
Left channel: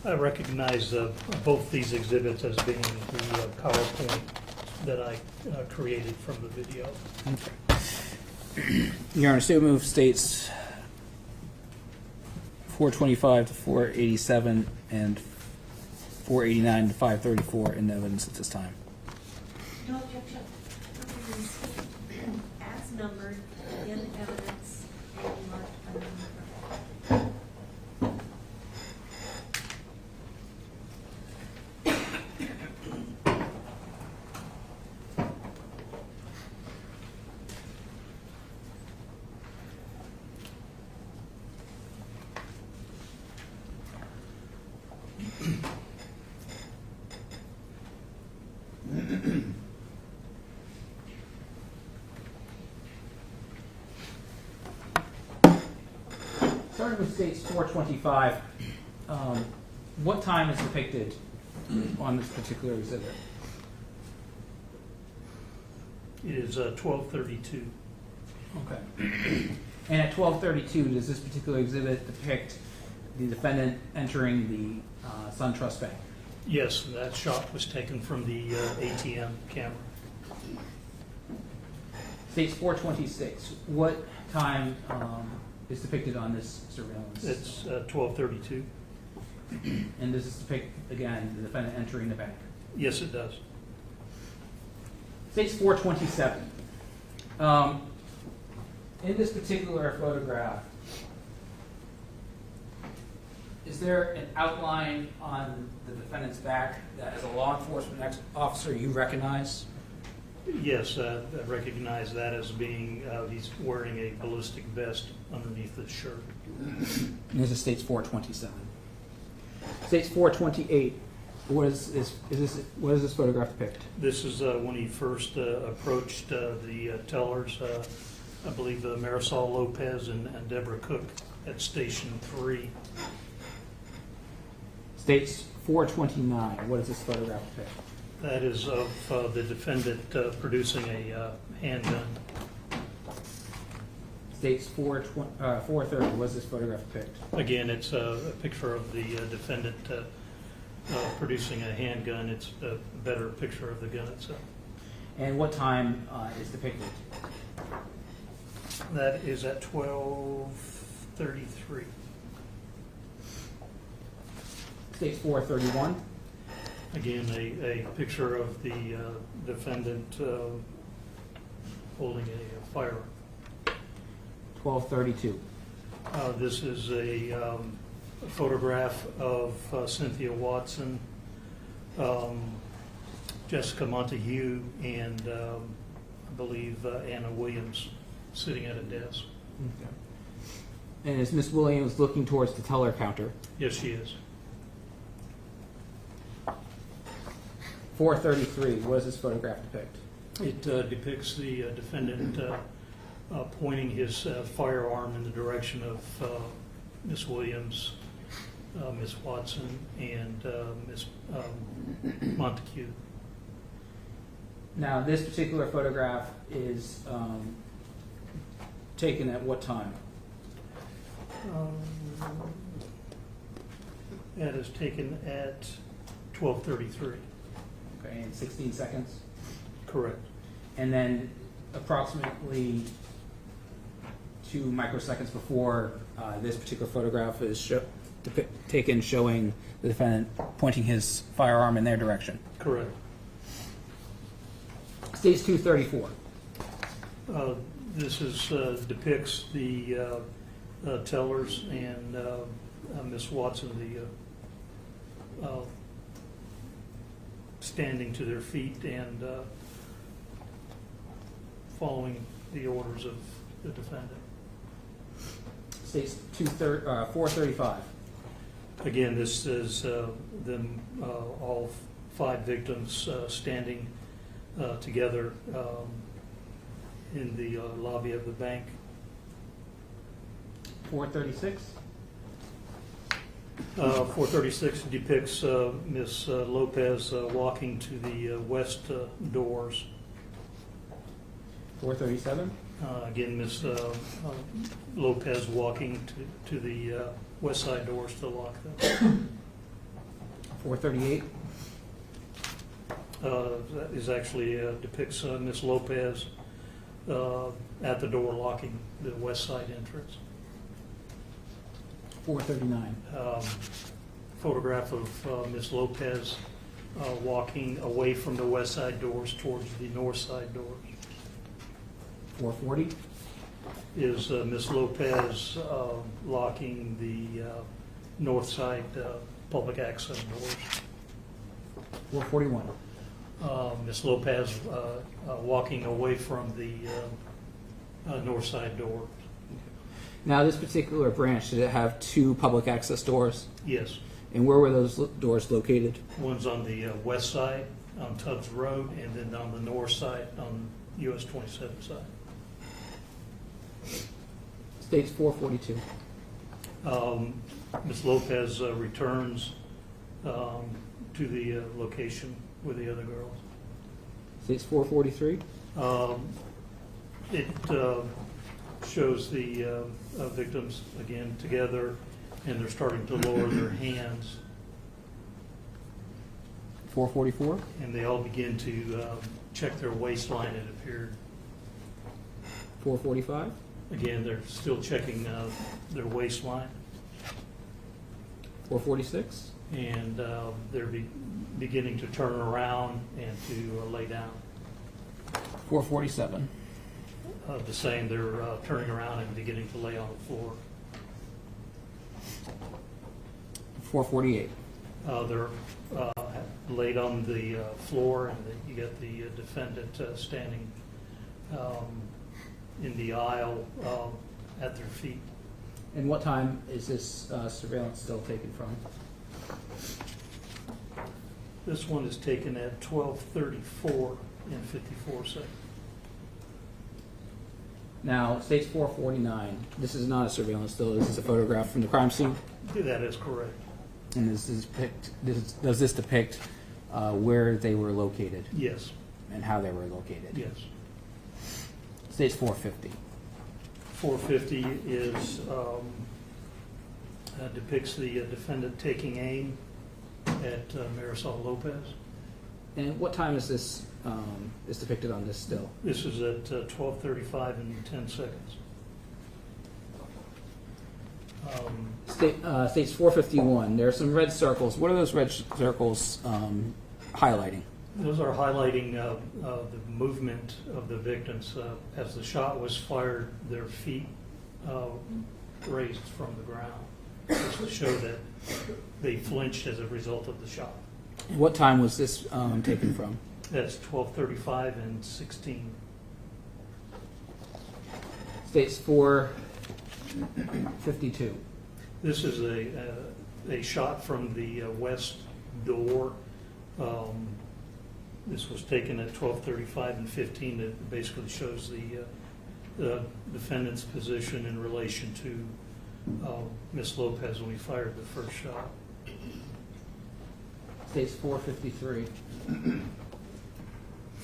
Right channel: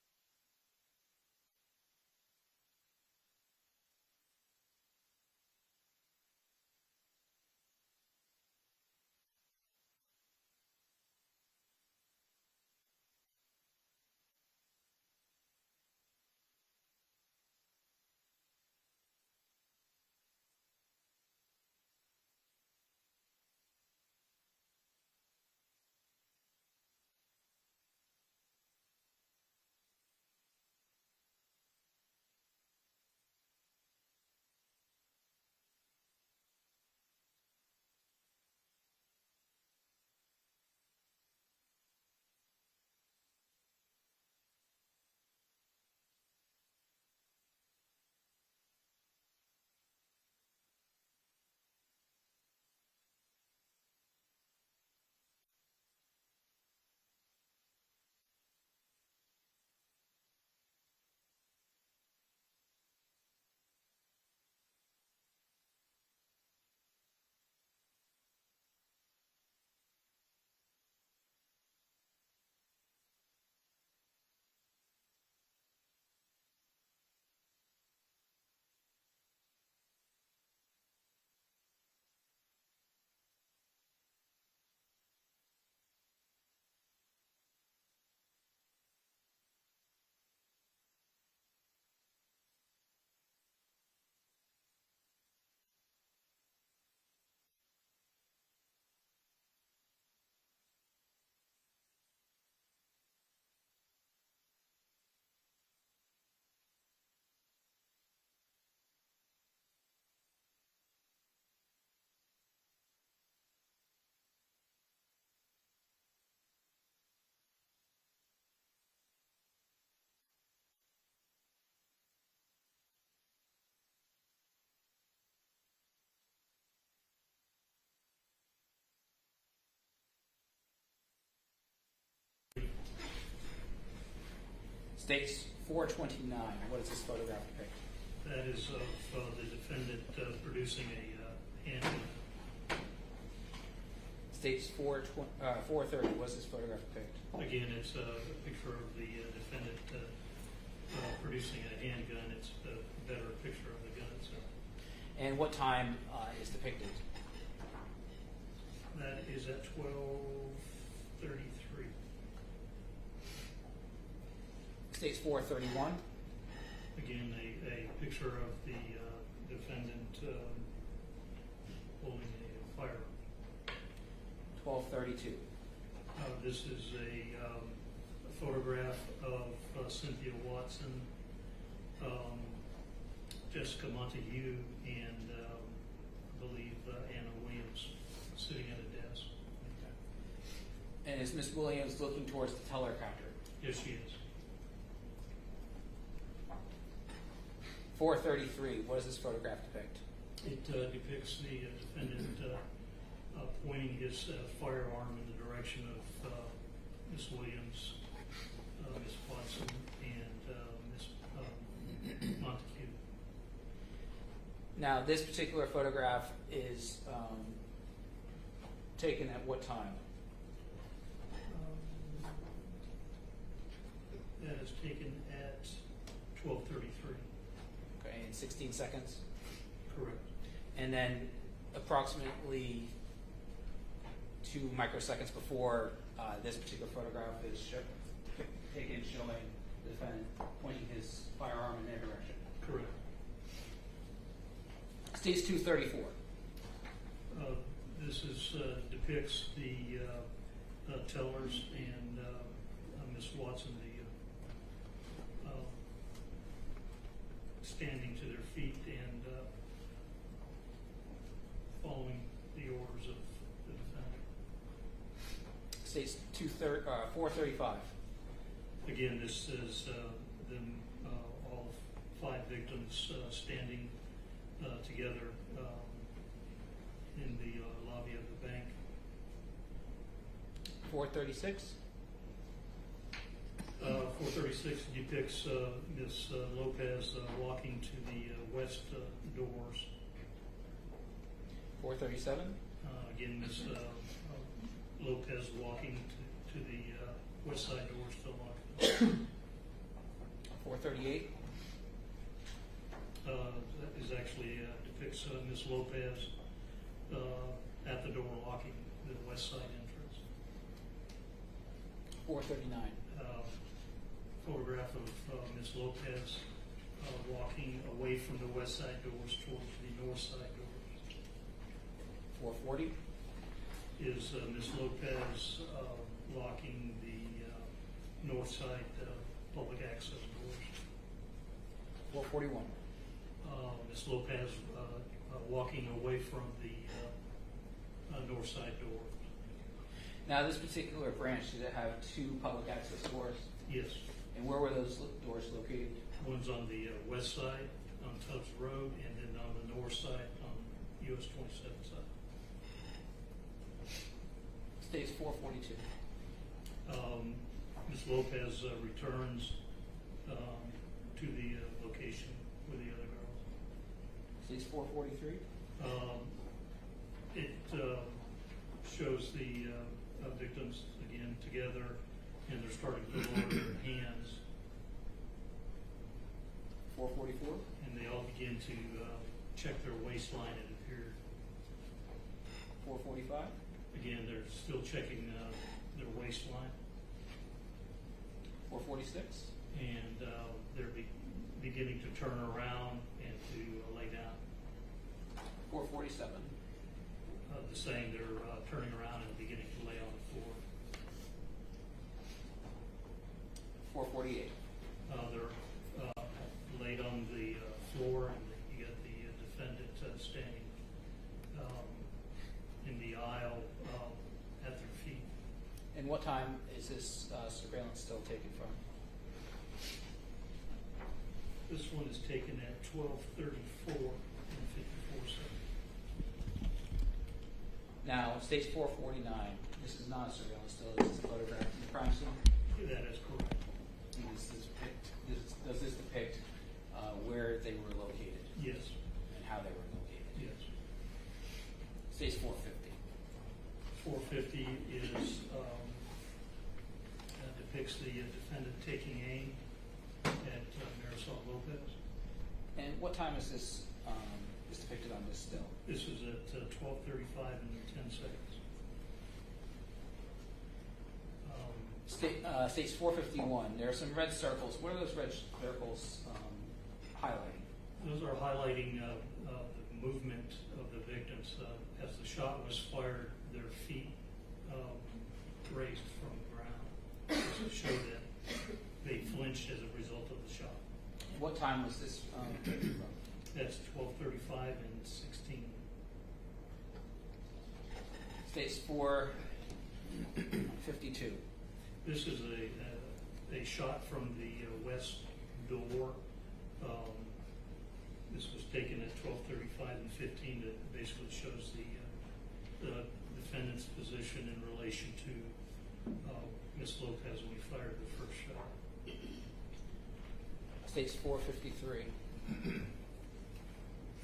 I recognize both these exhibits as being the PowerPoint that I created from the video. Okay. Your Honor, statement of states 425 to 487 and 489 to 534 in the evidence at this time. No objection. As numbered in evidence and marked unmarked. Starting with states 425, what time is depicted on this particular exhibit? It is 12:32. Okay. And at 12:32, does this particular exhibit depict the defendant entering the SunTrust Bank? Yes, that shot was taken from the ATM camera. States 426, what time is depicted on this surveillance? It's 12:32. And does this depict, again, the defendant entering the bank? Yes, it does. States 427. In this particular photograph, is there an outline on the defendant's back that as a law enforcement officer you recognize? Yes, I recognize that as being, he's wearing a ballistic vest underneath his shirt. And this is states 427. States 428. What does this photograph depict? This is when he first approached the tellers, I believe Marisol Lopez and Deborah Cook at Station 3. States 429. What does this photograph depict? That is of the defendant producing a handgun. States 430. What does this photograph depict? Again, it's a picture of the defendant producing a handgun. It's a better picture of the gun itself. And what time is depicted? That is at 12:33. States 431. Again, a picture of the defendant holding a firearm. 1232. This is a photograph of Cynthia Watson, Jessica Montague, and I believe Anna Williams sitting at a desk. Okay. And is Miss Williams looking towards the teller counter? Yes, she is. 433. What does this photograph depict? It depicts the defendant pointing his firearm in the direction of Miss Williams, Miss Watson, and Miss Montague. Now, this particular photograph is taken at what time? That is taken at 12:33. Okay, in 16 seconds. Correct. And then approximately 2 microseconds before this particular photograph is taken showing the defendant pointing his firearm in their direction. Correct. States 234. This is depicts the tellers and Miss Watson, the standing to their feet and following the orders of the defendant. States 435. Again, this is them, all 5 victims standing together in the lobby of the bank. 436. 436 depicts Miss Lopez walking to the west doors. 437. Again, Miss Lopez walking to the west side doors to lock them. 438. That is actually depicts Miss Lopez at the door locking the west side entrance. 439. Photograph of Miss Lopez walking away from the west side doors towards the north side doors. 440. Is Miss Lopez locking the north side public access doors. 441. Miss Lopez walking away from the north side door. Now, this particular branch, did it have 2 public access doors? Yes. And where were those doors located? One's on the west side on Tubbs Road, and then on the north side on US 27 side. States 442. Ms. Lopez returns to the location with the other girls. States 443. It shows the victims again together, and they're starting to lower their hands, 444. and they all begin to check their waistline, it appeared. 445. Again, they're still checking their waistline, 446. and they're beginning to turn around and to lay down. 447. The same, they're turning around and beginning to lay on the floor. 448. They're laid on the floor, and you get the defendant standing in the aisle at their feet. And what time is this surveillance still taken from? This one is taken at 12:34 and 54 seconds. Now, states 449. This is not a surveillance still. This is a photograph from the crime scene. That is correct. And does this depict where they were located Yes, and how they were located? yes. States 450. 450 is depicts the defendant taking aim at Marisol Lopez. And what time is this is depicted on this still? This is at 12:35 and 10 seconds. States 451. There are some red circles. What are those red circles highlighting? Those are highlighting the movement of the victims. As the shot was fired, their feet raised from the ground, just to show that they flinched as a result of the shot. What time was this taken from? That's 12:35 and 16. States 452. This is a shot from the west door. This was taken at 12:35 and 15. It basically shows the defendant's position in relation to Ms. Lopez when we fired the first shot. States 453.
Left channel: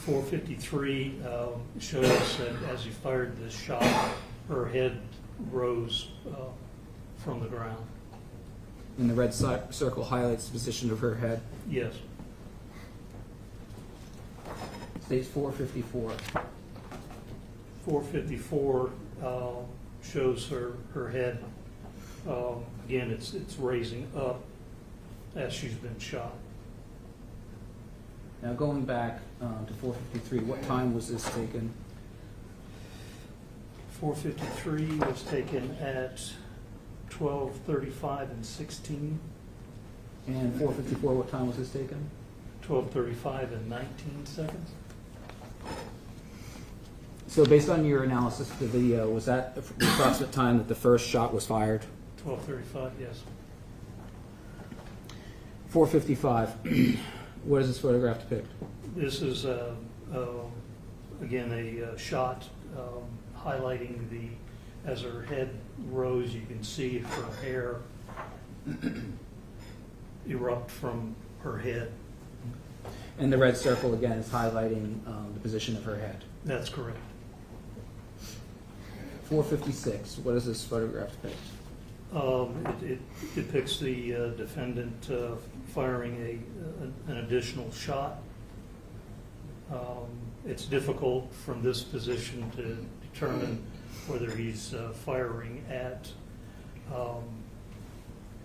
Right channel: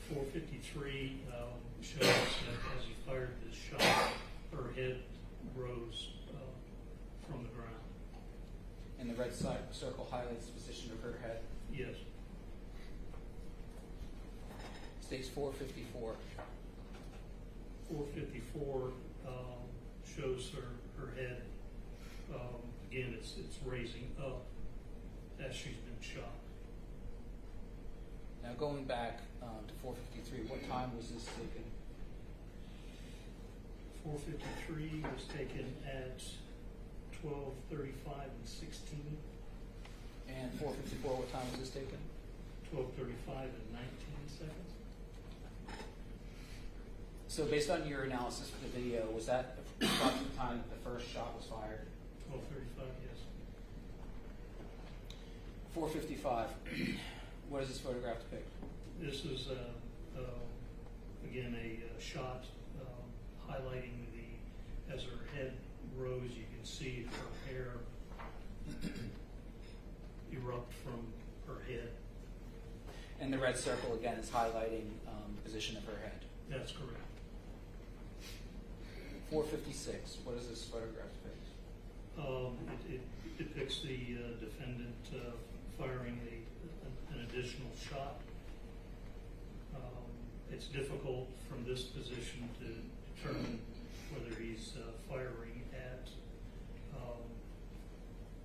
453 shows that as he fired the shot, her head rose from the ground. And the red circle highlights the position of her head. Yes. States 454. 454 shows her head. Again, it's raising up as she's been shot. Now going back to 453, what time was this taken? 453 was taken at 12:35 and 16. And 454, what time was this taken? 12:35 and 19 seconds. So based on your analysis of the video, was that the approximate time that the first shot was fired? 12:35, yes. 455. What does this photograph depict? This is again a shot highlighting as her head rose, you can see her hair erupt from her head. And the red circle again is highlighting the position of her head. That's correct. 456. What does this photograph depict? It depicts the defendant firing an additional shot. It's difficult from this position to determine whether he's firing at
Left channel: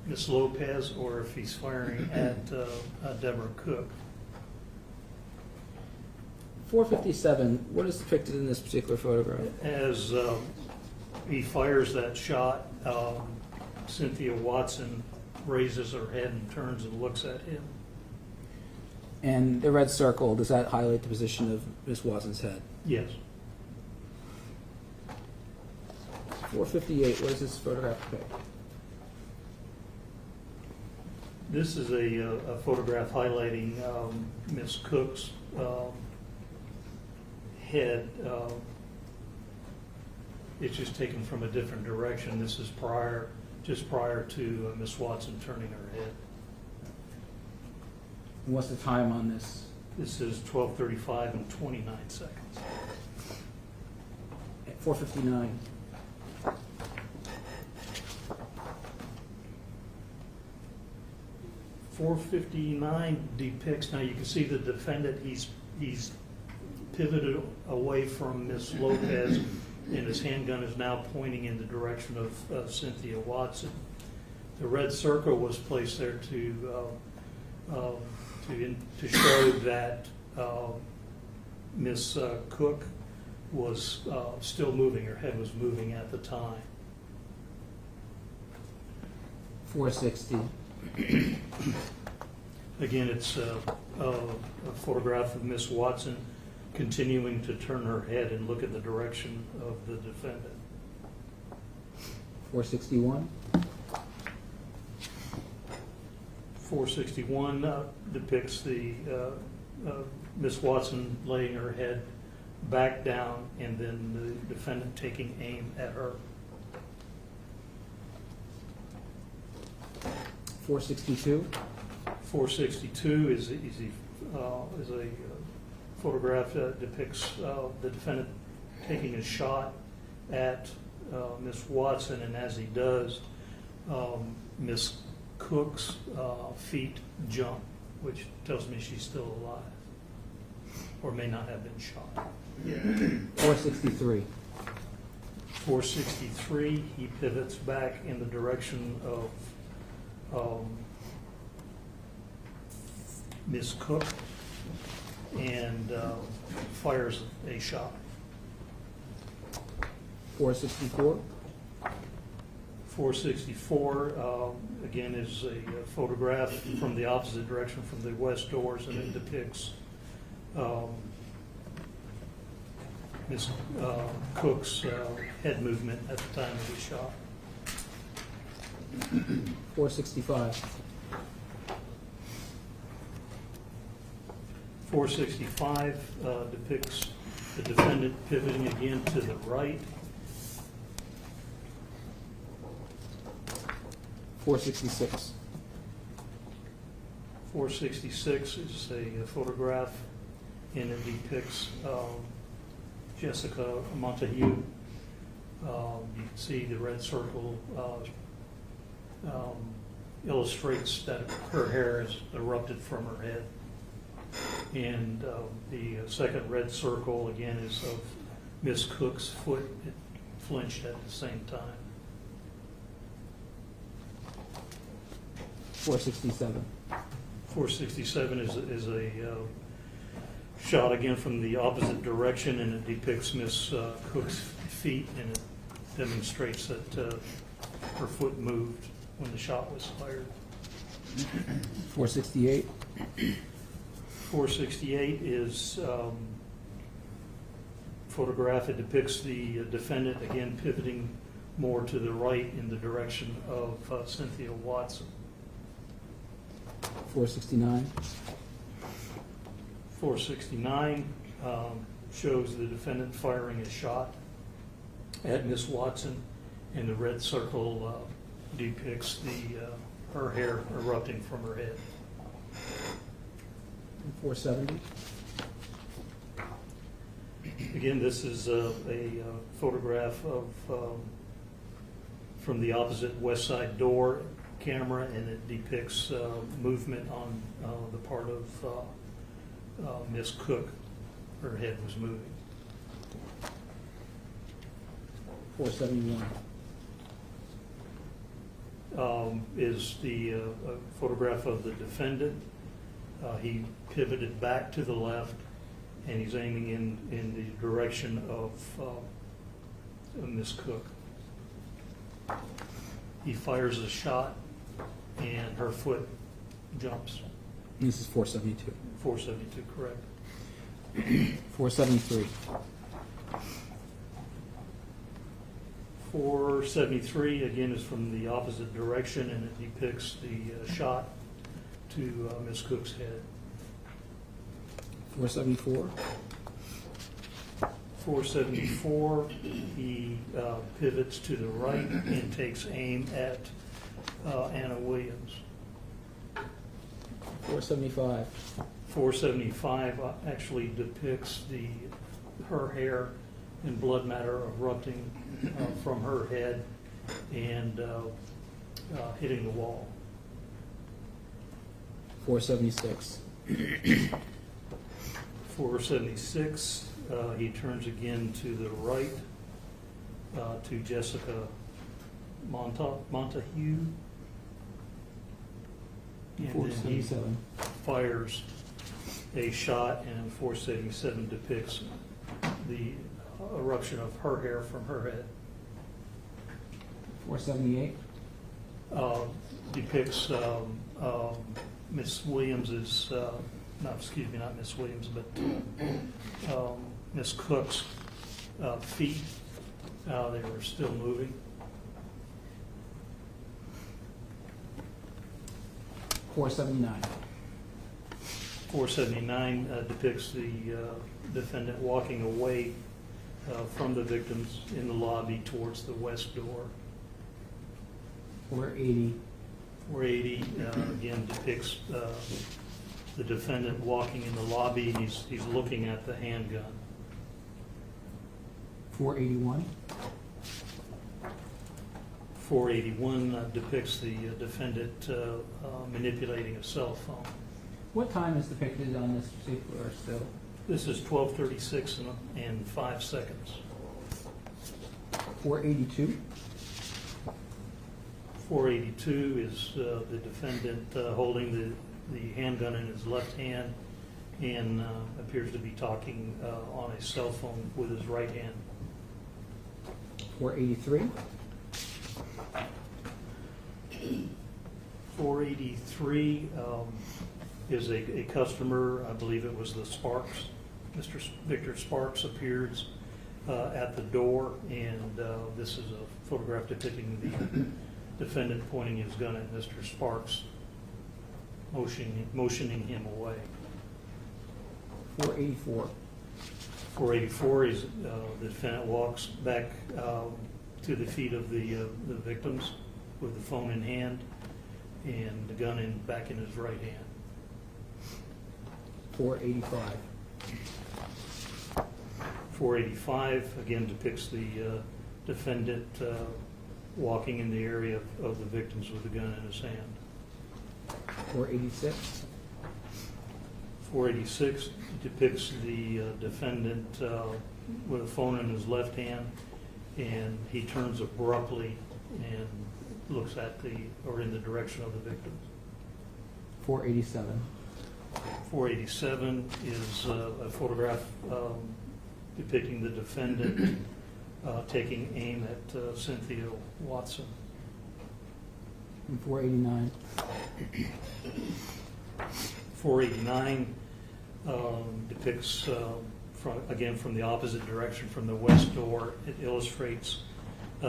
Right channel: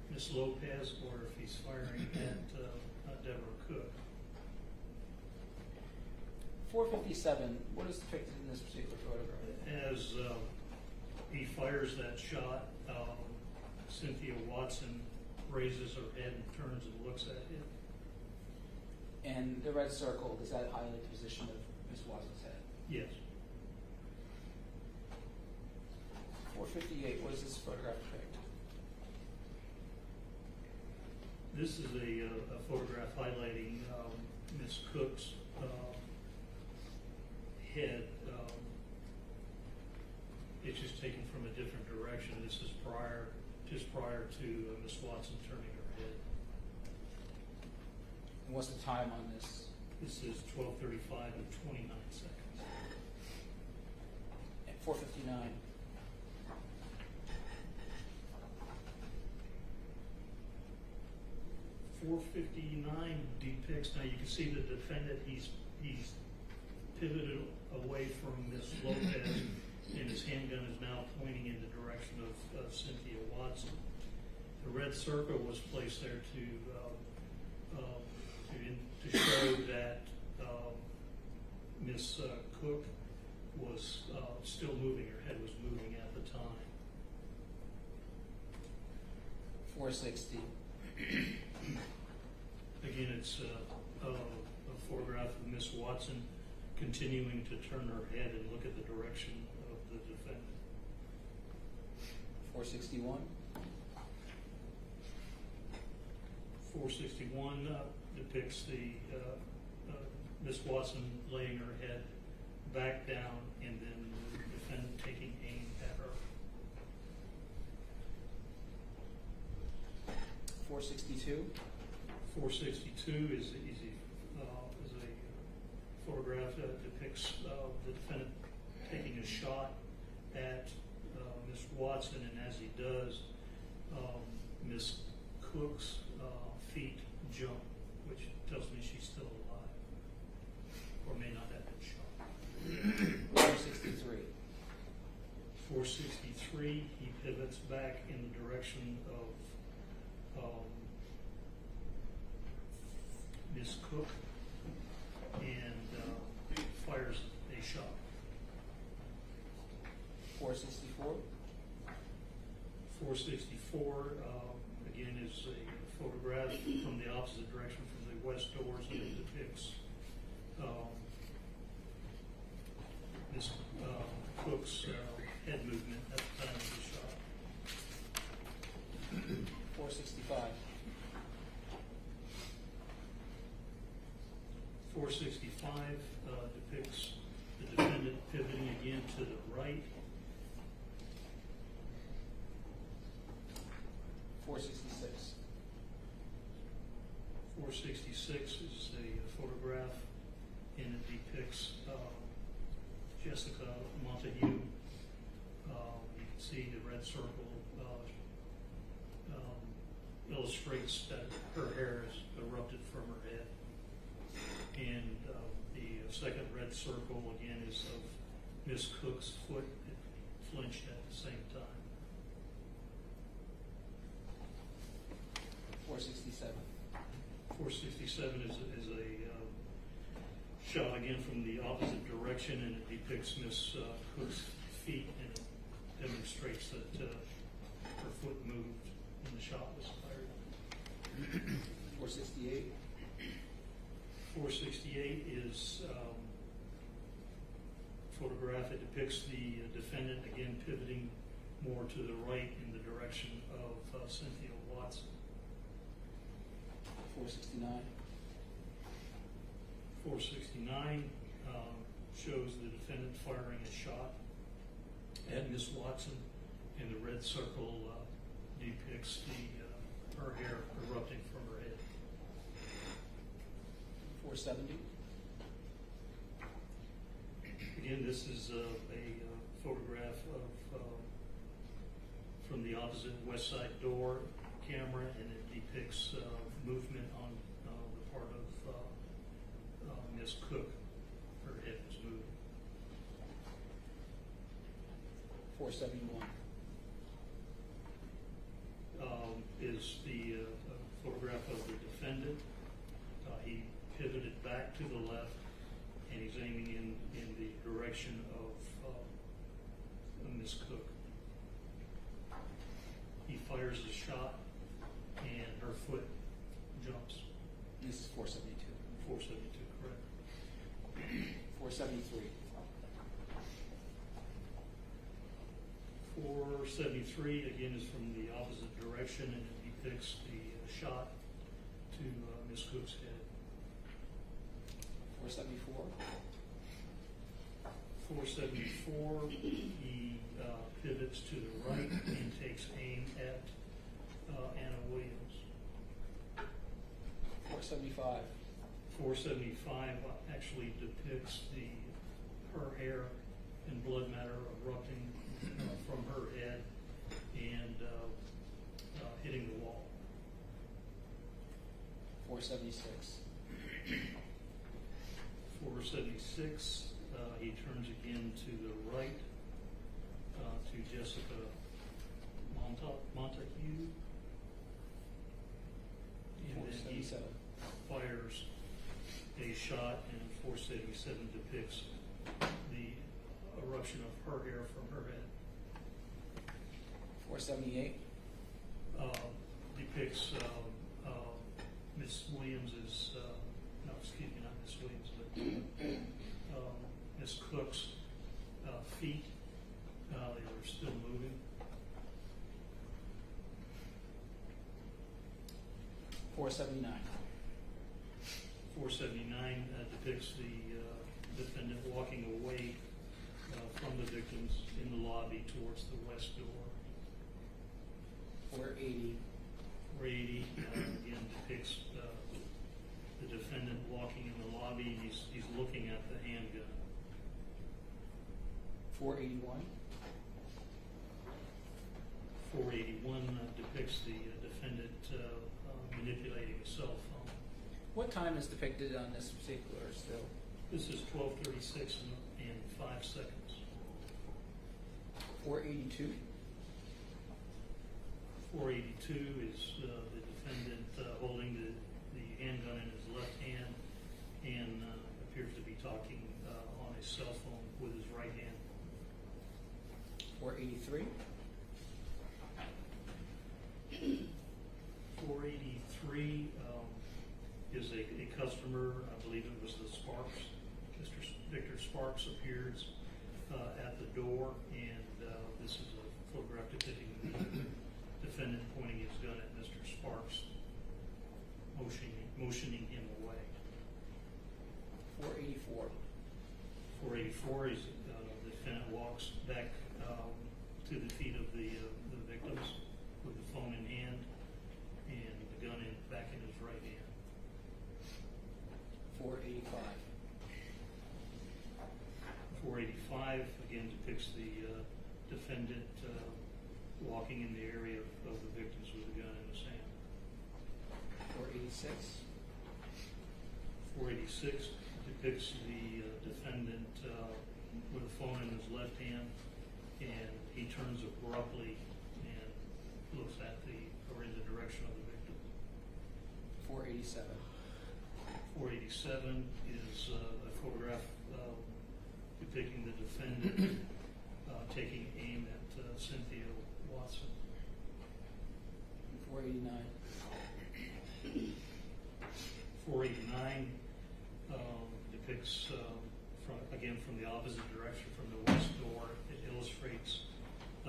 Ms. Lopez or if he's firing at Deborah Cook. 457, what is depicted in this particular photograph? As he fires that shot, Cynthia Watson raises her head and turns and looks at him. And the red circle, does that highlight the position of Ms. Watson's head? Yes. 458, what does this photograph depict? This is a photograph highlighting Ms. Cook's head. It's just taken from a different direction. This is just prior to Ms. Watson turning her head. And what's the time on this? This is 12:35 and 29 seconds. At 459. .459 depicts, now you can see the defendant, he's pivoted away from Ms. Lopez and his handgun is now pointing in the direction of Cynthia Watson. The red circle was placed there to show that Ms. Cook was still moving, her head was moving at the time. 460. Again, it's a photograph of Miss Watson continuing to turn her head and look at the direction of the defendant. 461. 461 depicts the Miss Watson laying her head back down and then the defendant taking aim at her. 462. 462 is a photograph that depicts the defendant taking a shot at Miss Watson, and as he does, Miss Cook's feet jump, which tells me she's still alive, or may not have been shot. 463. 463, he pivots back in the direction of Miss Cook and fires a shot. 464. 464, again, is a photograph from the opposite direction from the west doors, and it depicts Miss Cook's head movement at the time of the shot. 465. 465 depicts the defendant pivoting again to the right. 466. 466 is a photograph, and it depicts Jessica Montague. You can see the red circle illustrates that her hair has erupted from her head. And the second red circle, again, is of Miss Cook's foot. It flinched at the same time. 467. 467 is a shot again from the opposite direction, and it depicts Miss Cook's feet, and it demonstrates that her foot moved when the shot was fired. 468. 468 is photograph. It depicts the defendant again pivoting more to the right in the direction of Cynthia Watson. 469. 469 shows the defendant firing a shot at Miss Watson, and the red circle depicts her hair erupting from her head. 470. Again, this is a photograph of from the opposite west side door. camera, and it depicts movement on the part of Miss Cook. Her head was moving. 471. Is the photograph of the defendant. He pivoted back to the left, and he's aiming in the direction of Miss Cook. He fires a shot, and her foot jumps. This is 472. 472, correct. 473. 473, again, is from the opposite direction, and it depicts the shot to Miss Cook's head. 474. 474, he pivots to the right and takes aim at Anna Williams. 475. 475 actually depicts her hair and blood matter erupting from her head and hitting the wall. 476. 476, he turns again to the right to Jessica Montague. And then he 477. fires a shot, and 477 depicts the eruption of her hair from her head. 478. Depicts Miss Williams's, not Miss Williams, but Miss Cook's feet. They were still moving. 479. 479 depicts the defendant walking away from the victims in the lobby towards the west door. 480. 480 again depicts the defendant walking in the lobby. He's looking at the handgun. 481. 481 depicts the defendant manipulating a cell phone. What time is depicted on this particular still? This is 12:36 and 5 seconds. 482. 482 is the defendant holding the handgun in his left hand and appears to be talking on a cell phone with his right hand. 483. 483 is a customer, I believe it was the Sparks. Mr. Victor Sparks appears at the door, and this is a photograph depicting the defendant pointing his gun at Mr. Sparks, motioning him away. 484. 484 is the defendant walks back to the feet of the victims with the phone in hand and the gun back in his right hand. 485. 485 again depicts the defendant walking in the area of the victims with a gun in his hand. 486. 486 depicts the defendant with a phone in his left hand, and he turns abruptly and looks at in the direction of the victim. 487. 487 is a photograph depicting the defendant taking aim at Cynthia Watson. And 489. 489 depicts, again from the opposite direction, from the west door. It illustrates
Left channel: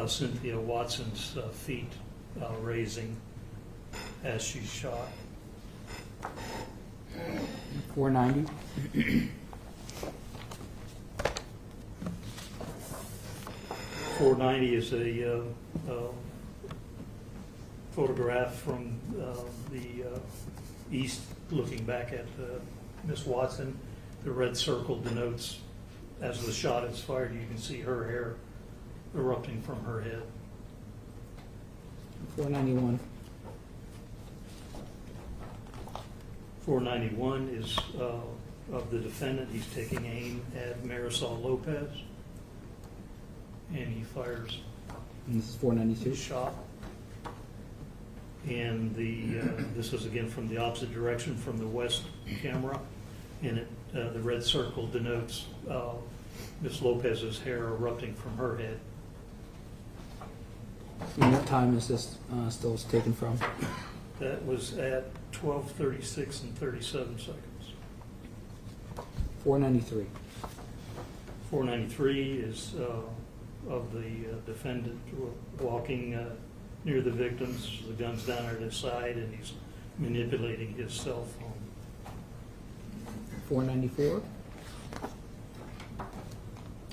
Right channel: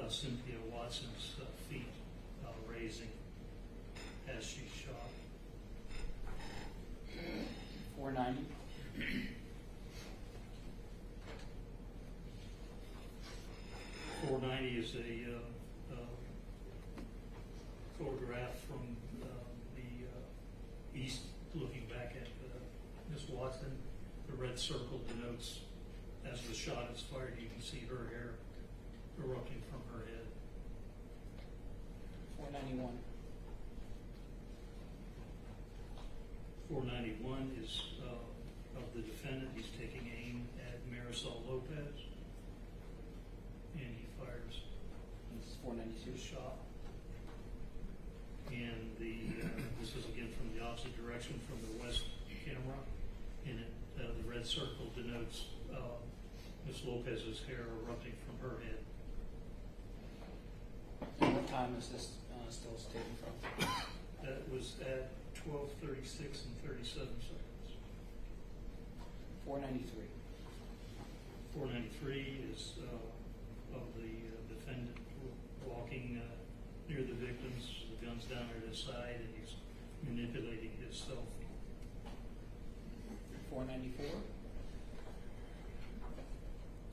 Cynthia Watson's feet raising as she's shot. 490. 490 is a photograph from the east looking back at Miss Watson. The red circle denotes as the shot is fired, you can see her hair erupting from her head. 491. 491 is of the defendant. He's taking aim at Marisol Lopez, and he fires And this is 492. a shot. And this is again from the opposite direction, from the west camera, and the red circle denotes Ms. Lopez's hair erupting from her head. And what time is this still taken from? That was at 12:36 and 37 seconds. 493. 493 is of the defendant walking near the victims. The gun's down at his side, and he's manipulating his cell phone. 494.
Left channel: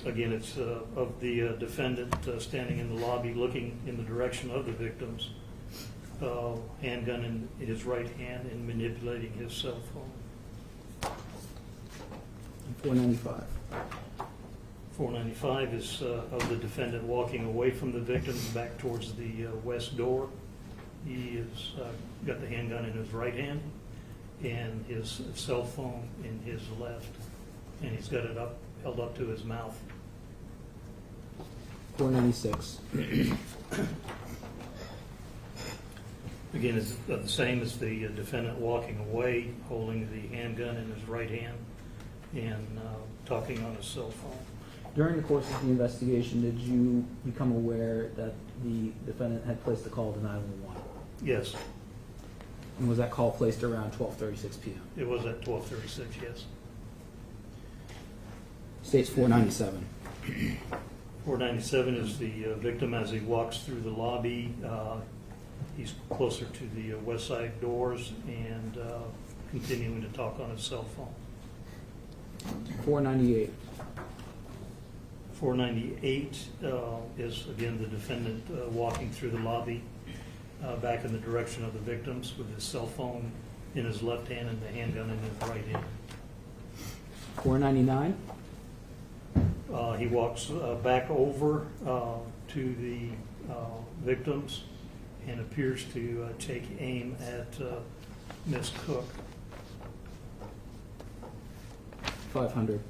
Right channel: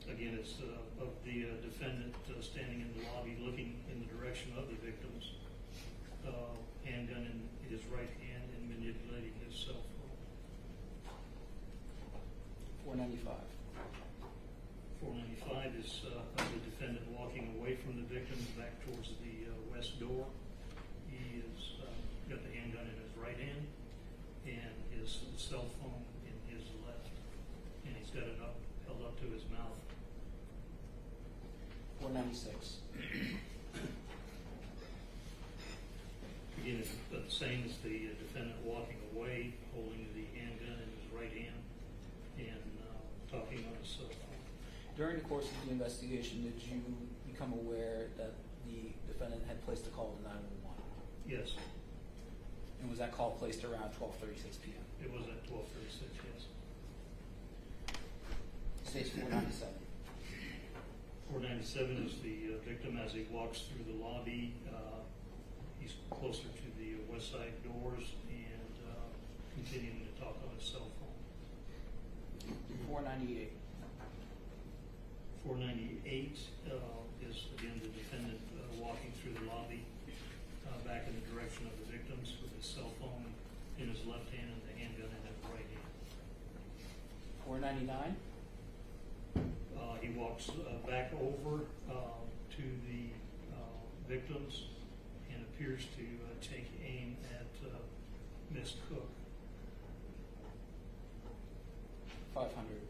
Again, it's of the defendant standing in the lobby looking in the direction of the victims, handgun in his right hand and manipulating his cell phone. And 495. 495 is of the defendant walking away from the victims back towards the west door. He has got the handgun in his right hand and his cell phone in his left, and he's got it held up to his mouth. 496. Again, it's the same as the defendant walking away, holding the handgun in his right hand and talking on his cell phone. During the course of the investigation, did you become aware that the defendant had placed a call to 911? Yes, And was that call placed around 12:36 p.m.? it was at 12:36, yes. States 497. 497 is the victim as he walks through the lobby. He's closer to the west side doors and continuing to talk on his cell phone. 498. 498 is, again, the defendant walking through the lobby back in the direction of the victims with his cell phone in his left hand and the handgun in his right hand. 499. He walks back over to the victims and appears to take aim at Ms. Cook. 500.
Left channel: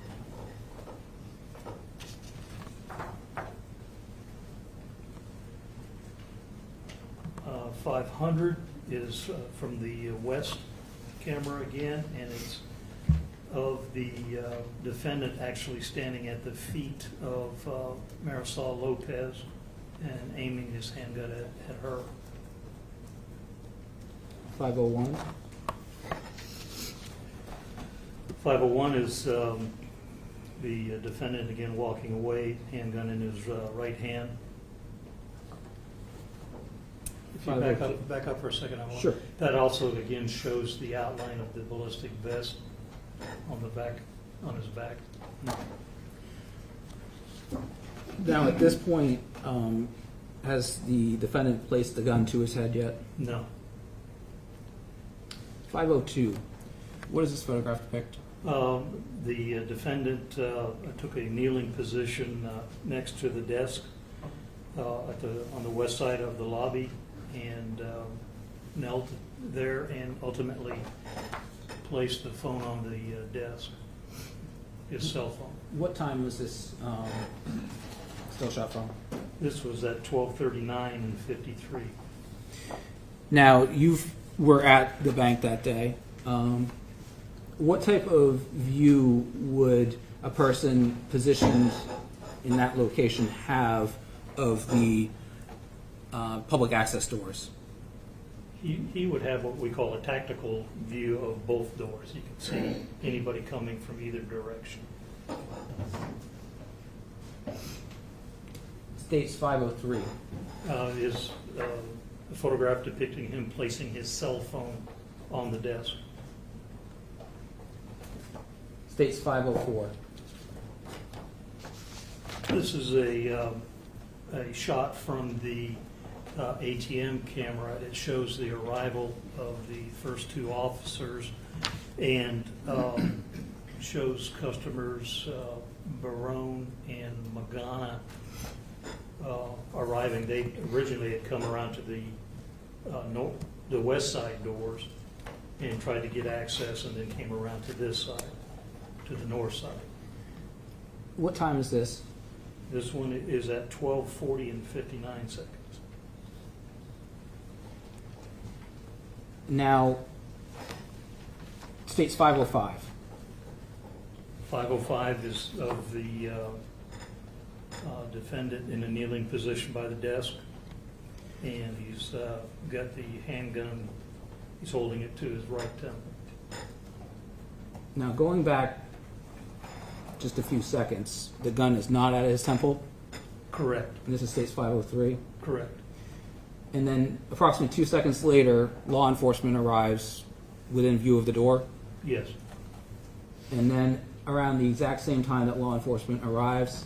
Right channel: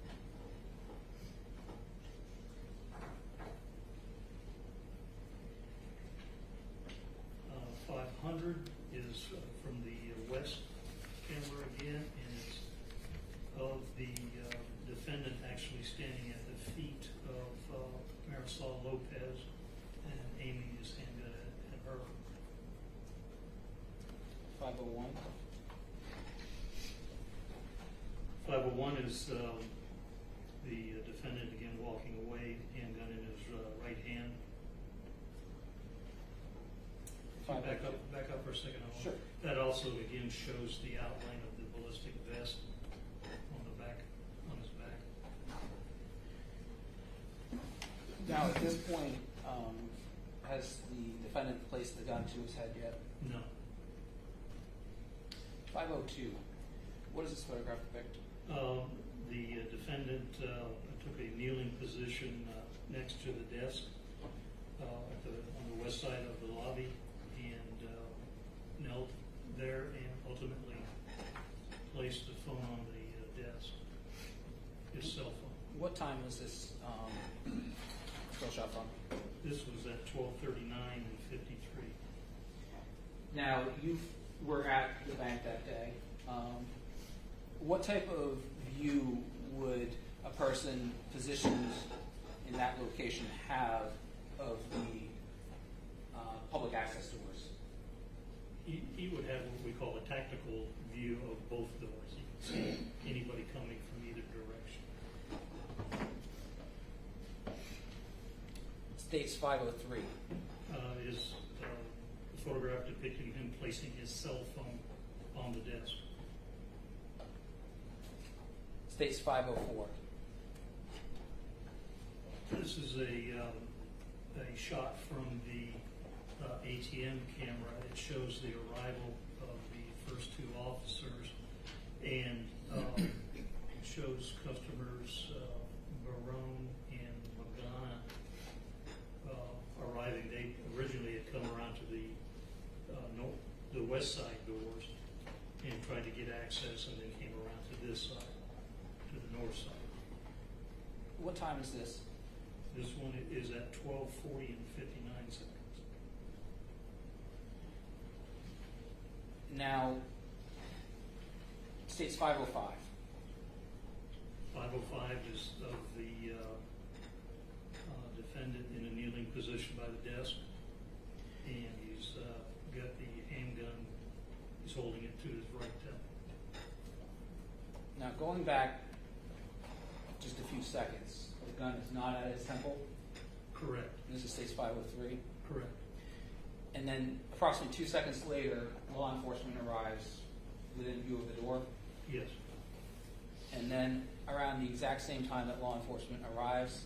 500 is from the west camera again, and it's of the defendant actually standing at the feet of Marisol Lopez and aiming his handgun at her. 501. 501 is the defendant again walking away, handgun in his right hand. If you back up for a second, I want. Sure. That also again shows the outline of the ballistic vest on the back, on his back. Now, at this point, has the defendant placed the gun to his head yet? No. 502. What does this photograph depict? The defendant took a kneeling position next to the desk on the west side of the lobby and knelt there and ultimately placed the phone on the desk, his cell phone. What time was this still shot from? This was at 12:39 and 53. Now, you were at the bank that day. What type of view would a person positioned in that location have of the public access doors? He would have what we call a tactical view of both doors. You can see anybody coming from either direction. States 503. Is a photograph depicting him placing his cell phone on the desk. States 504. This is a shot from the ATM camera. It shows the arrival of the first two officers and shows customers Barone and Magana arriving. They originally had come around to the west side doors and tried to get access and then came around to this side, to the north side. What time is this? This one is at 12:40 and 59 seconds. Now, states 505. 505 is of the defendant in a kneeling position by the desk, and he's got the handgun, he's holding it to his right temple. Now, going back just a few seconds, the gun is not at his temple, Correct, and this is states 503. correct. And then approximately 2 seconds later, law enforcement arrives within view of the door. Yes, And then around the exact same time that law enforcement arrives,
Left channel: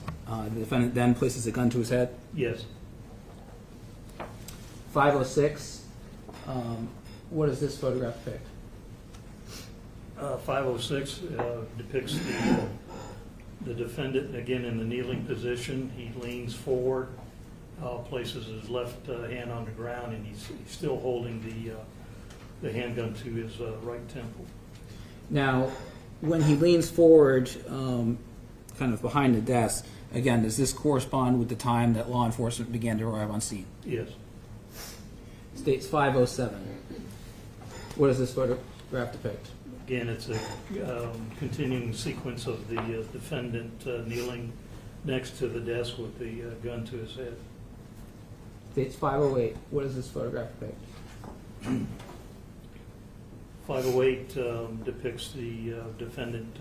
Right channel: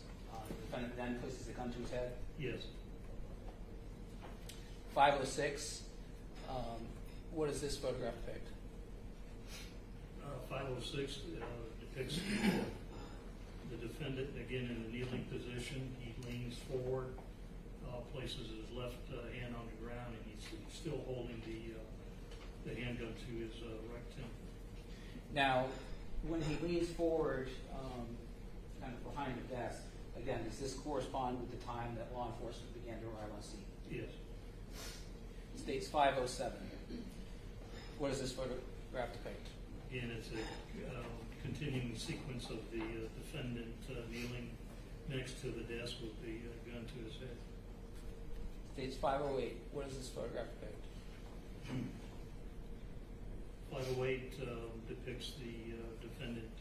the defendant then places a gun to his head. yes. 506, what does this photograph depict? 506 depicts the defendant, again, in the kneeling position. He leans forward, places his left hand on the ground, and he's still holding the handgun to his right temple. Now, when he leans forward, kind of behind the desk, again, does this correspond with the time that law enforcement began to arrive on scene? Yes. States 507. What does this photograph depict? Again, it's a continuing sequence of the defendant kneeling next to the desk with the gun to his head. States 508. What does this photograph depict? 508 depicts the defendant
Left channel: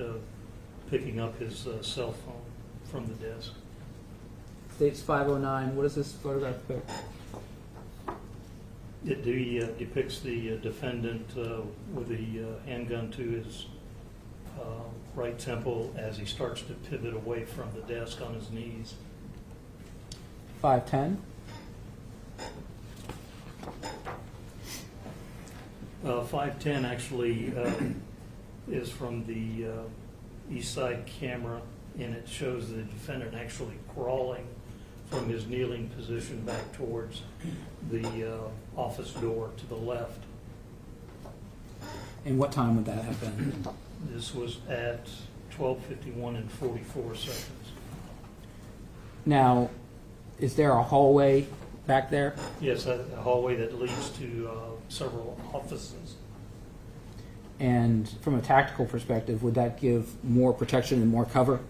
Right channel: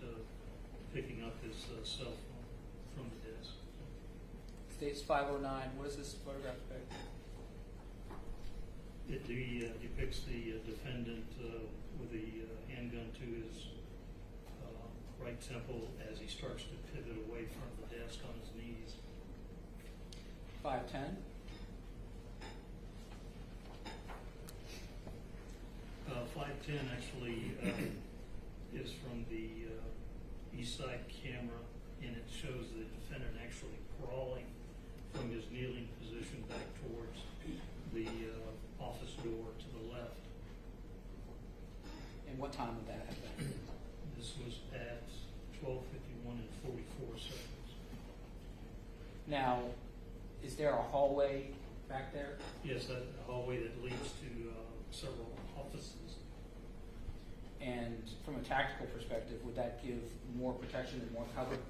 picking up his cell phone from the desk. States 509. What does this photograph depict? It depicts the defendant with the handgun to his right temple as he starts to pivot away from the desk on his knees. 510. 510 actually is from the east side camera, and it shows the defendant actually crawling from his kneeling position back towards the office door to the left. And what time would that have been? This was at 12:51 and 44 seconds. Now, is there a hallway back there? Yes, a hallway that leads to several offices. And from a tactical perspective, would that give more protection and more cover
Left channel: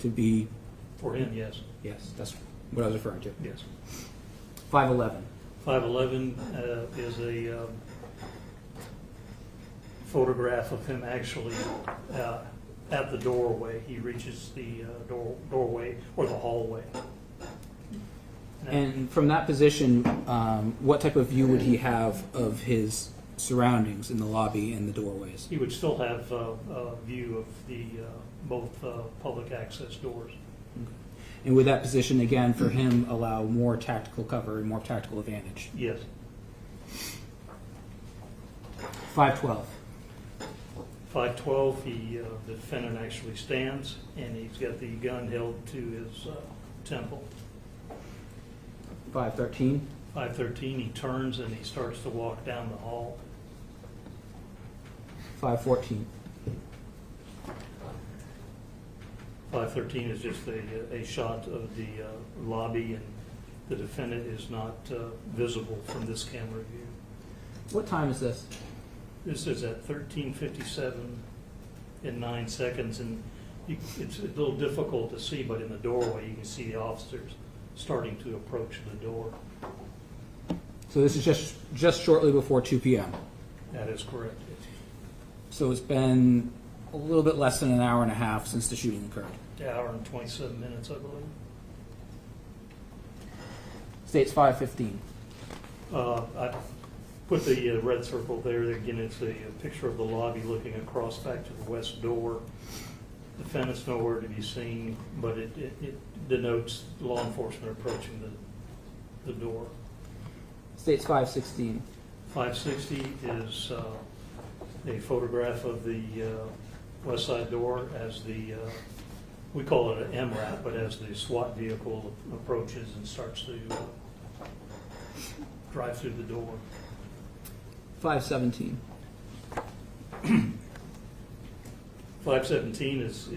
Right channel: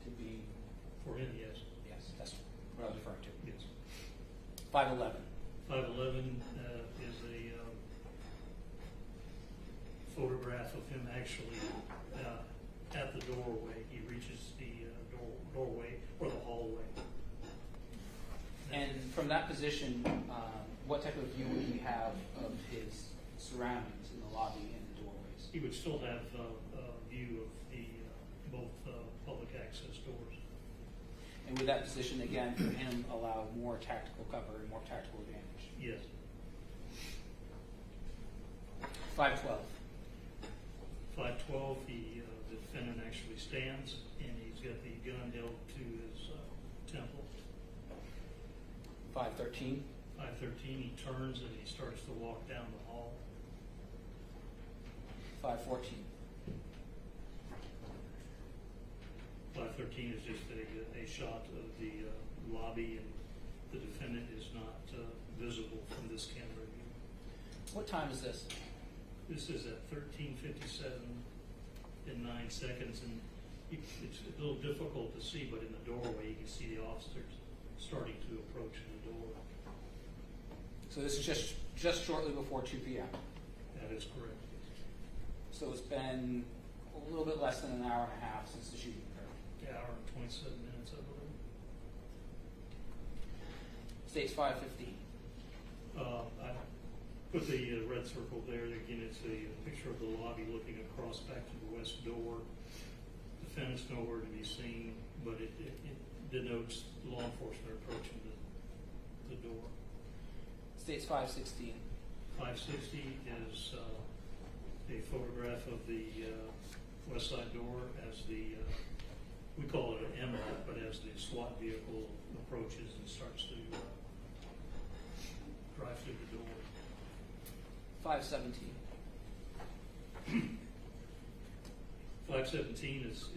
to be? For him, yes, Yes, that's what I was referring to. yes. 511. 511 is a photograph of him actually at the doorway. He reaches the doorway or the hallway. And from that position, what type of view would he have of his surroundings in the lobby and the doorways? He would still have a view of the both public access doors. And would that position, again, for him, allow more tactical cover and more tactical advantage? Yes. 512. 512, the defendant actually stands, and he's got the gun held to his temple. 513. 513, he turns and he starts to walk down the hall. 514. 513 is just a shot of the lobby, and the defendant is not visible from this camera view. What time is this? This is at 13:57 and 9 seconds, and it's a little difficult to see, but in the doorway you can see the officers starting to approach the door. So this is just shortly before 2 p.m. That is correct. So it's been a little bit less than an hour and a half since the shooting occurred. An hour and 27 minutes, I believe. States 515. I put the red circle there. Again, it's a picture of the lobby looking across back to the west door. Defendant's nowhere to be seen, but it denotes law enforcement approaching the door. States 516. 560 is a photograph of the west side door as the, we call it an MRAP, but as the SWAT vehicle approaches and starts to drive through the door. 517. 517 is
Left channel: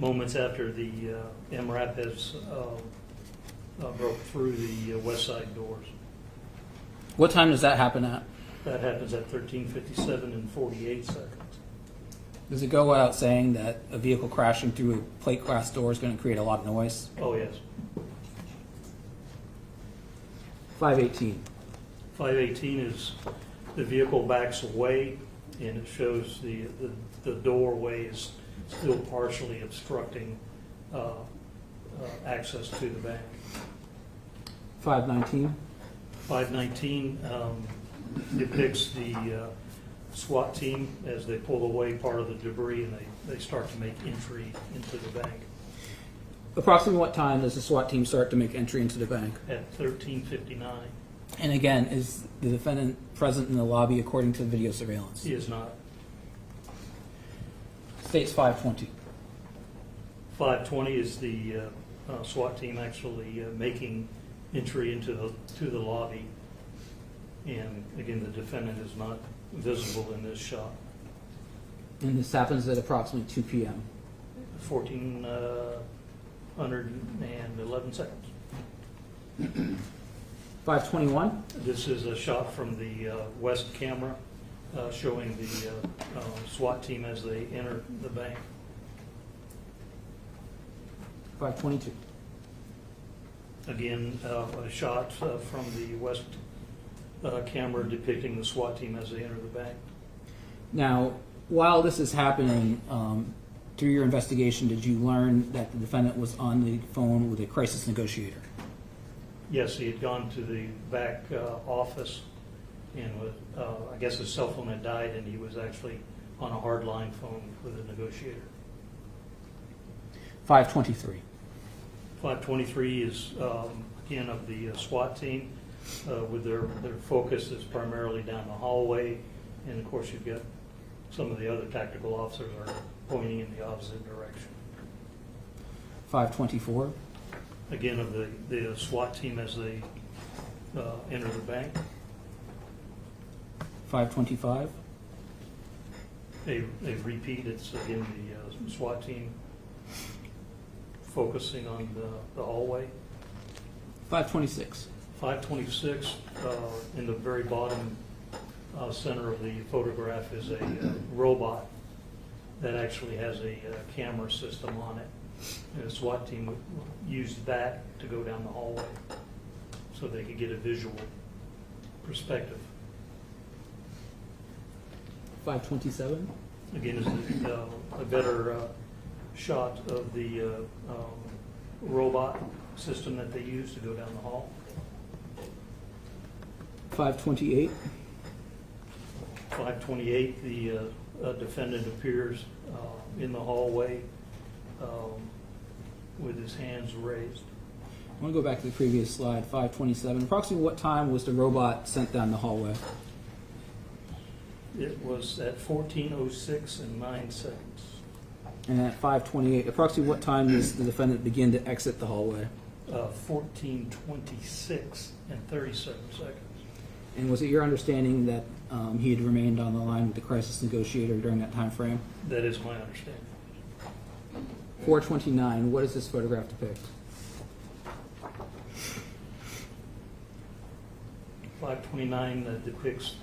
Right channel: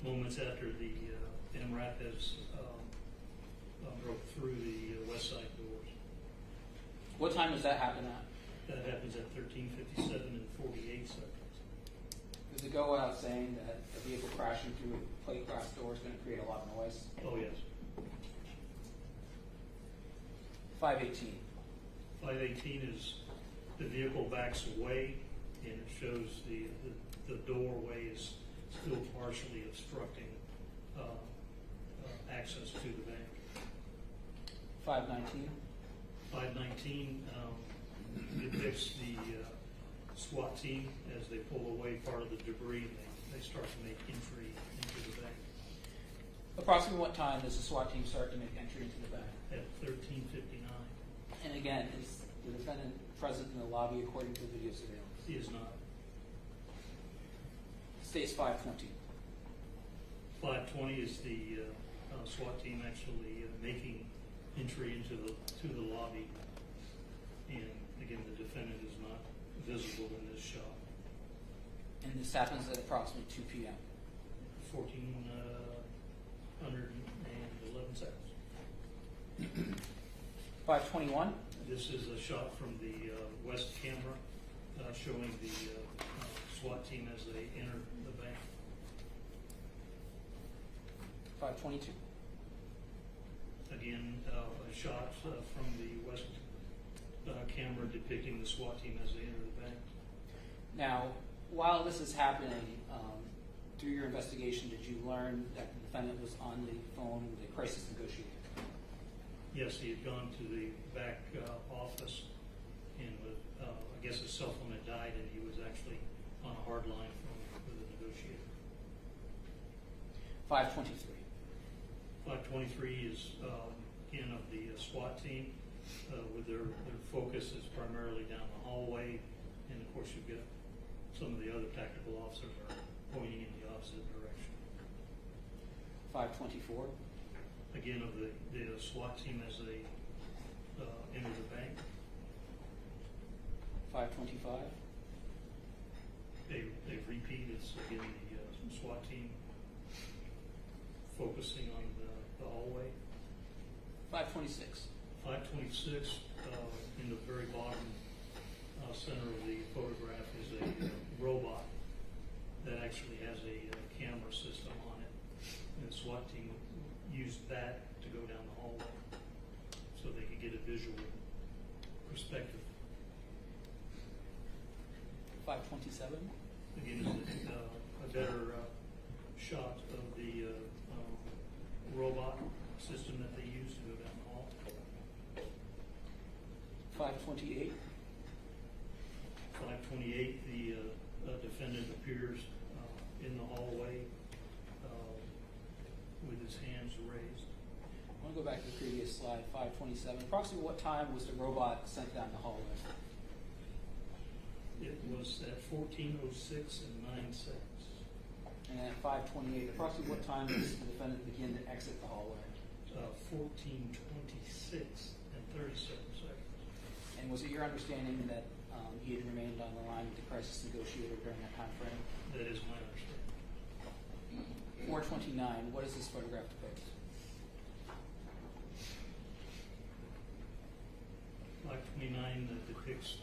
moments after the MRAP has broke through the west side doors. What time does that happen at? That happens at 13:57 and 48 seconds. Does it go without saying that a vehicle crashing through a plate glass door is going to create a lot of noise? Oh, yes. 518. 518 is the vehicle backs away, and it shows the doorway is still partially obstructing access to the bank. 519. 519 depicts the SWAT team as they pull away part of the debris, and they start to make entry into the bank Approximately what time does the SWAT team start to make entry into the bank? at 13:59. And again, is the defendant present in the lobby according to video surveillance? He is not. States 520. 520 is the SWAT team actually making entry into the lobby, and again, the defendant is not visible in this shot. And this happens at approximately 2 p.m. 1411 seconds. 521. This is a shot from the west camera showing the SWAT team as they enter the bank. 522. Again, a shot from the west camera depicting the SWAT team as they enter the bank. Now, while this is happening, through your investigation, did you learn that the defendant was on the phone with a crisis negotiator? Yes, he had gone to the back office, and I guess his cell phone had died, and he was actually on a hardline phone with a negotiator. 523. 523 is, again, of the SWAT team, with their focus is primarily down the hallway, and of course you've got some of the other tactical officers are pointing in the opposite direction. 524. Again, of the SWAT team as they enter the bank. 525. A repeat, it's again the SWAT team focusing on the hallway. 526. 526, in the very bottom center of the photograph is a robot that actually has a camera system on it. And the SWAT team used that to go down the hallway so they could get a visual perspective. 527. Again, is a better shot of the robot system that they use to go down the hall. 528. 528, the defendant appears in the hallway with his hands raised. I want to go back to the previous slide, 527. Approximately what time was the robot sent down the hallway? It was at 14:06 and 9 seconds. And at 528, approximately what time does the defendant begin to exit the hallway? 14:26 and 37 seconds. And was it your understanding that he had remained on the line with the crisis negotiator during that time frame? That is my understanding. 429, what does this photograph depict? 529 depicts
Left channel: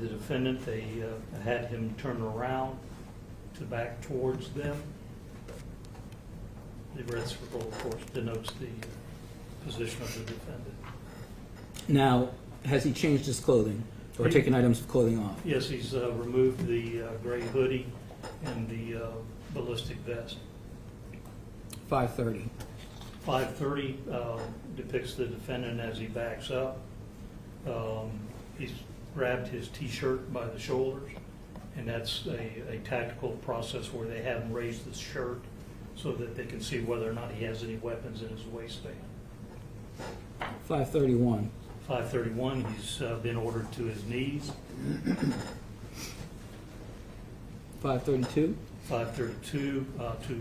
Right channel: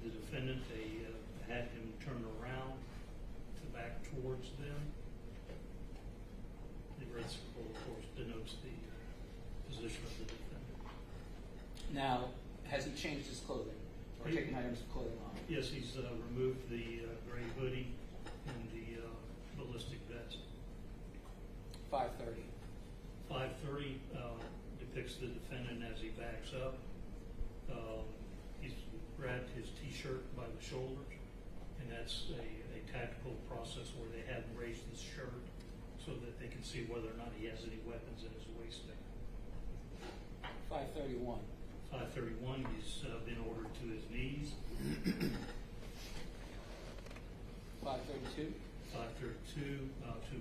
the defendant. They had him turn around to back towards them. The red circle, of course, denotes the position of the defendant. Now, has he changed his clothing or taken items of clothing off? Yes, he's removed the gray hoodie and the ballistic vest. 530. 530 depicts the defendant as he backs up. He's grabbed his T-shirt by the shoulders, and that's a tactical process where they have him raise the shirt so that they can see whether or not he has any weapons in his waistband. 531. 531, he's been ordered to his knees. 532. 532,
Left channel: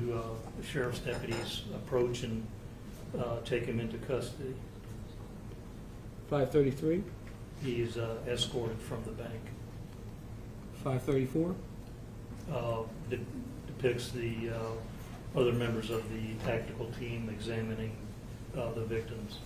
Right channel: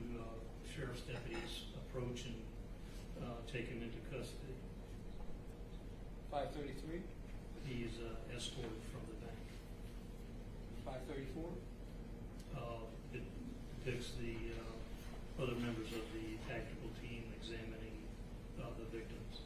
the sheriff's deputies approach and take him into custody. 533. He is escorted from the bank. 534. Depicts the other members of the tactical team examining the victims.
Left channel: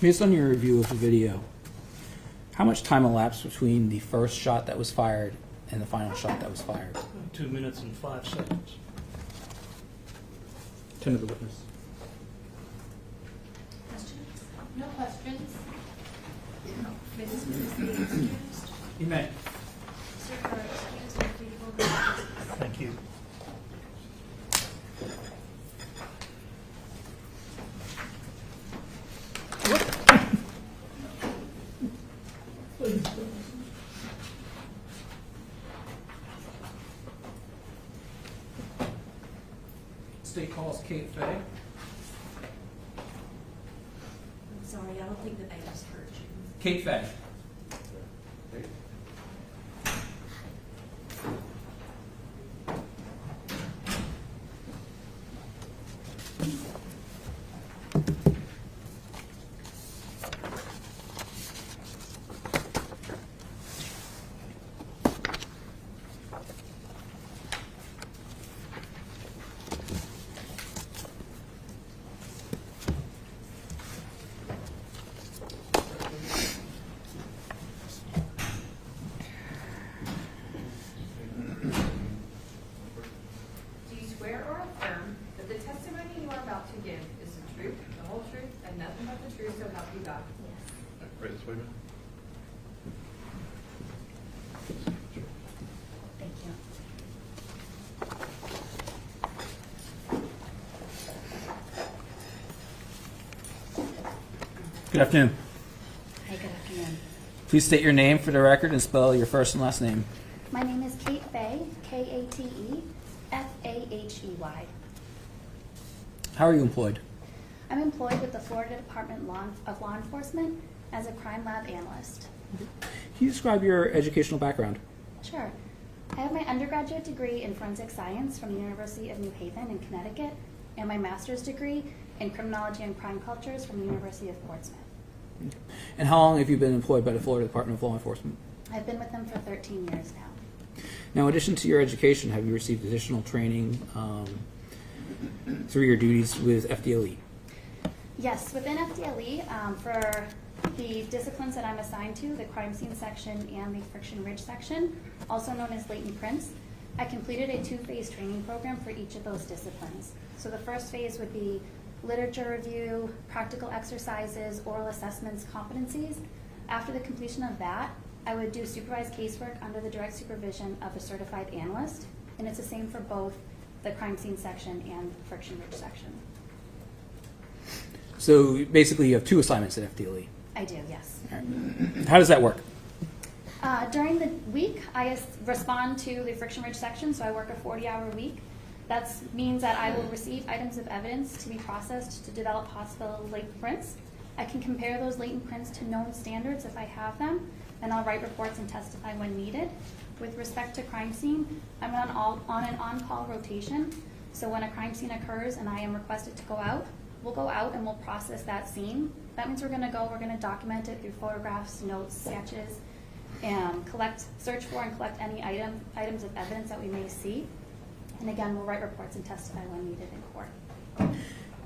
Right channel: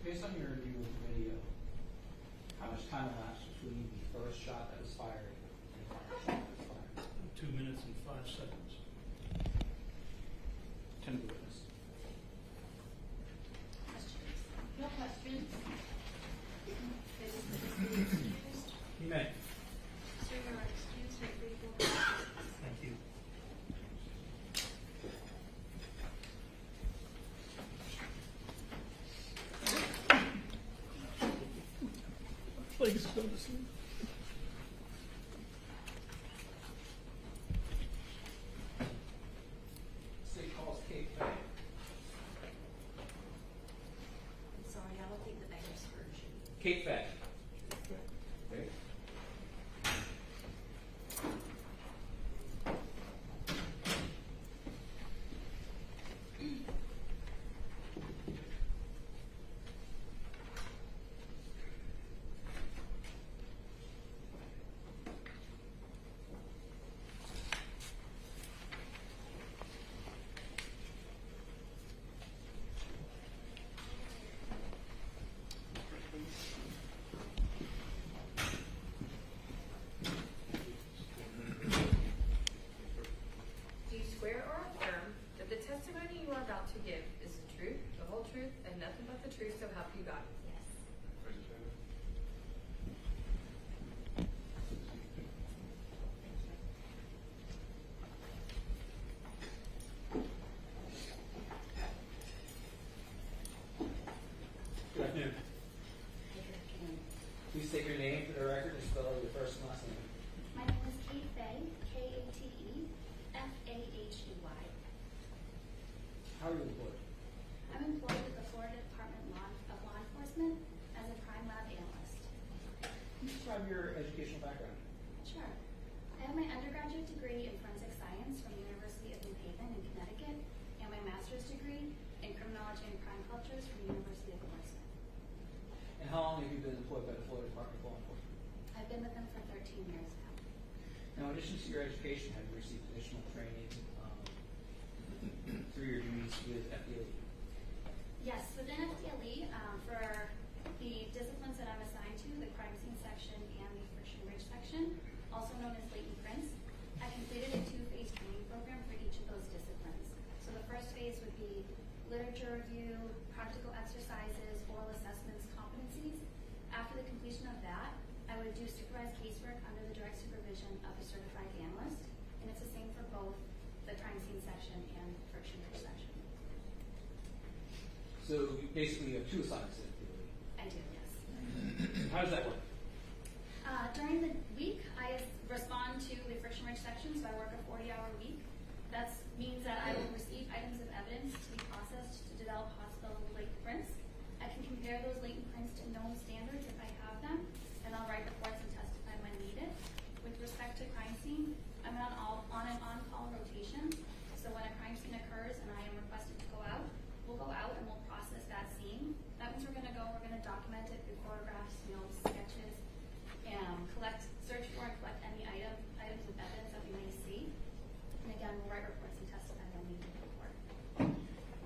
Based on your review of the video, how much time elapsed between the first shot that was fired and the final shot that was fired? 2 minutes and 5 seconds. Turn to the witness. Questions? No questions. You may. Sir, you are excused and free to go. Thank you. Please. State calls Kate Fay. I'm sorry, I don't think that they just heard you. Kate Fay. Do you swear or affirm that the testimony you are about to give is the truth, the whole truth, and nothing but the truth, so help you God? Right this way, man. Thank you. Good afternoon. Hi, good afternoon. Please state your name for the record and spell your first and last name. My name is Kate Fay, K-A-T-E-F-A-H-E-Y. How are you employed? I'm employed with the Florida Department of Law Enforcement as a crime lab analyst. Can you describe your educational background? Sure. I have my undergraduate degree in forensic science from the University of New Haven in Connecticut and my master's degree in criminology and crime cultures from the University of Portsmouth. And how long have you been employed by the Florida Department of Law Enforcement? I've been with them for 13 years now. Now, in addition to your education, have you received additional training through your duties with FDLE? Yes, within FDLE, for the disciplines that I'm assigned to, the crime scene section and the friction ridge section, also known as latent prints, I completed a 2-phase training program for each of those disciplines. So the first phase would be literature review, practical exercises, oral assessments, competencies. After the completion of that, I would do supervised casework under the direct supervision of a certified analyst, and it's the same for both the crime scene section and the friction ridge section. So basically you have 2 assignments at FDLE. I do, yes. All right. How does that work? During the week, I respond to the friction ridge section, so I work a 40-hour week. That means that I will receive items of evidence to be processed to develop possible latent prints. I can compare those latent prints to known standards if I have them, and I'll write reports and testify when needed. With respect to crime scene, I'm on an on-call rotation, so when a crime scene occurs and I am requested to go out, we'll go out and we'll process that scene. That means we're going to document it through photographs, notes, sketches, and search for and collect any items of evidence that we may see. And again, we'll write reports and testify when needed in court.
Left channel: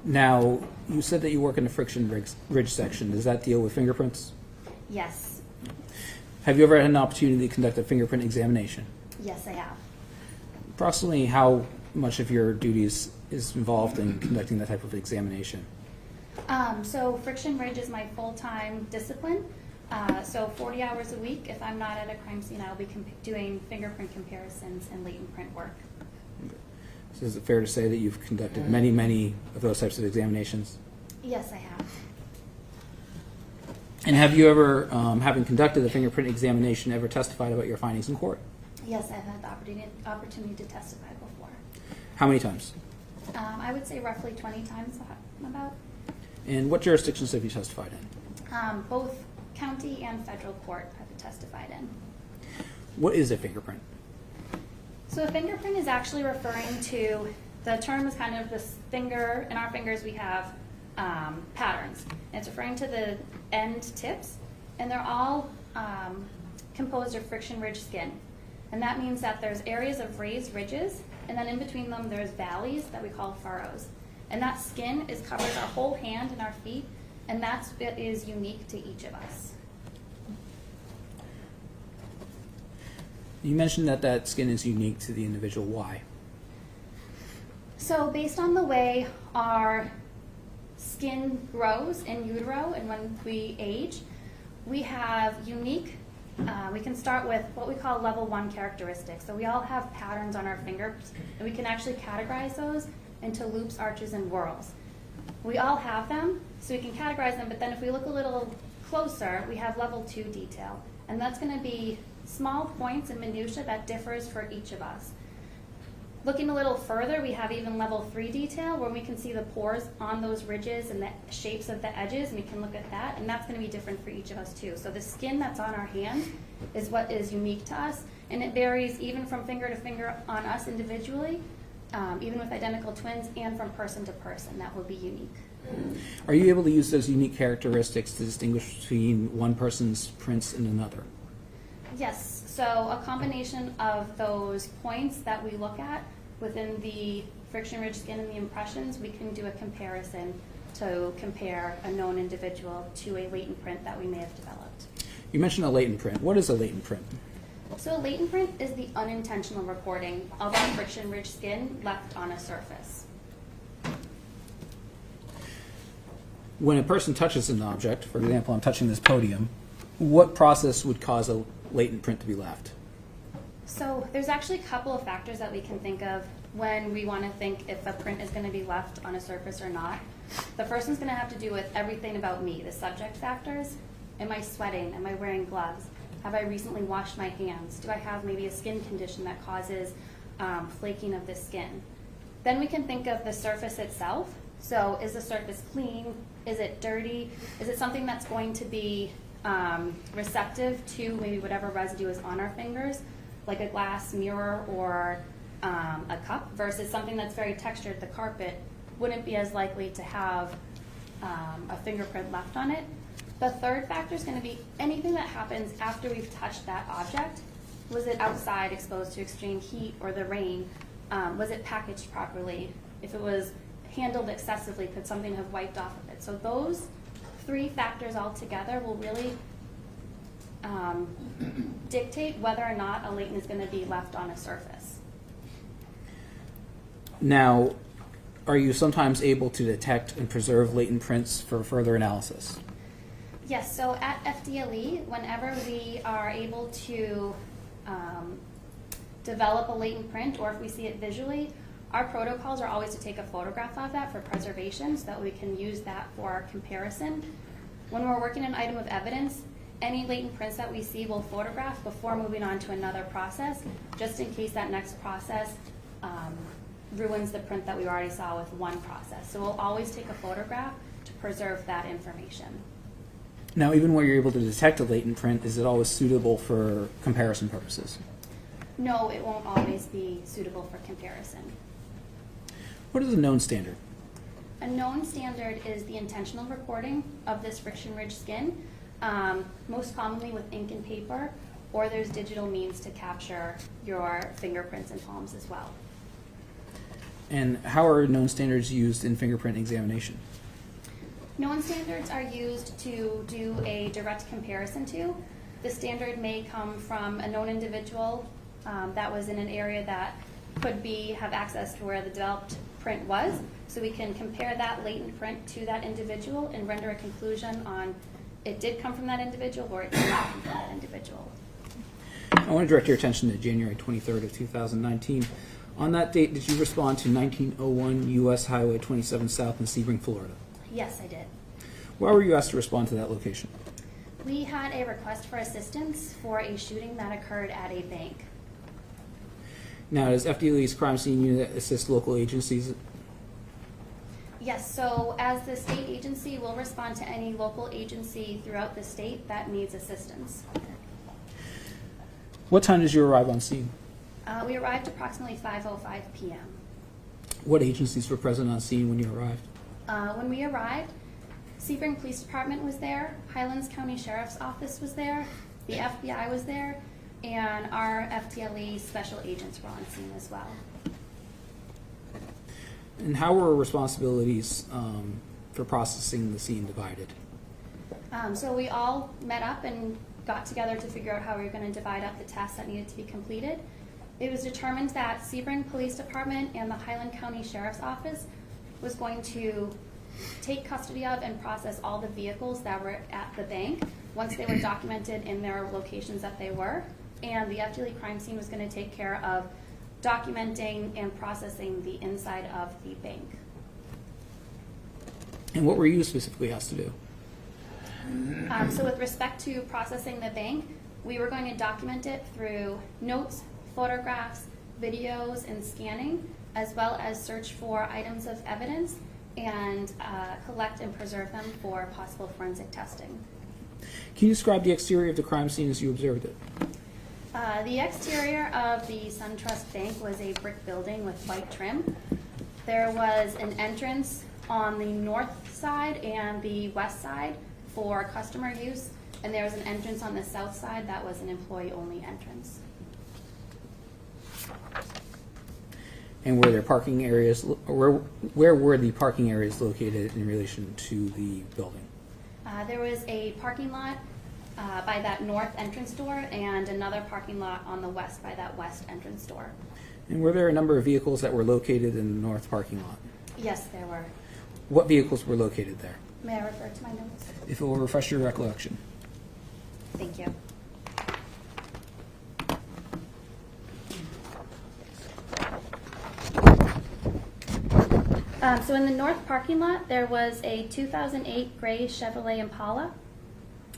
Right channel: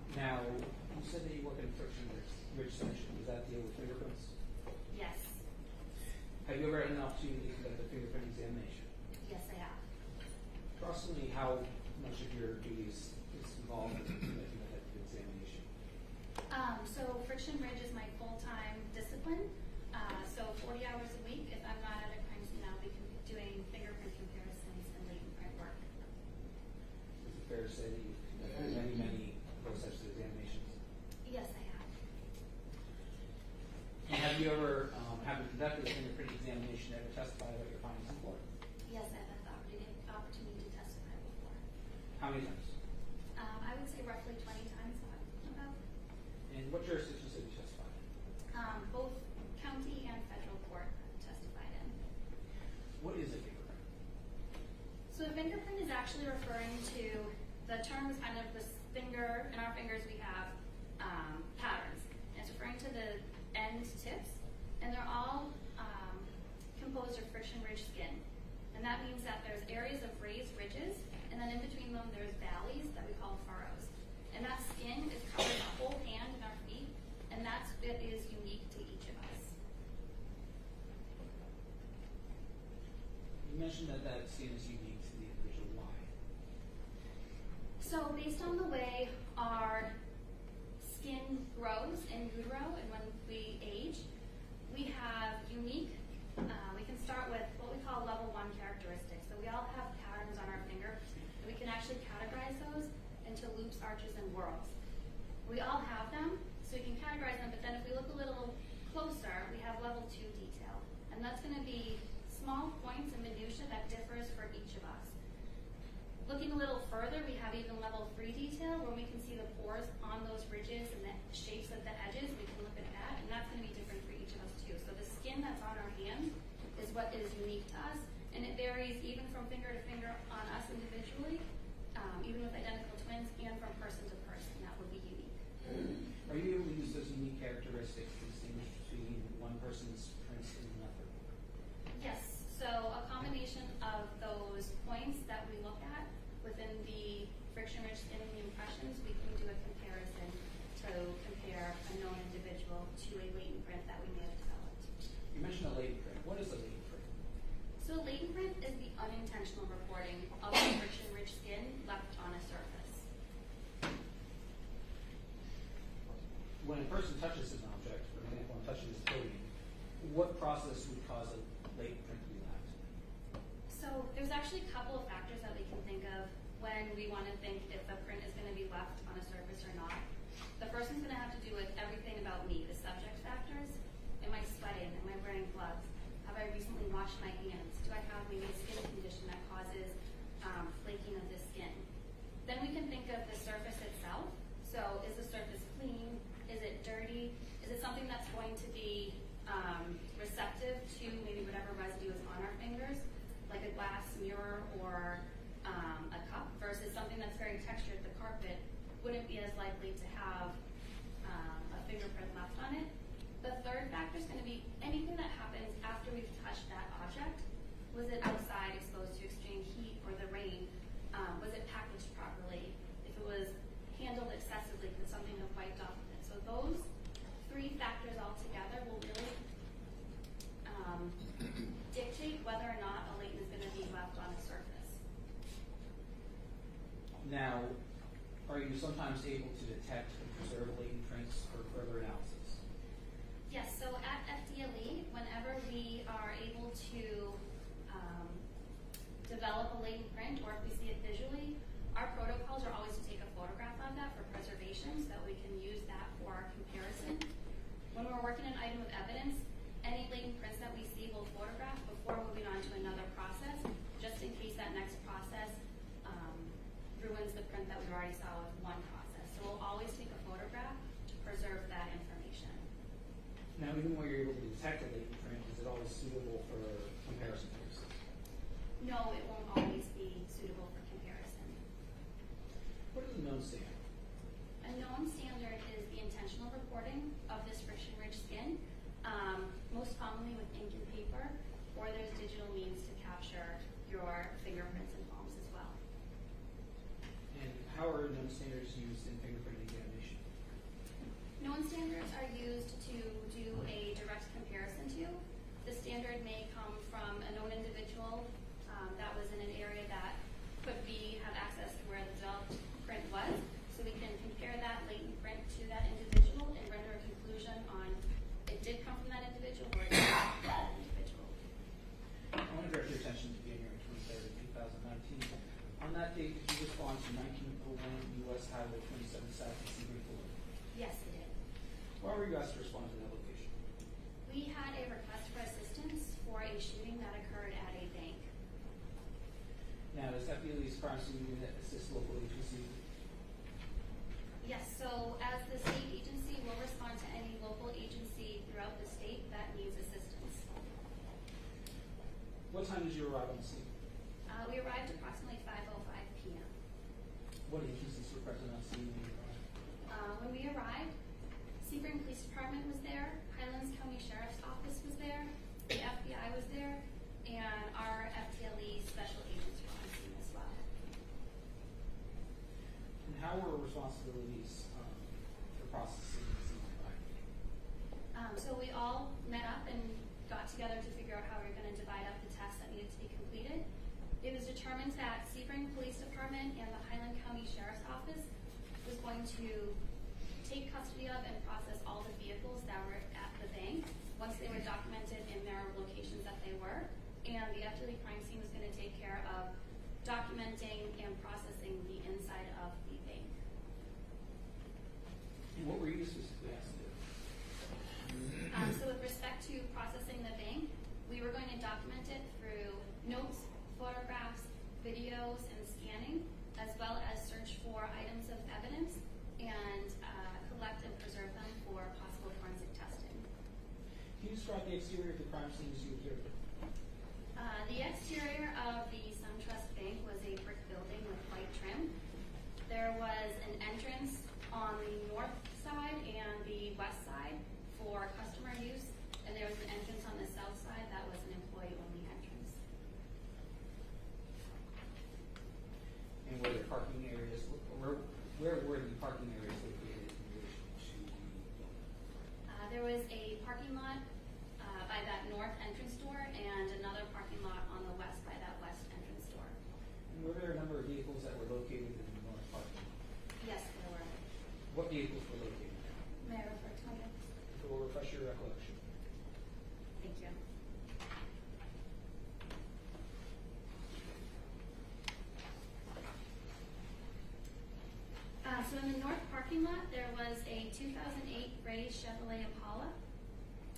Now, you said that you work in the friction ridge section. Does that deal with fingerprints? Yes. Have you ever had an opportunity to conduct a fingerprint examination? Yes, I have. Approximately how much of your duties is involved in conducting that type of examination? So friction ridge is my full-time discipline. So 40 hours a week, if I'm not at a crime scene, I'll be doing fingerprint comparisons and latent print work. So is it fair to say that you've conducted many, many of those types of examinations? Yes, I have. And have you ever, having conducted the fingerprint examination, ever testified about your findings in court? Yes, I've had the opportunity to testify before. How many times? I would say roughly 20 times about. And what jurisdictions have you testified in? Both county and federal court I've testified in. What is a fingerprint? So a fingerprint is actually referring to, the term is kind of this finger, in our fingers we have patterns. And it's referring to the end tips, and they're all composed of friction-ridged skin. And that means that there's areas of raised ridges, and then in between them there's valleys that we call furrows. And that skin covers our whole hand and our feet, and that's what is unique to each of us. You mentioned that that skin is unique to the individual. Why? So based on the way our skin grows in utero and when we age, we have unique, we can start with what we call level 1 characteristics. So we all have patterns on our fingers, and we can actually categorize those into loops, arches, and whorls. We all have them, so we can categorize them, but then if we look a little closer, we have level 2 detail. And that's going to be small points and minutiae that differs for each of us. Looking a little further, we have even level 3 detail where we can see the pores on those ridges and the shapes of the edges, and we can look at that, and that's going to be different for each of us too. So the skin that's on our hand is what is unique to us, and it varies even from finger to finger on us individually, even with identical twins, and from person to person. That will be unique. Are you able to use those unique characteristics to distinguish between one person's prints and another? Yes, so a combination of those points that we look at within the friction-ridged skin and the impressions, we can do a comparison to compare a known individual to a latent print that we may have developed. You mentioned a latent print. What is a latent print? So a latent print is the unintentional recording of our friction-ridged skin left on a surface. When a person touches an object, for example, I'm touching this podium, what process would cause a latent print to be left? So there's actually a couple of factors that we can think of when we want to think if a print is going to be left on a surface or not. The first one's going to have to do with everything about me, the subject factors. Am I sweating? Am I wearing gloves? Have I recently washed my hands? Do I have maybe a skin condition that causes flaking of the skin? Then we can think of the surface itself. So is the surface clean? Is it dirty? Is it something that's going to be receptive to maybe whatever residue is on our fingers, like a glass mirror or a cup, versus something that's very textured, the carpet, wouldn't be as likely to have a fingerprint left on it. The third factor is going to be anything that happens after we've touched that object. Was it outside exposed to extreme heat or the rain? Was it packaged properly? If it was handled excessively, could something have wiped off of it? So those 3 factors all together will really dictate whether or not a latent is going to be left on a surface. Now, are you sometimes able to detect and preserve latent prints for further analysis? Yes, so at FDLE, whenever we are able to develop a latent print, or if we see it visually, our protocols are always to take a photograph of that for preservation so that we can use that for our comparison. When we're working an item of evidence, any latent prints that we see we'll photograph before moving on to another process, just in case that next process ruins the print that we already saw with one process. So we'll always take a photograph to preserve that information. Now, even where you're able to detect a latent print, is it always suitable for comparison purposes? No, it won't always be suitable for comparison. What is a known standard? A known standard is the intentional recording of this friction-ridged skin, most commonly with ink and paper, or there's digital means to capture your fingerprints and palms as well. And how are known standards used in fingerprint examination? Known standards are used to do a direct comparison to. The standard may come from a known individual that was in an area that could have access to where the developed print was, so we can compare that latent print to that individual and render a conclusion on it did come from that individual or it did not come from that individual. I want to direct your attention to January 23rd of 2019. On that date, did you respond to 1901 U.S. Highway 27 South in Sebring, Florida? Yes, I did. Why were you asked to respond to that location? We had a request for assistance for a shooting that occurred at a bank. Now, does FDLE's crime scene unit assist local agencies? Yes, so as the state agency, we'll respond to any local agency throughout the state that needs assistance. What time did you arrive on scene? We arrived approximately 5:05 p.m. What agencies were present on scene when you arrived? When we arrived, Sebring Police Department was there, Highlands County Sheriff's Office was there, the FBI was there, and our FTLE special agents were on scene as well. And how were responsibilities for processing the scene divided? So we all met up and got together to figure out how we were going to divide up the tasks that needed to be completed. It was determined that Sebring Police Department and the Highland County Sheriff's Office was going to take custody of and process all the vehicles that were at the bank once they were documented in their locations that they were. And the FDLE crime scene was going to take care of documenting and processing the inside of the bank. And what were you specifically asked to do? So with respect to processing the bank, we were going to document it through notes, photographs, videos, and scanning, as well as search for items of evidence and collect and preserve them for possible forensic testing. Can you describe the exterior of the crime scene as you observed it? The exterior of the SunTrust Bank was a brick building with white trim. There was an entrance on the north side and the west side for customer use, and there was an entrance on the south side that was an employee-only entrance. And were there parking areas, or where were the parking areas located in relation to the building? There was a parking lot by that north entrance door and another parking lot on the west by that west entrance door. And were there a number of vehicles that were located in the north parking lot? Yes, there were. What vehicles were located there? May I refer to my notes? If it will refresh your recollection. Thank you. So in the north parking lot, there was a 2008 gray Chevrolet Impala.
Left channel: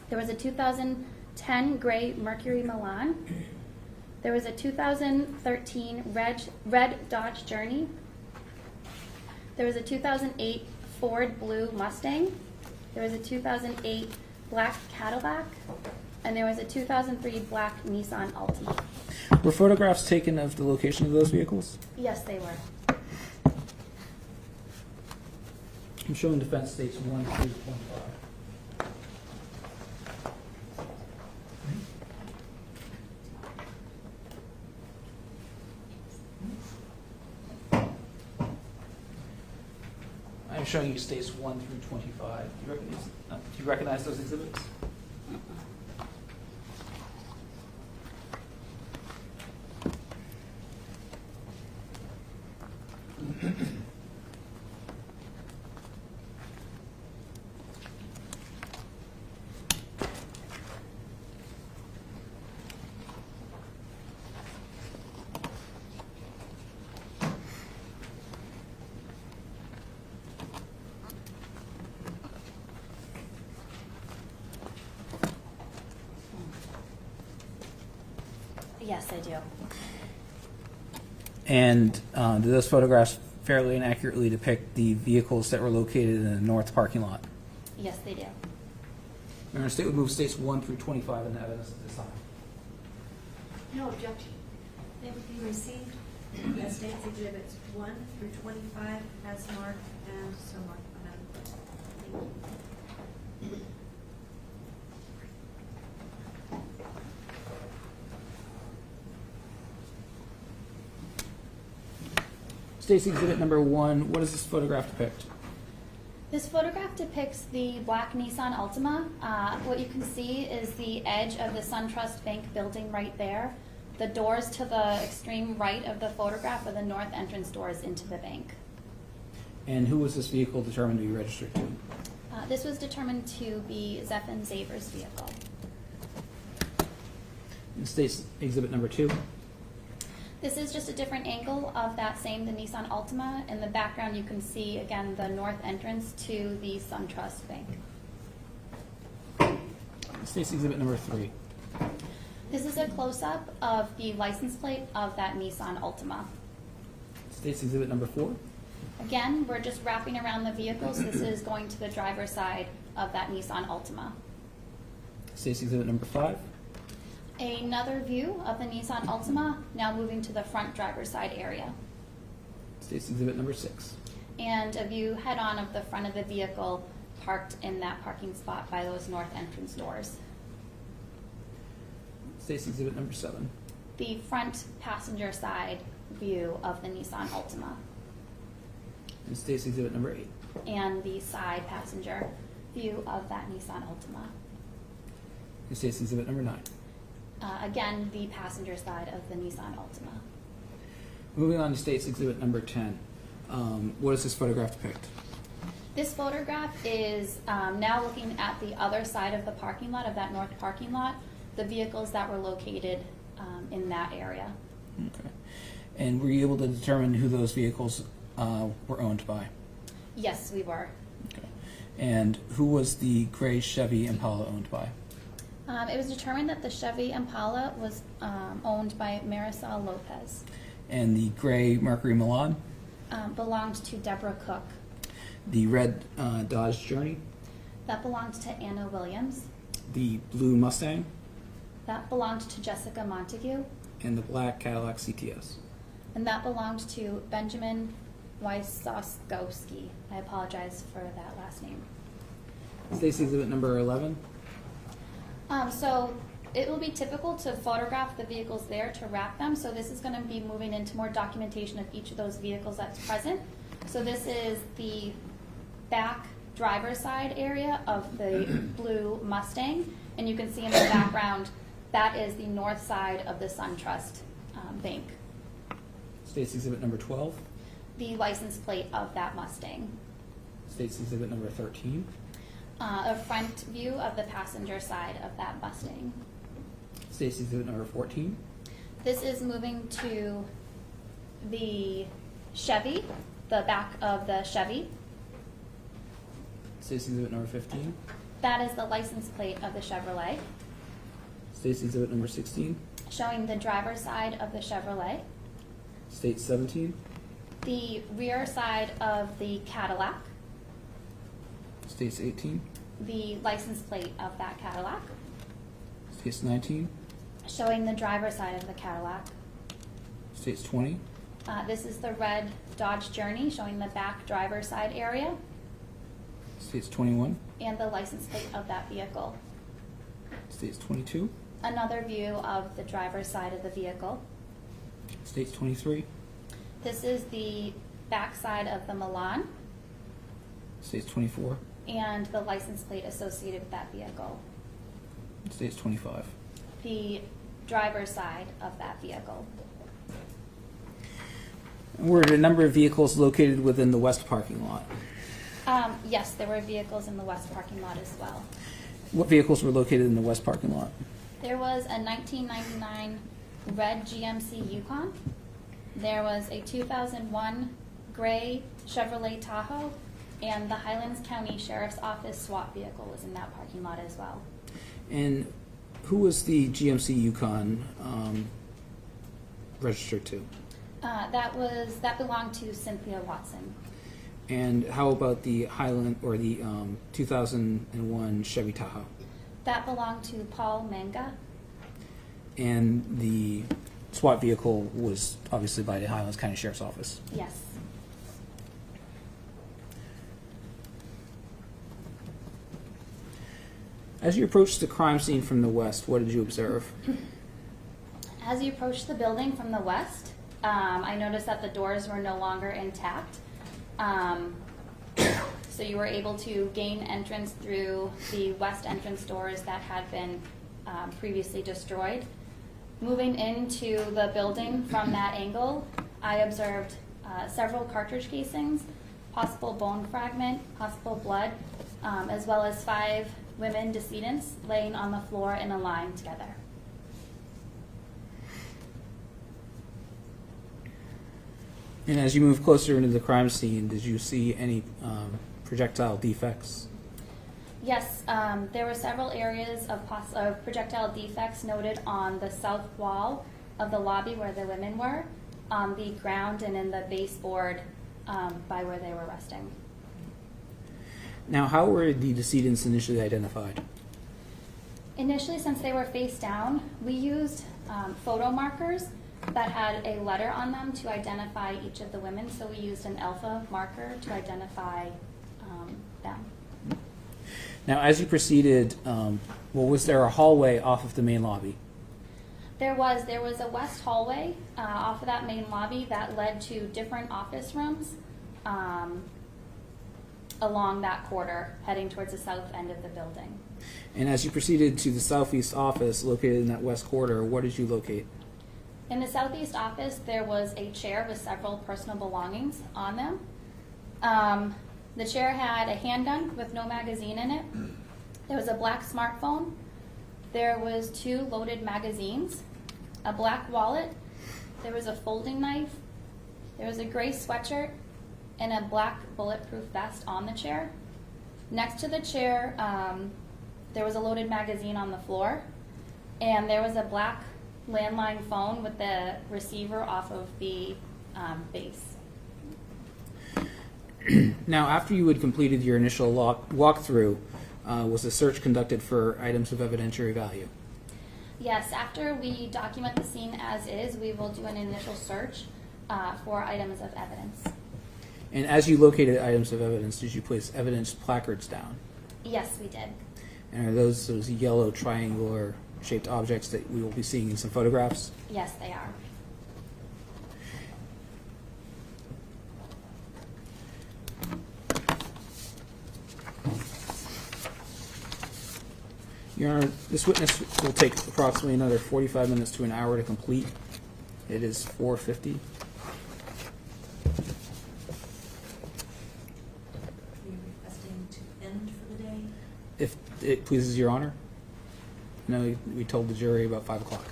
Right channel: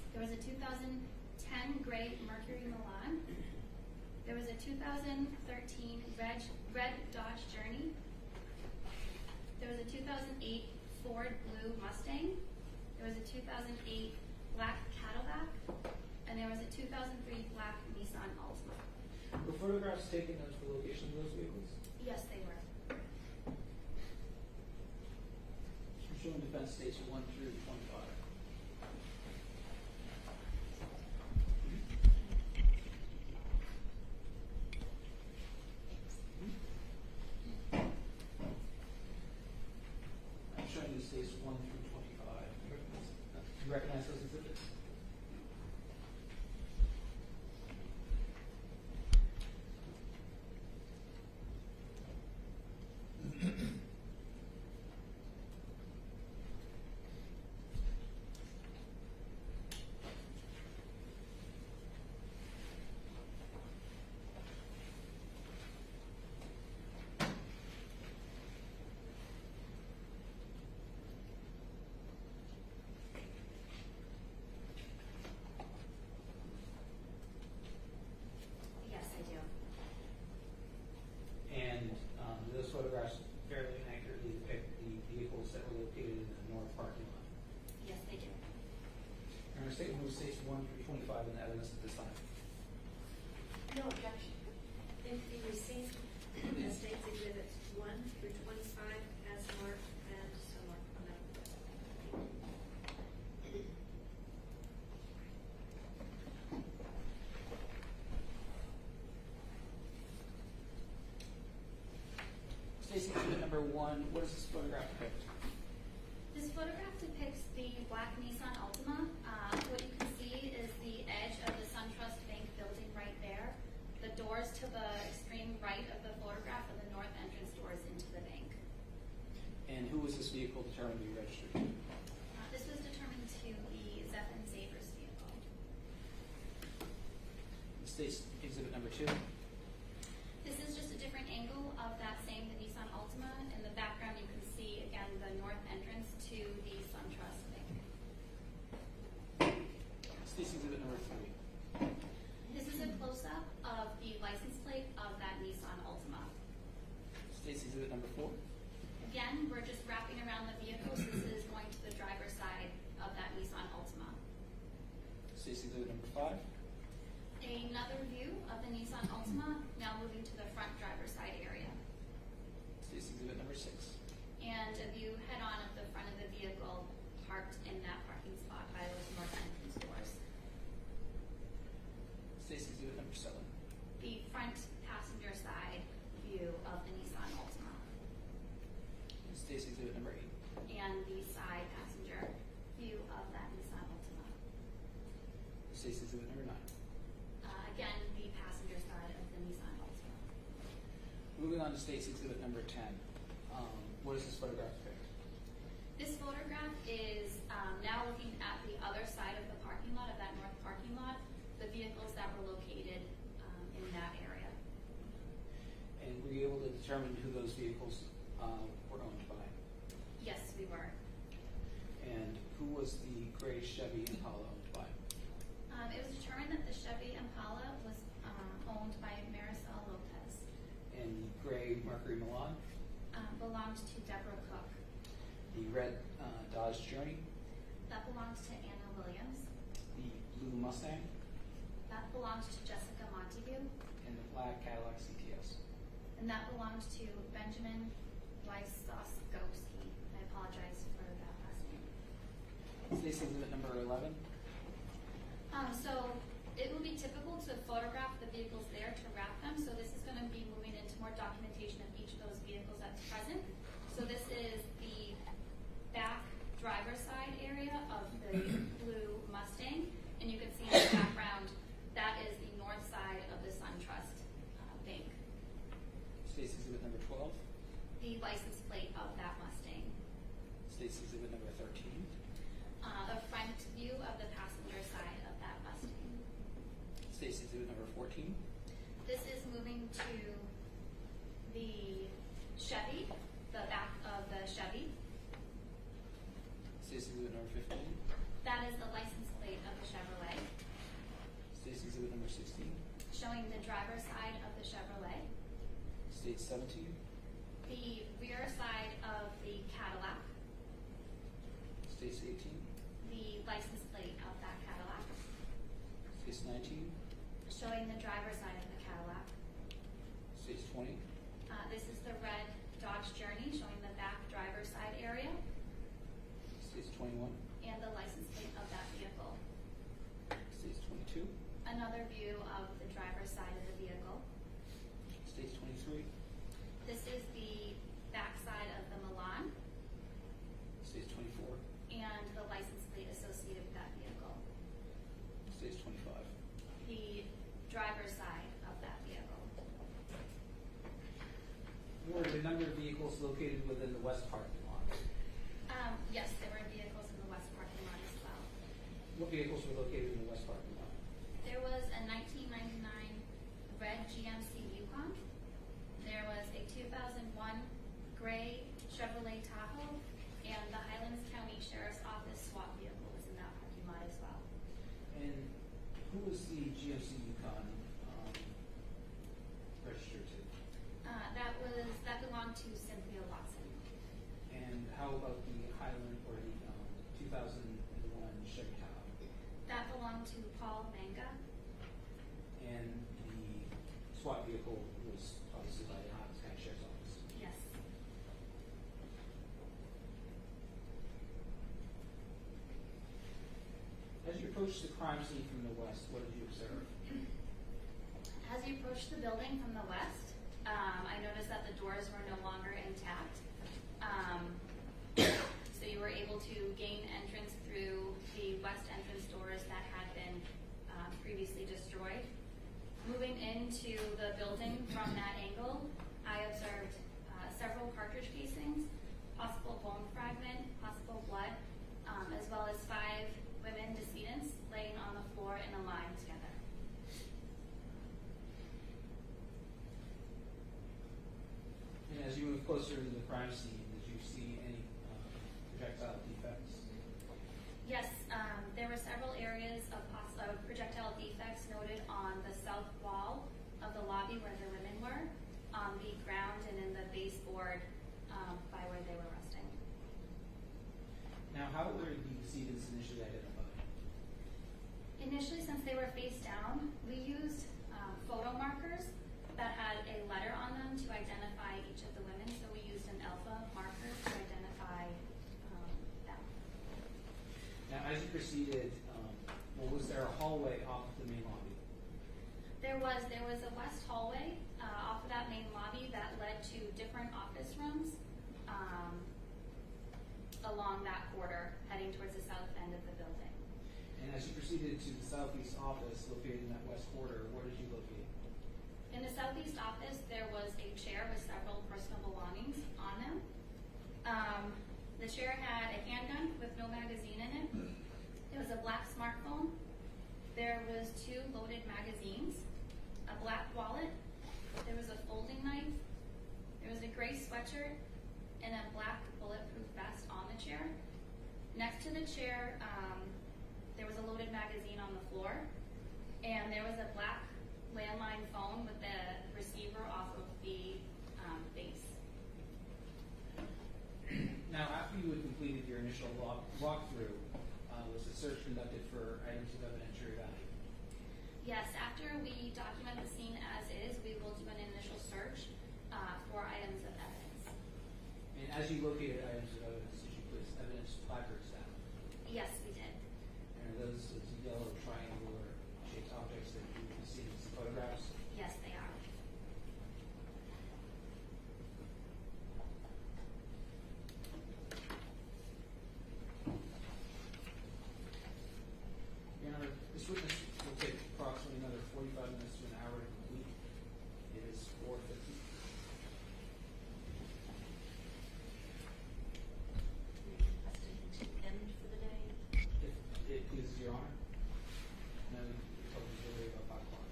There was a 2010 gray Mercury Milan. There was a 2013 red Dodge Journey. There was a 2008 Ford Blue Mustang. There was a 2008 black Cadillac. And there was a 2003 black Nissan Altima. Were photographs taken of the location of those vehicles? Yes, they were. I'm showing defense states 1 through 25. I'm showing you states 1 through 25. Do you recognize those exhibits? Yes, I do. And do those photographs fairly and accurately depict the vehicles that were located in the north parking lot? Yes, they do. Mayor, State would move states 1 through 25 in evidence at this time. No objection. They will be received as State's Exhibits 1 through 25 as marked and so marked. Thank you. State's Exhibit number 1, what does this photograph depict? This photograph depicts the black Nissan Altima. What you can see is the edge of the SunTrust Bank building right there. The doors to the extreme right of the photograph are the north entrance doors into the bank. And who was this vehicle determined to be registered to? This was determined to be Zephon Zaver's vehicle. State's Exhibit number 2. This is just a different angle of that same, the Nissan Altima. In the background, you can see, again, the north entrance to the SunTrust Bank. State's Exhibit number 3. This is a close-up of the license plate of that Nissan Altima. State's Exhibit number 4. Again, we're just wrapping around the vehicle, so this is going to the driver's side of that Nissan Altima. State's Exhibit number 5. Another view of the Nissan Altima, now moving to the front driver's side area. State's Exhibit number 6. And a view head-on of the front of the vehicle parked in that parking spot by those north entrance doors. State's Exhibit number 7. The front passenger side view of the Nissan Altima. And State's Exhibit number 8. And the side passenger view of that Nissan Altima. And State's Exhibit number 9. Again, the passenger side of the Nissan Altima. Moving on to State's Exhibit number 10. What does this photograph depict? This photograph is now looking at the other side of the parking lot, of that north parking lot, the vehicles that were located in that area. Okay. And were you able to determine who those vehicles were owned by? Yes, we were. Okay. And who was the gray Chevy Impala owned by? It was determined that the Chevy Impala was owned by Marisol Lopez. And the gray Mercury Milan? Belonged to Deborah Cook. The red Dodge Journey? That belonged to Anna Williams. The blue Mustang? That belonged to Jessica Montague. And the black Cadillac CTS? And that belonged to Benjamin Wysoskowski. I apologize for that last name. State's Exhibit number 11. So it will be typical to photograph the vehicles there to wrap them. So this is going to be moving into more documentation of each of those vehicles that's present. So this is the back driver's side area of the blue Mustang. And you can see in the background, that is the north side of the SunTrust Bank. State's Exhibit number 12. The license plate of that Mustang. State's Exhibit number 13. A front view of the passenger side of that Mustang. State's Exhibit number 14. This is moving to the Chevy, the back of the Chevy. State's Exhibit number 15. That is the license plate of the Chevrolet, State's Exhibit number 16. showing the driver's side of the Chevrolet. State's 17. The rear side of the Cadillac, State's 18. the license plate of that Cadillac, State's 19. showing the driver's side of the Cadillac. State's 20. This is the red Dodge Journey, showing the back driver's side area State's 21. and the license plate of that vehicle. State's 22. Another view of the driver's side of the vehicle. State's 23. This is the back side of the Milan State's 24. and the license plate associated with that vehicle. State's 25. The driver's side of that vehicle. Were a number of vehicles located within the west parking lot? Yes, there were vehicles in the west parking lot as well. What vehicles were located in the west parking lot? There was a 1999 red GMC Yukon. There was a 2001 gray Chevrolet Tahoe, and the Highlands County Sheriff's Office SWAT vehicle was in that parking lot as well. And who was the GMC Yukon registered to? That belonged to Cynthia Watson. And how about the Highland or the 2001 Chevy Tahoe? That belonged to Paul Manga. And the SWAT vehicle was obviously by the Highlands County Sheriff's Office. Yes. As you approached the crime scene from the west, what did you observe? As you approach the building from the west, I noticed that the doors were no longer intact. So you were able to gain entrance through the west entrance doors that had been previously destroyed. Moving into the building from that angle, I observed several cartridge casings, possible bone fragment, possible blood, as well as 5 women decedents laying on the floor in a line together. And as you move closer into the crime scene, did you see any projectile defects? Yes, there were several areas of projectile defects noted on the south wall of the lobby where the women were, on the ground, and in the baseboard by where they were resting. Now, how were the decedents initially identified? Initially, since they were face down, we used photo markers that had a letter on them to identify each of the women. So we used an alpha marker to identify them. Now, as you proceeded, was there a hallway off of the main lobby? There was a west hallway off of that main lobby that led to different office rooms along that corridor, heading towards the south end of the building. And as you proceeded to the southeast office located in that west corridor, what did you locate? In the southeast office, there was a chair with several personal belongings on them. The chair had a handgun with no magazine in it. There was a black smartphone. There was 2 loaded magazines, a black wallet. There was a folding knife. There was a gray sweatshirt and a black bulletproof vest on the chair. Next to the chair, there was a loaded magazine on the floor, and there was a black landline phone with the receiver off of the base. Now, after you had completed your initial walkthrough, was a search conducted for items of evidentiary value? Yes, after we document the scene as is, we will do an initial search for items of evidence. And as you located items of evidence, did you place evidence placards down? Yes, we did. And are those yellow triangular shaped objects that we will be seeing in some photographs? Yes, they are. Your Honor, this witness will take approximately another 45 minutes to an hour to complete. It is 4:50. You're requesting to end for the day? If it pleases Your Honor. No, we told the jury about 5 o'clock.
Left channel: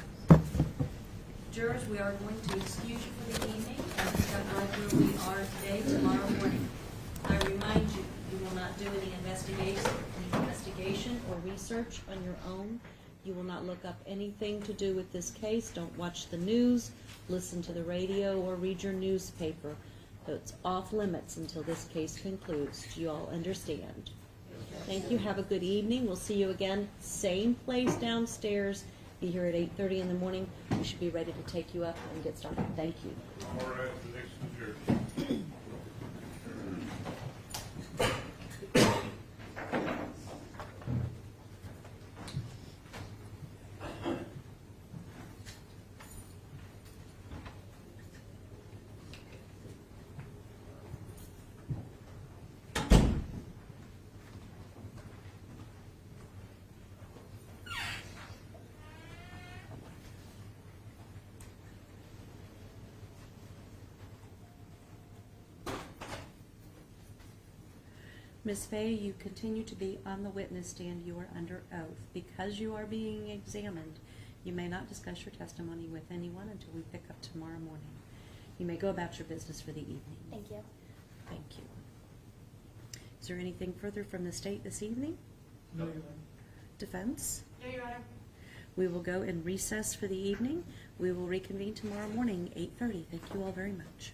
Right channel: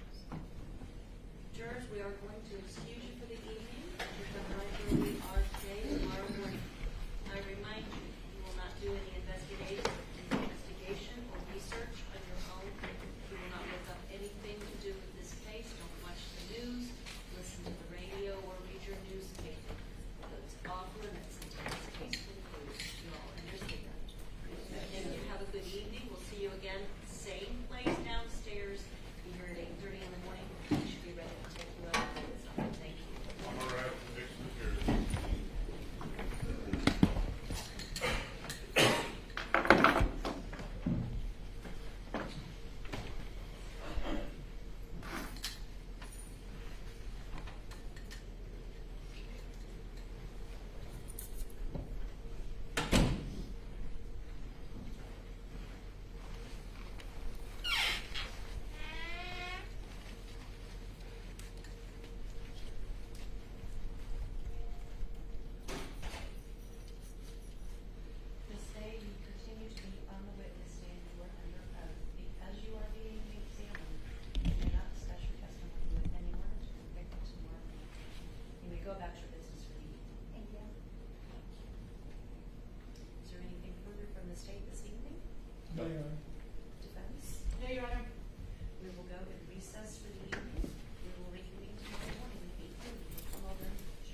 Jurors, we are going to excuse you for the evening and pick up right where we are today, tomorrow morning. I remind you, you will not do any investigation or research on your own. You will not look up anything to do with this case. Don't watch the news, listen to the radio, or read your newspaper. So it's off limits until this case concludes. You all understand. Thank you. Have a good evening. We'll see you again. Same place downstairs. Be here at 8:30 in the morning. We should be ready to take you up and get started. Thank you. All right, next to Jerry. Ms. Fay, you continue to be on the witness stand. You are under oath. Because you are being examined, you may not discuss your testimony with anyone until we pick up tomorrow morning. You may go about your business for the evening. Thank you. Thank you. Is there anything further from the state this evening? No. Defense? No, Your Honor. We will go in recess for the evening. We will reconvene tomorrow morning, 8:30. Thank you all very much.